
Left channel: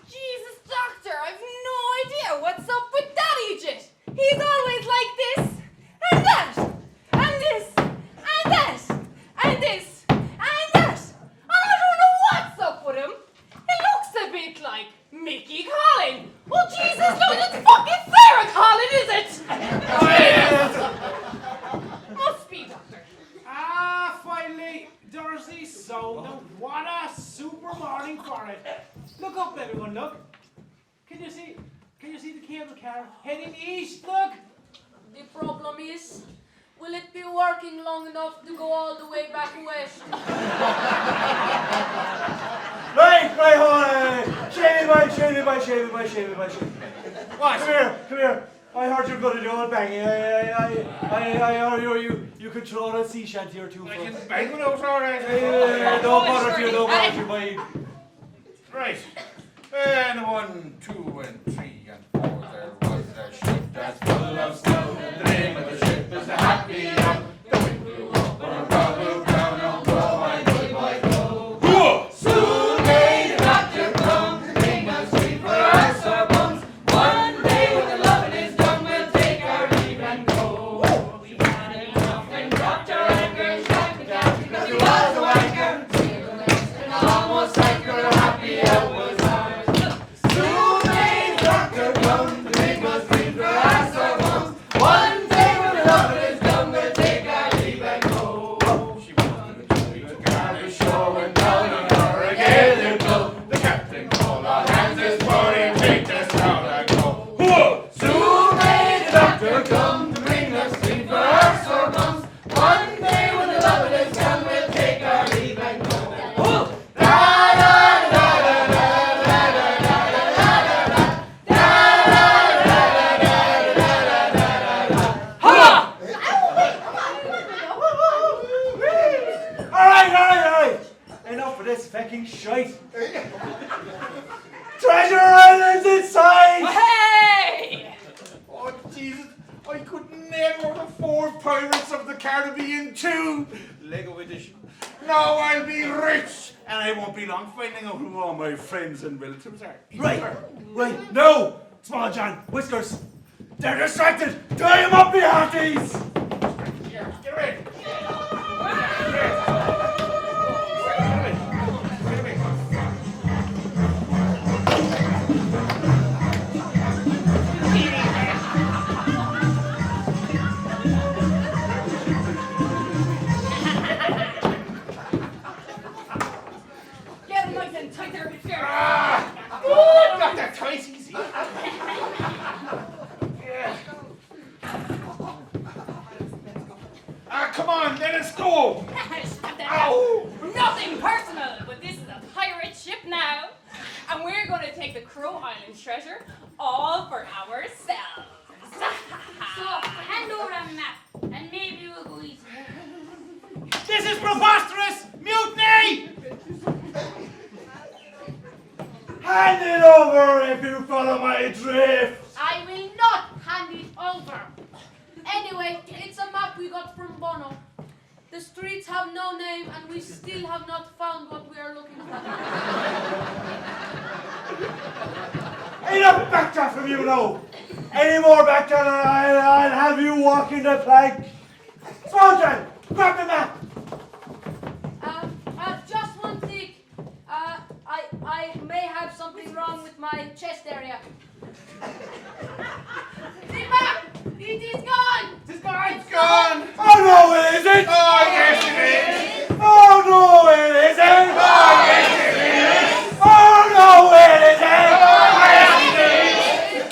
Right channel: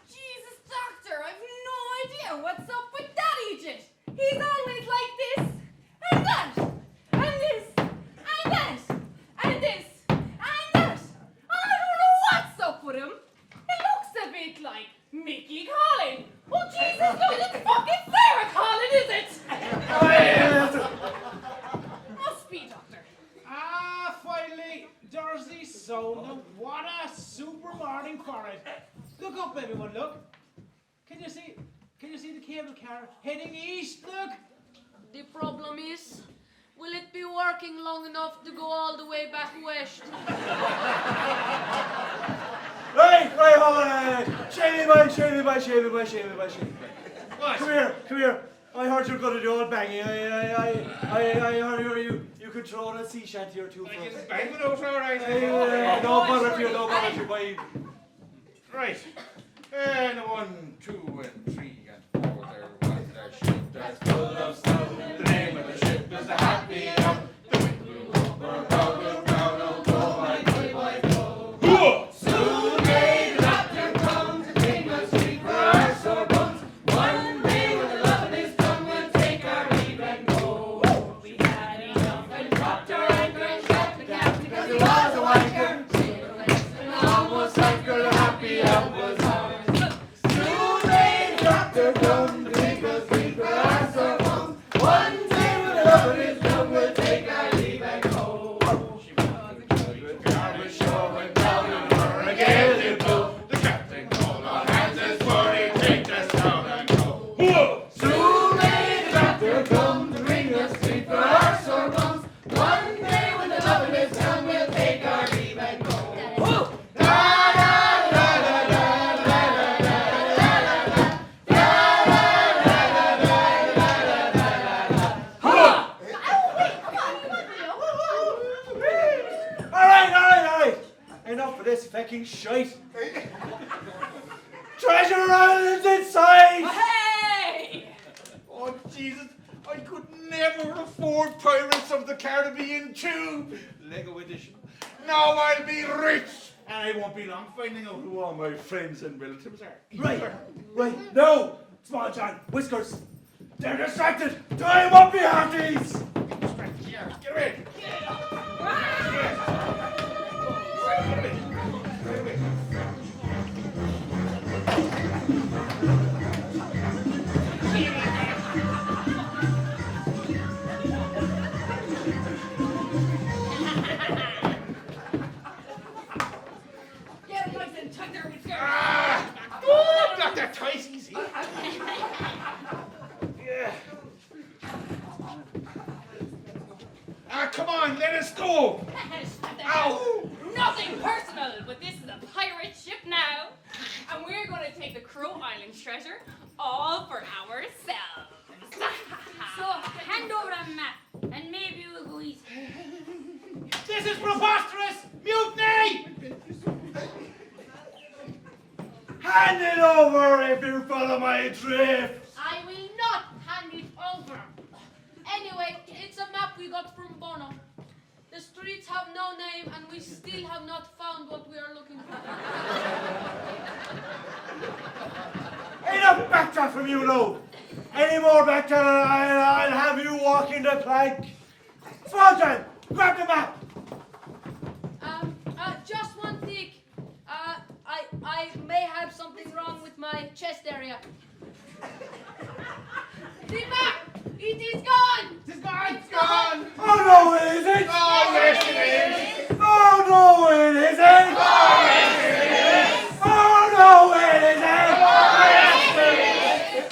Jesus, Doctor, I've no idea what's up with that Egypt. He's always like this, and that, and this, and that, and this, and that. I don't know what's up with him. He looks a bit like Mickey Collin. Oh, Jesus, no, it's fucking Sarah Collin, is it? Must be, Doctor. Ah, finally, Dorothy, so what a super morning for it. Look up, everyone, look. Can you see the cable car heading east, look? The problem is, will it be working long enough to go all the way back west? Right, hold on. Shave me. Come here. I heard you're good at old banging. I heard you could throw a sea shanty or two. I can bang it out, all right. Don't bother if you, boy. Right. And 1, 2, and 3, and 4. There was a ship that's full of snow. The name of the ship is the Happy Hope. The wind blew up, and God blew down. Oh, go, my good, my go. Soon may the doctor come to bring us sweet for our sore bones. One day when the loving is done, we'll take our leave and go. We had enough and dropped our anchor and shut the gap because he was a wanker. And almost sank her, the Happy Hope was ours. Soon may the doctor come to bring us sweet for our sore bones. One day when the loving is done, we'll take our leave and go. She wanted to be with Garnish Shore and down on her again it blow. The captain called all hands this morning, take us down and go. Whoa! Soon may the doctor come to bring us sweet for our sore bones. One day when the loving is done, we'll take our leave and go. Whoa! Da da da da da da da da da. All right. Enough of this fucking shite. Treasure Island's inside. Hey! Oh, Jesus, I could never afford Pirates of the Caribbean 2 Lego edition. Now I'll be rich, and I won't be long finding out who all my friends and relatives are. Right. No, Small John, Whiskers. They're distracted. Tie him up, me hearties. Get away. Get him nice and tight there, Whisker. Not that tight, easy. Come on, let us go. Stop that. Ow! Nothing personal, but this is a pirate ship now, and we're going to take the Crow Island treasure all for ourselves. So hand over that map, and maybe we'll go easy. This is preposterous! Mutiny! Hand it over if you follow my drift. I will not hand it over. Anyway, it's a map we got from Bono. The streets have no name, and we still have not found what we are looking for. Enough backdraft from you now. Any more backdraft and I'll have you walking the plank. Small John, grab the map. Just one thing. I may have something wrong with my chest area. The map! It is gone! It's gone! It's gone! Oh no, it isn't! Oh, yes, it is! Oh no, it isn't! Oh, yes, it is! Oh no, it isn't! Oh, yes, it is!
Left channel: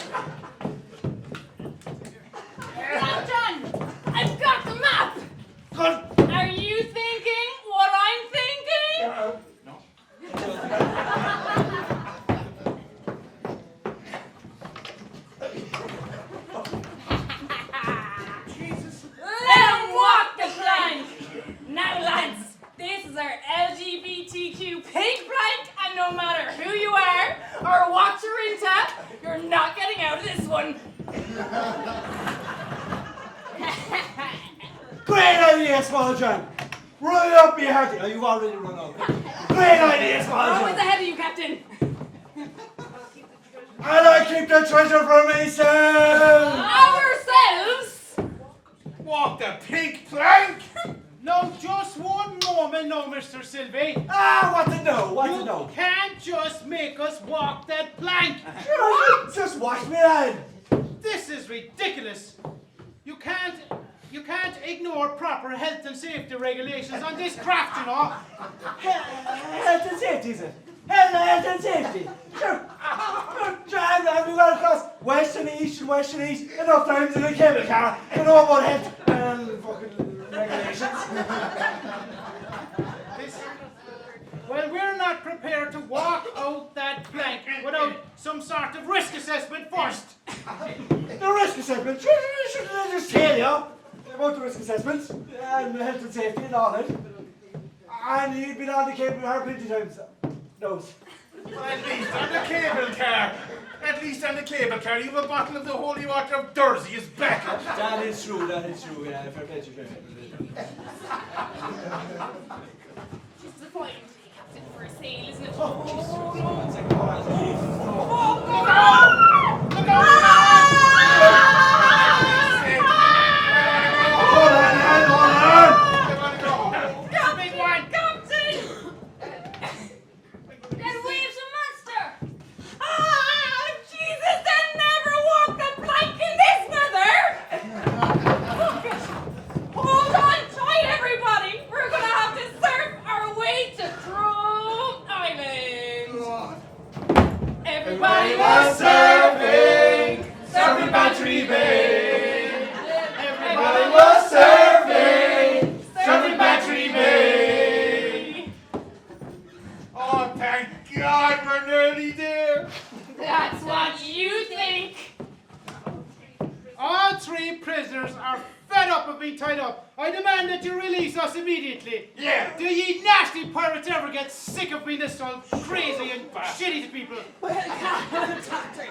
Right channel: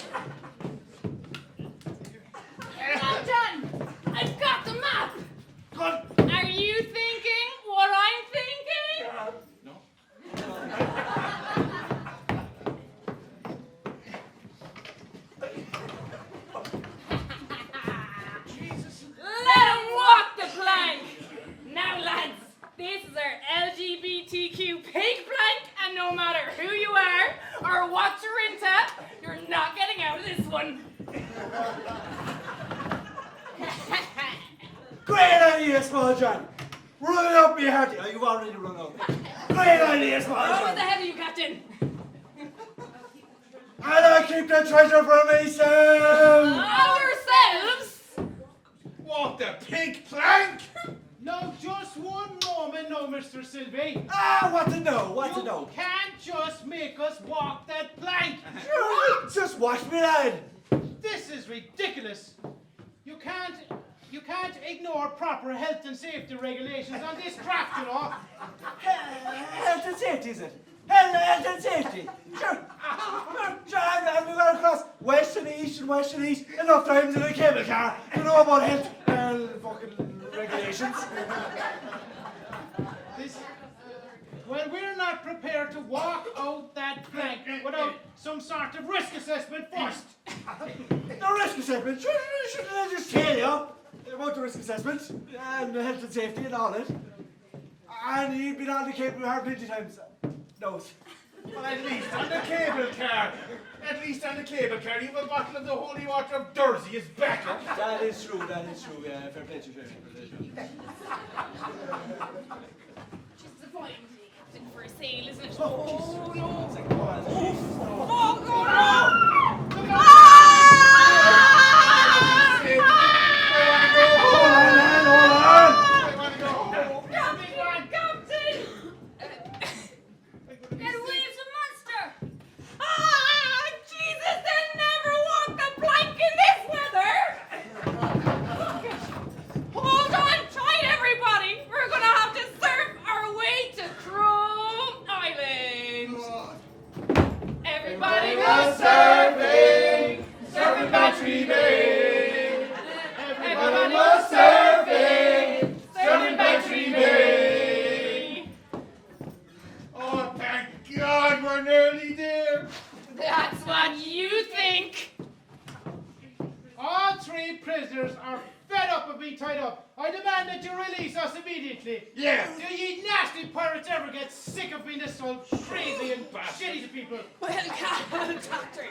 idea, Small John. Run up, me heart. Oh, you've already run up. Great idea, Small Oh, John. it's ahead of you, Captain. And I keep the treasure for myself. Ourselves? Walk the pink plank! Now, just one moment now, Mr. Sylvie. Ah, what to know? What to You know? can't just make us walk that plank. Just watch me, lad. This is ridiculous. You can't ignore proper health and safety regulations on this craft, you know. Health and safety, is it? Health and safety. Sure. We've got to cross west and east and west and east enough times in a cable car to know about health and fucking regulations. Well, we're not prepared to walk out that plank without some sort of risk assessment first. The risk assessment? Should I just tell you about the risk assessment and the health and safety and all that? And you've been on the cable car plenty times. No. Well, at least on the cable car. At least on the cable car, you have a bottle of the holy water of Dursey as backup. That is true, yeah, fair play to you. Disappointing, Captain, for a sail, isn't it? Oh, Jesus. Oh, God! Hold on. Big one, Captain! Get away from the monster! Ah, Jesus, they'll never walk the plank in this weather! Hold on tight, everybody! We're gonna have to surf our way to Cruise Island! Everybody was surfing! Surfing Battery Bay! Everybody was surfing! Surfing Battery Bay! Oh, thank God we're nearly there. That's what you think! All three prisoners are fed up of being tied up. I demand that you release us immediately. Yeah. Do ye nasty pirates ever get sick of being this so crazy and shitty to people? Well, Doctor,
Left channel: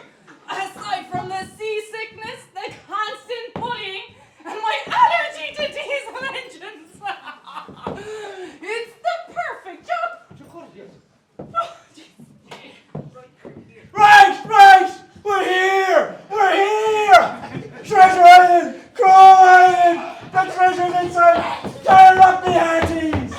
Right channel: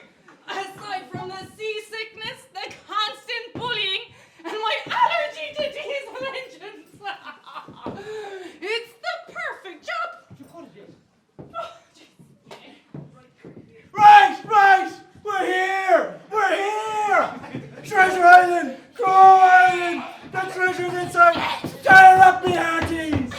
aside from the seasickness, the constant bullying, and my allergy to diesel engines, it's the perfect job. Oh, Right! We're here! Treasure Island! Crow Island! The treasure's inside! Tie it up, me hearties! I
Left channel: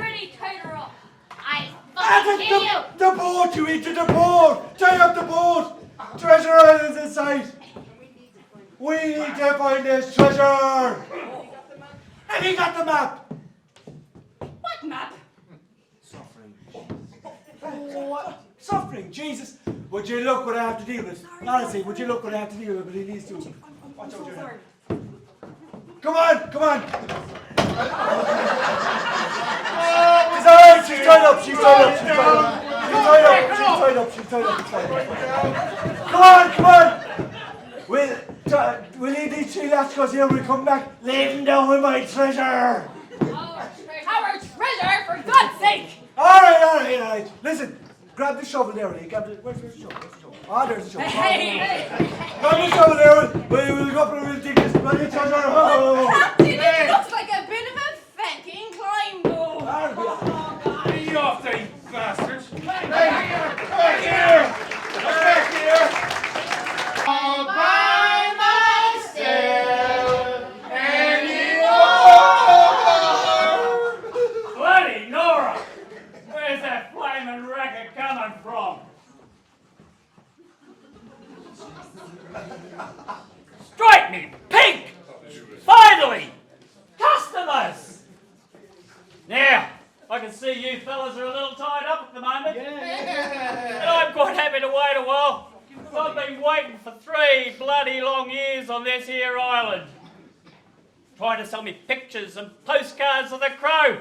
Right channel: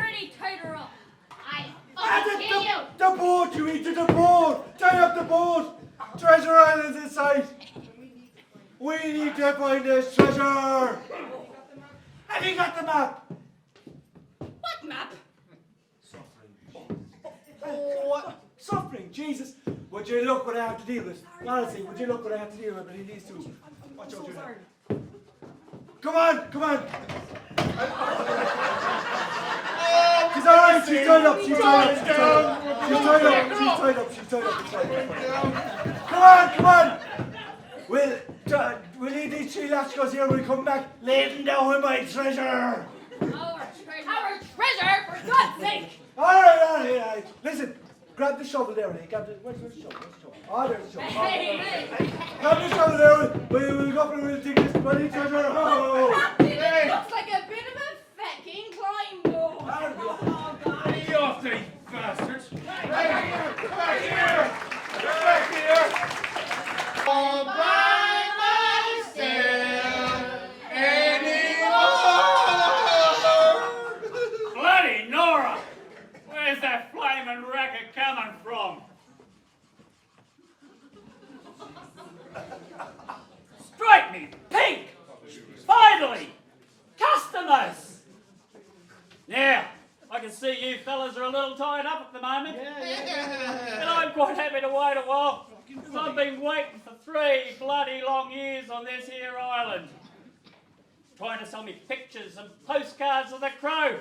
already tied her up. I Ah, fucking kill you. the boat, you eat to the boat! Tie up the boat! Treasure Island's in sight! We need to find this treasure! Have you got the map? What map? What? Suffering, Jesus! Would you look what I have to deal with? Honestly, would you look what I have to deal with between these two? Watch out, Junior. Come on! She's alright, she's tied up. Come on! We'll leave these three lascars here. We'll come back laden down with my treasure. Our treasure, for God's sake! Alright. Listen, grab the shovel there, Lee. Where's the shovel? Ah, there's the shovel. Hey! Grab the shovel there. We'll go up and we'll dig this bloody treasure. Captain, it looks like a bit of a fucking climb, though. Be off, you bastards. Back here. All by myself anymore. Bloody Nora! Where's that flaming racket coming from? Strike me pink! Finally! Customers! Now, I can see you fellas are a little tied up at the moment. And I'm quite happy to wait a while, because I've been waiting for 3 bloody long years on this here island. Trying to sell me pictures and postcards of the Crow.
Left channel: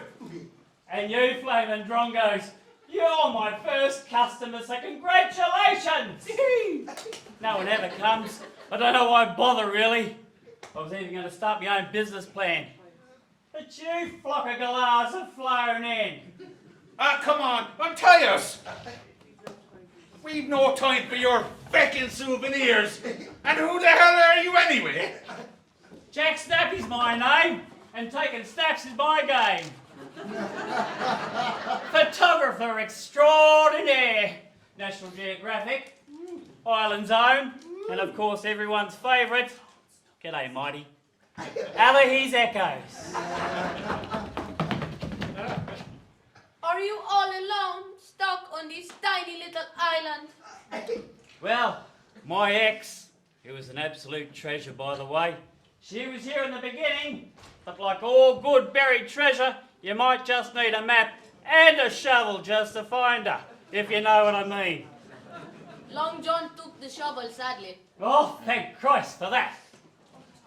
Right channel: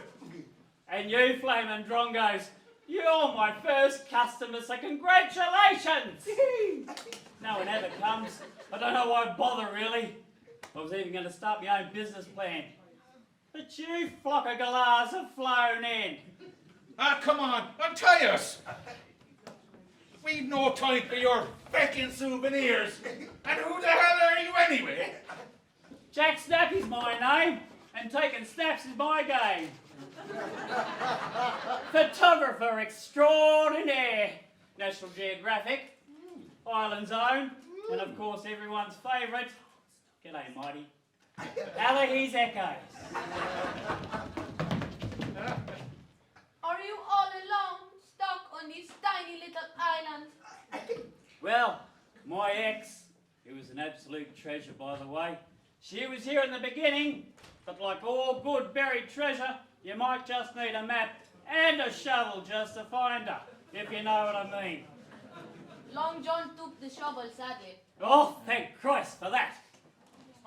And you flaming drongos, you're my first customer, so congratulations! No one ever comes. I don't know why bother, really. I was even going to start my own business plan. But you flock of galahs have flown in. Ah, come on, untie us. We've no time for your feckin' souvenirs. And who the hell are you anyway? Jack Snappy's my name, and taking snaps is my game. Photographer extraordinaire. National Geographic, Island Zone, and of course everyone's favourite. G'day, Mighty. His Echoes. Are you all alone, stuck on this tiny little island? Well, my ex, who was an absolute treasure by the way, she was here in the beginning, but like all good buried treasure, you might just need a map and a shovel just to find her, if you know what I mean. Long John took the shovel, sadly. Oh, thank Christ for that.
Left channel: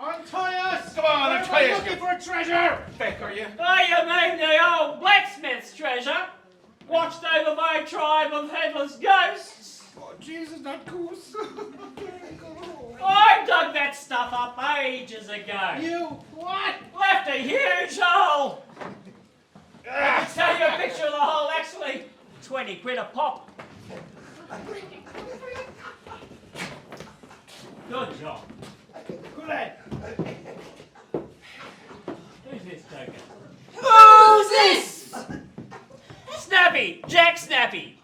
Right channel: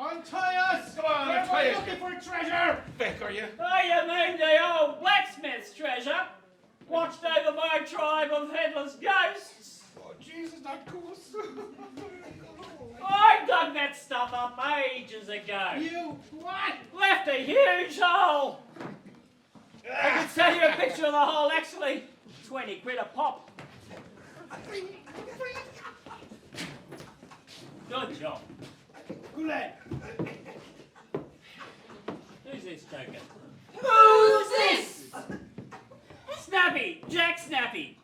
Untie us! Come on, untie us! Looking for a treasure. Beck, are you? Oh, you mean the old blacksmith's treasure? Watched over by a tribe of headless ghosts? Oh, Jesus, that goose. I dug that stuff up ages ago. You? What? Left a huge hole. I can sell you a picture of the hole, actually. 20 quid a pop. Good job. Good lad. Who's this joker? Who's this? Snappy! Jack Snappy!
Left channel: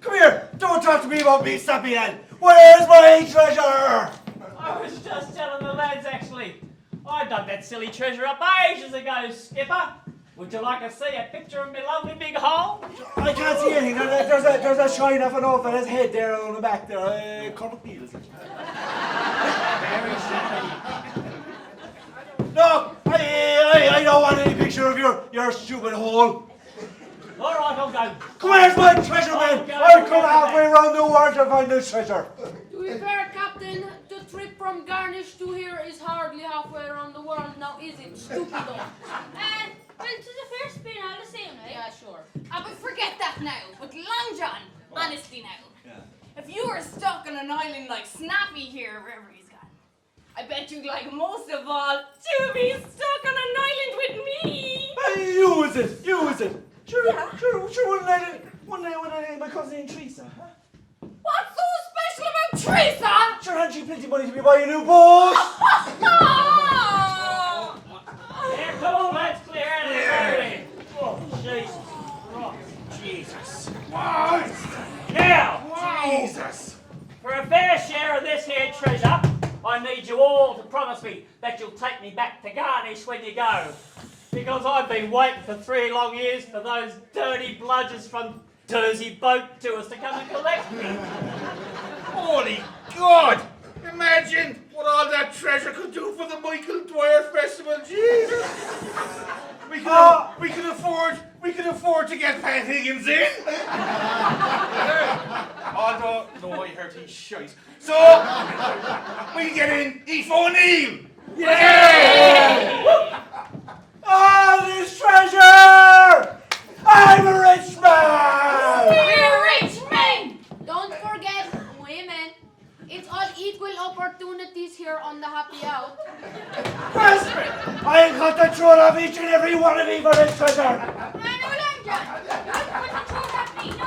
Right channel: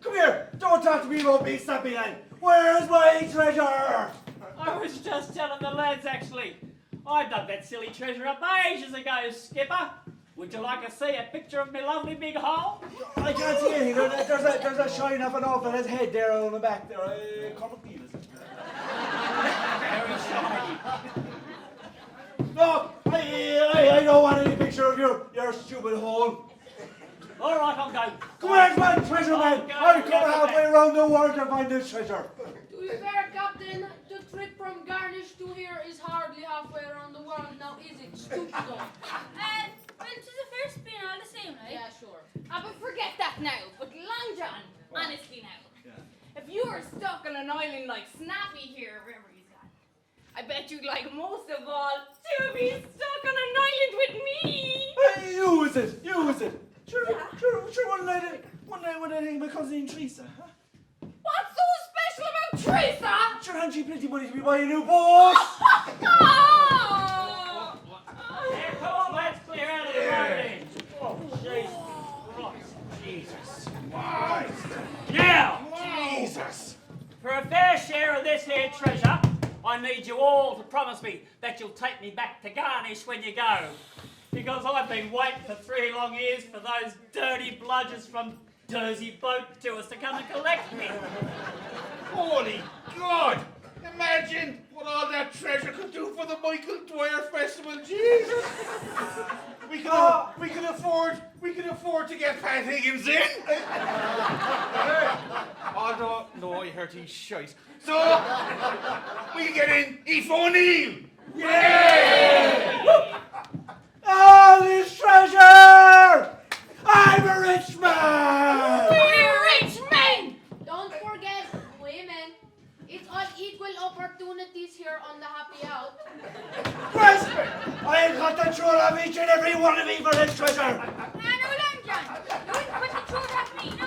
Come here! Don't talk to me about me, Snappy Lad! Where's my treasure? I was just telling the lads, actually. I dug that silly treasure up ages ago, Skipper. Would you like to see a picture of my lovely big hole? I can't see anything. There's a shine off and off in his head there on the back there. Cormac Neal, is it? Very snappy. No, I don't want any picture of your stupid hole. All right, I'll go. Where's my treasure, man? I've come halfway around the world to find this treasure. To be fair, Captain, the trip from Garnish to here is hardly halfway around the world now, is it? Stupid dog. Well, to the first spin, all the same, right? Yeah, sure. But forget that now. But Long John, honestly now, if you were stuck on an island like Snappy here, wherever he's gone, I bet you'd like most of all to be stuck on an island with me. Hey, you is it? Sure, one night with my cousin Teresa, huh? What's so special about Teresa? Sure, hadn't she plenty money to be buying a new boat? Yeah, come on, lads, clear out of here. Oh, Jesus Christ. Jesus. Now, Jesus. for a fair share of this here treasure, I need you all to promise me that you'll take me back to Garnish when you go. Because I've been waiting for 3 long years for those dirty bludgers from Jersey boat tours to come and collect me. Holy God! Imagine what all that treasure could do for the Michael Dwyer Festival. Jesus! We could afford to get Pat Higgins in. Although, no, I heard he's shite. So we can get in Aoife O'Neill. Yeah! All this treasure! I'm a rich man! We're rich men! Don't forget, women. It's all equal opportunities here on the happy out. Husband, I'll cut the throat of each and every one of you for this treasure. I know Long John. Don't put the truth at me, no.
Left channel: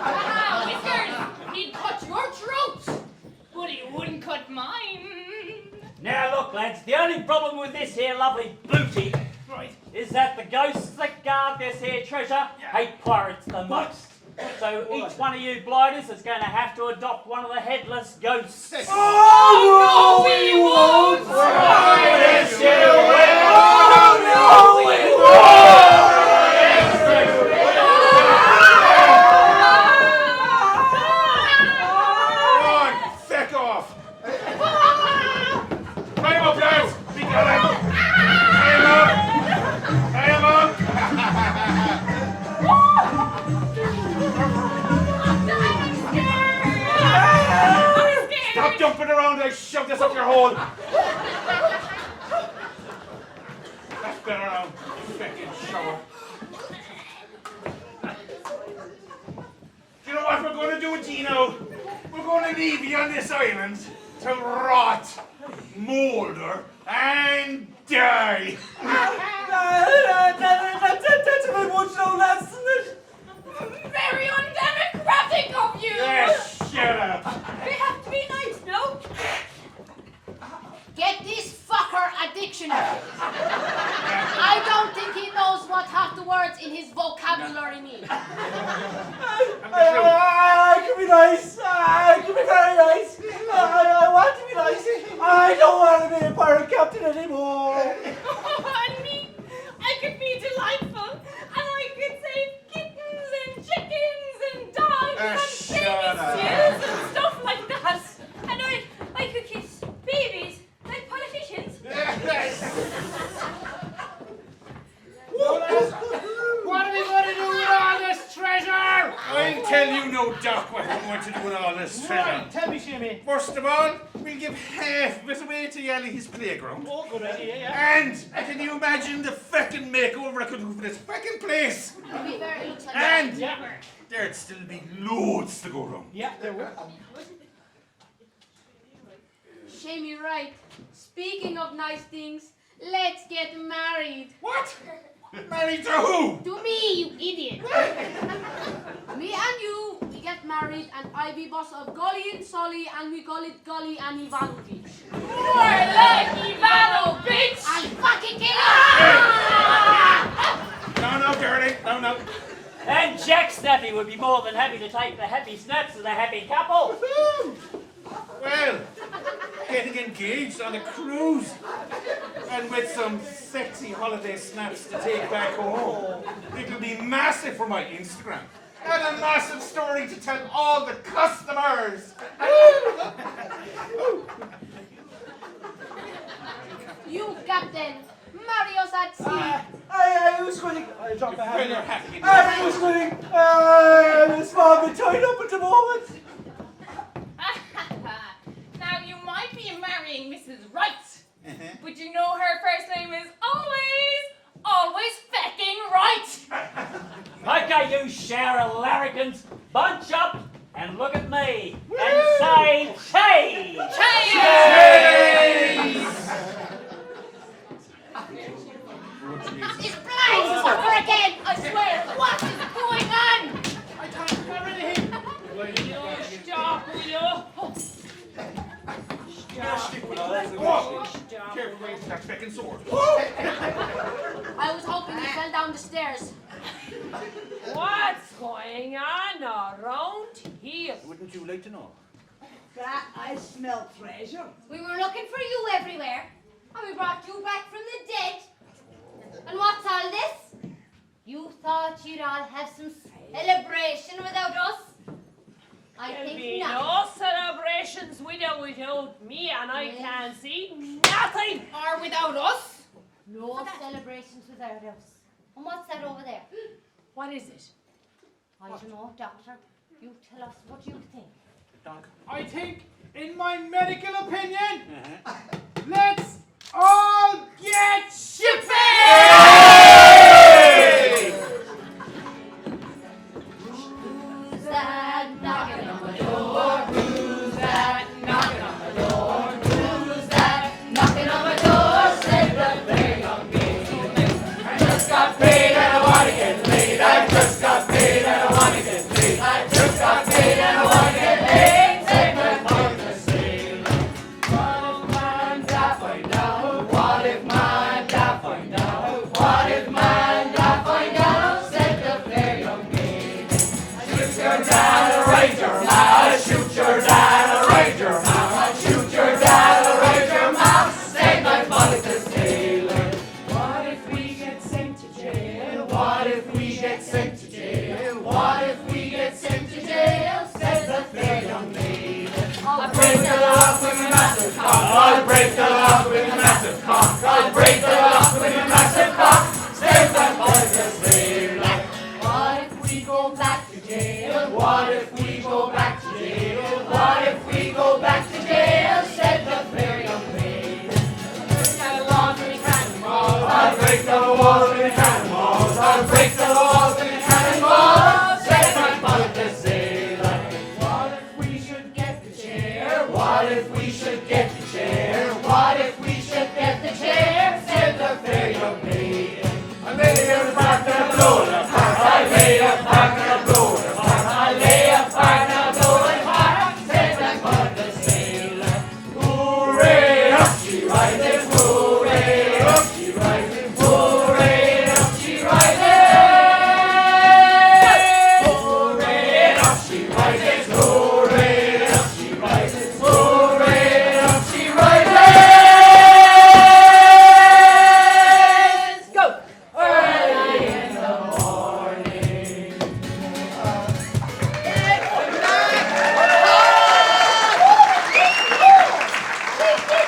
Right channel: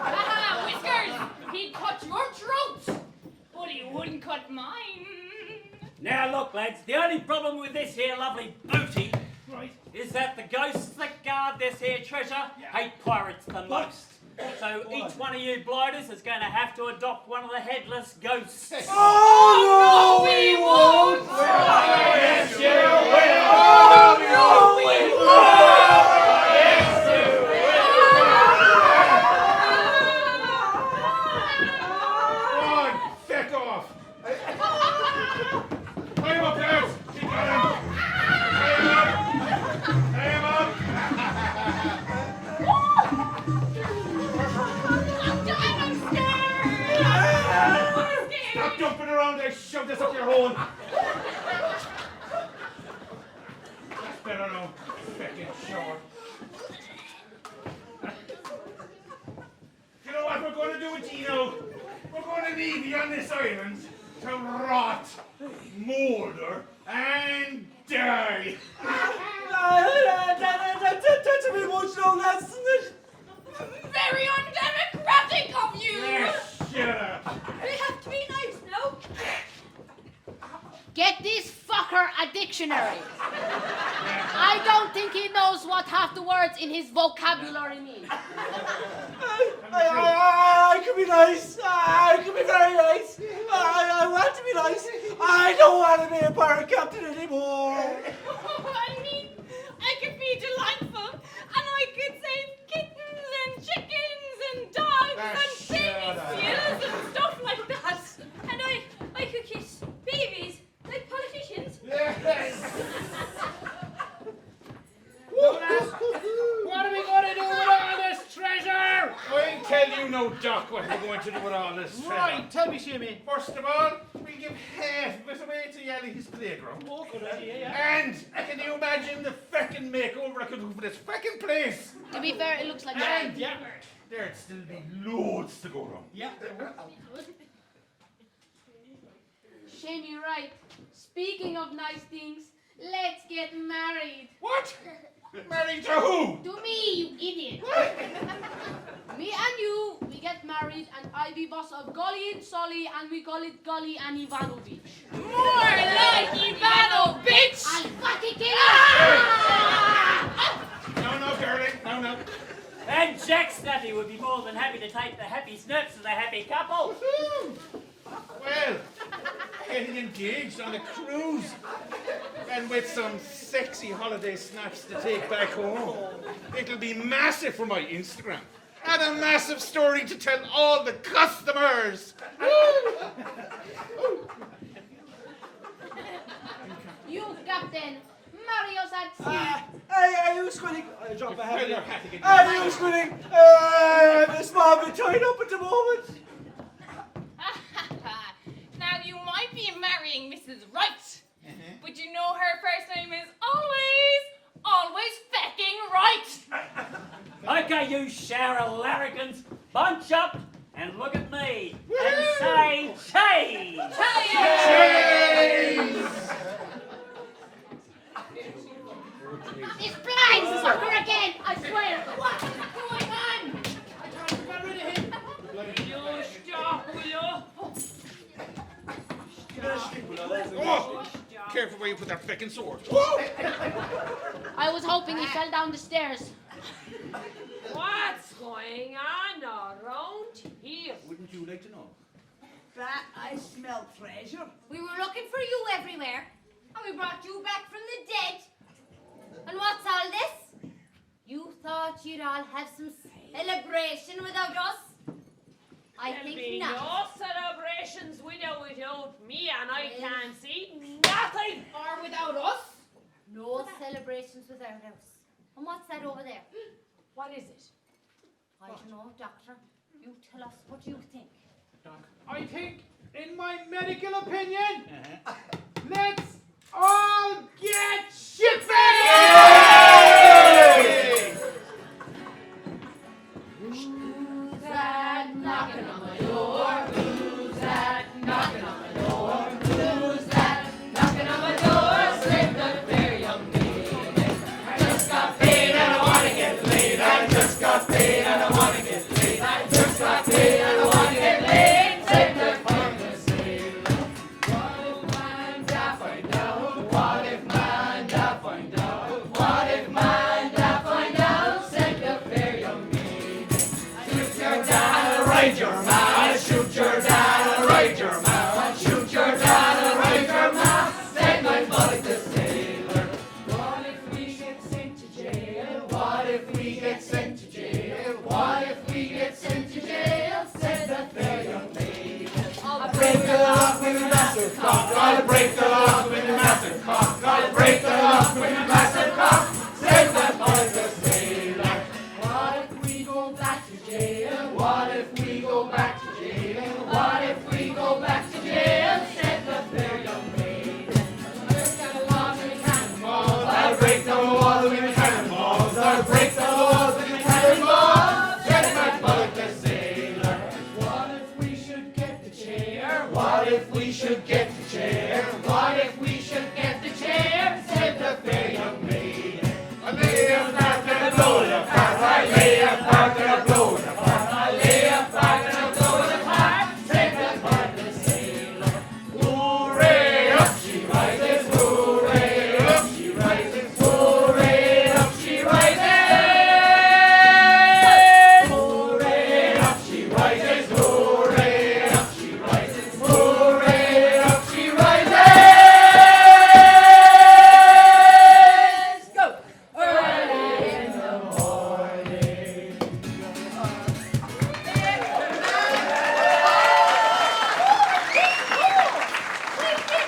Haha, Whiskers! He'd cut your throat, but he wouldn't cut mine. Now look, lads, the only problem with this here lovely booty, right, is that the ghosts that guard this here treasure hate pirates the most. So each one of you blighters is going to have to adopt one of the headless ghosts. Oh, no, we won't! Yes, you will! Oh, no, we won't! Yes, you will! Come on, feck off. Tie him up, lads. We got him. Tie him up. Stop jumping around. I shoved this up your hole. That's better now. Feckin' shower. You know what we're going to do with Gino? We're going to leave you on this island to rot, moulder, and die. That's a bit much now, lads, isn't it? Very undemocratic of you! Yes, shut up. We have to be nice, no? Get this fucker a dictionary. I don't think he knows what half the words in his vocabulary mean. I can be nice. I can be very nice. I want to be nice. I don't want to be a pirate captain anymore. I mean, I could be delightful, and I could save kittens and chickens and dogs and baby seals and stuff like that. And I could kiss babies like politicians. What are we going to do with all this treasure? I'll tell you no, Doc, what we're going to do with all this treasure. Right, tell me, Shimmy. First of all, we'll give half of it away to Yali's playground. Oh, good idea, yeah. And can you imagine the feckin' makeover I could do for this feckin' place? To be fair, it looks like And Yeah. there'd still be loads to go round. Yeah, there were. Shame you're right. Speaking of nice things, let's get married. What? Married to who? To me, you idiot. Me and you, we get married, and I be boss of Gully and Sully, and we call it Gully and Ivanovich. More like Ivano, bitch! I fucking get it! No, darling, no. And Jack Snappy would be more than happy to take the happy snaps of the happy couple. Well, getting engaged on a cruise and with some sexy holiday snaps to take back home. It'll be massive for my Instagram. And a massive story to tell all the customers. You, Captain, marry us at sea. I was quitting. I dropped my When you're hat. happy. I was quitting. I'm a small bit tied up at the moment. Now, you might be marrying Mrs. Wright, Uh-huh. but you know her first name is always fecking right. Okay, you shower of larrikins, bunch up and look at me and say cheese! This blind sucker again, I swear. What is going on? I thought you got rid of him. Stop, will you? Oh, careful where you put that feckin' sword. I was hoping he fell down the stairs. What's going on around here? Wouldn't you like to know? That I smell treasure. We were looking for you everywhere, and we brought you back from the dead. And what's all this? You thought you'd all have some celebration without us? I There'll think be not. no celebrations without me, and I can't see nothing. Or without us? No celebrations without us. And what's that over there? What is it? I don't know, Doctor. You tell us what you think. I think, in my medical opinion, let's all get shipping! Who's that knocking on my door? Who's that knocking on my door? Who's that knocking on my door? Say, look there, young lady. I just got paid and I want to get laid. I just got paid and I want to get laid. I just got paid and I want to get laid. Say, look, I'm gonna say, what a fine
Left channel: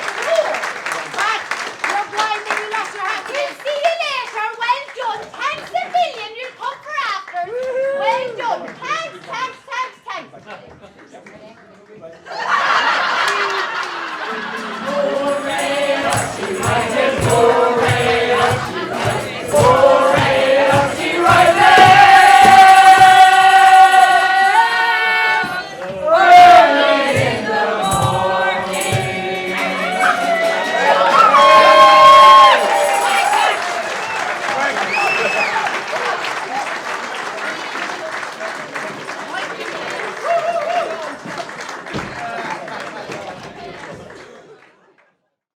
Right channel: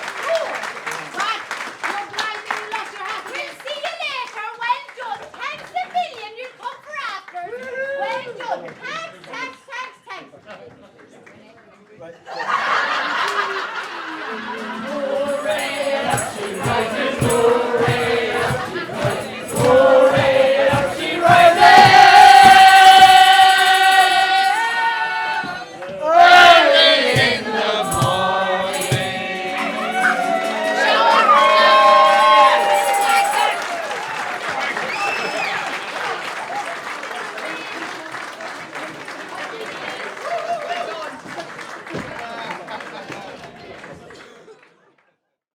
Let's go.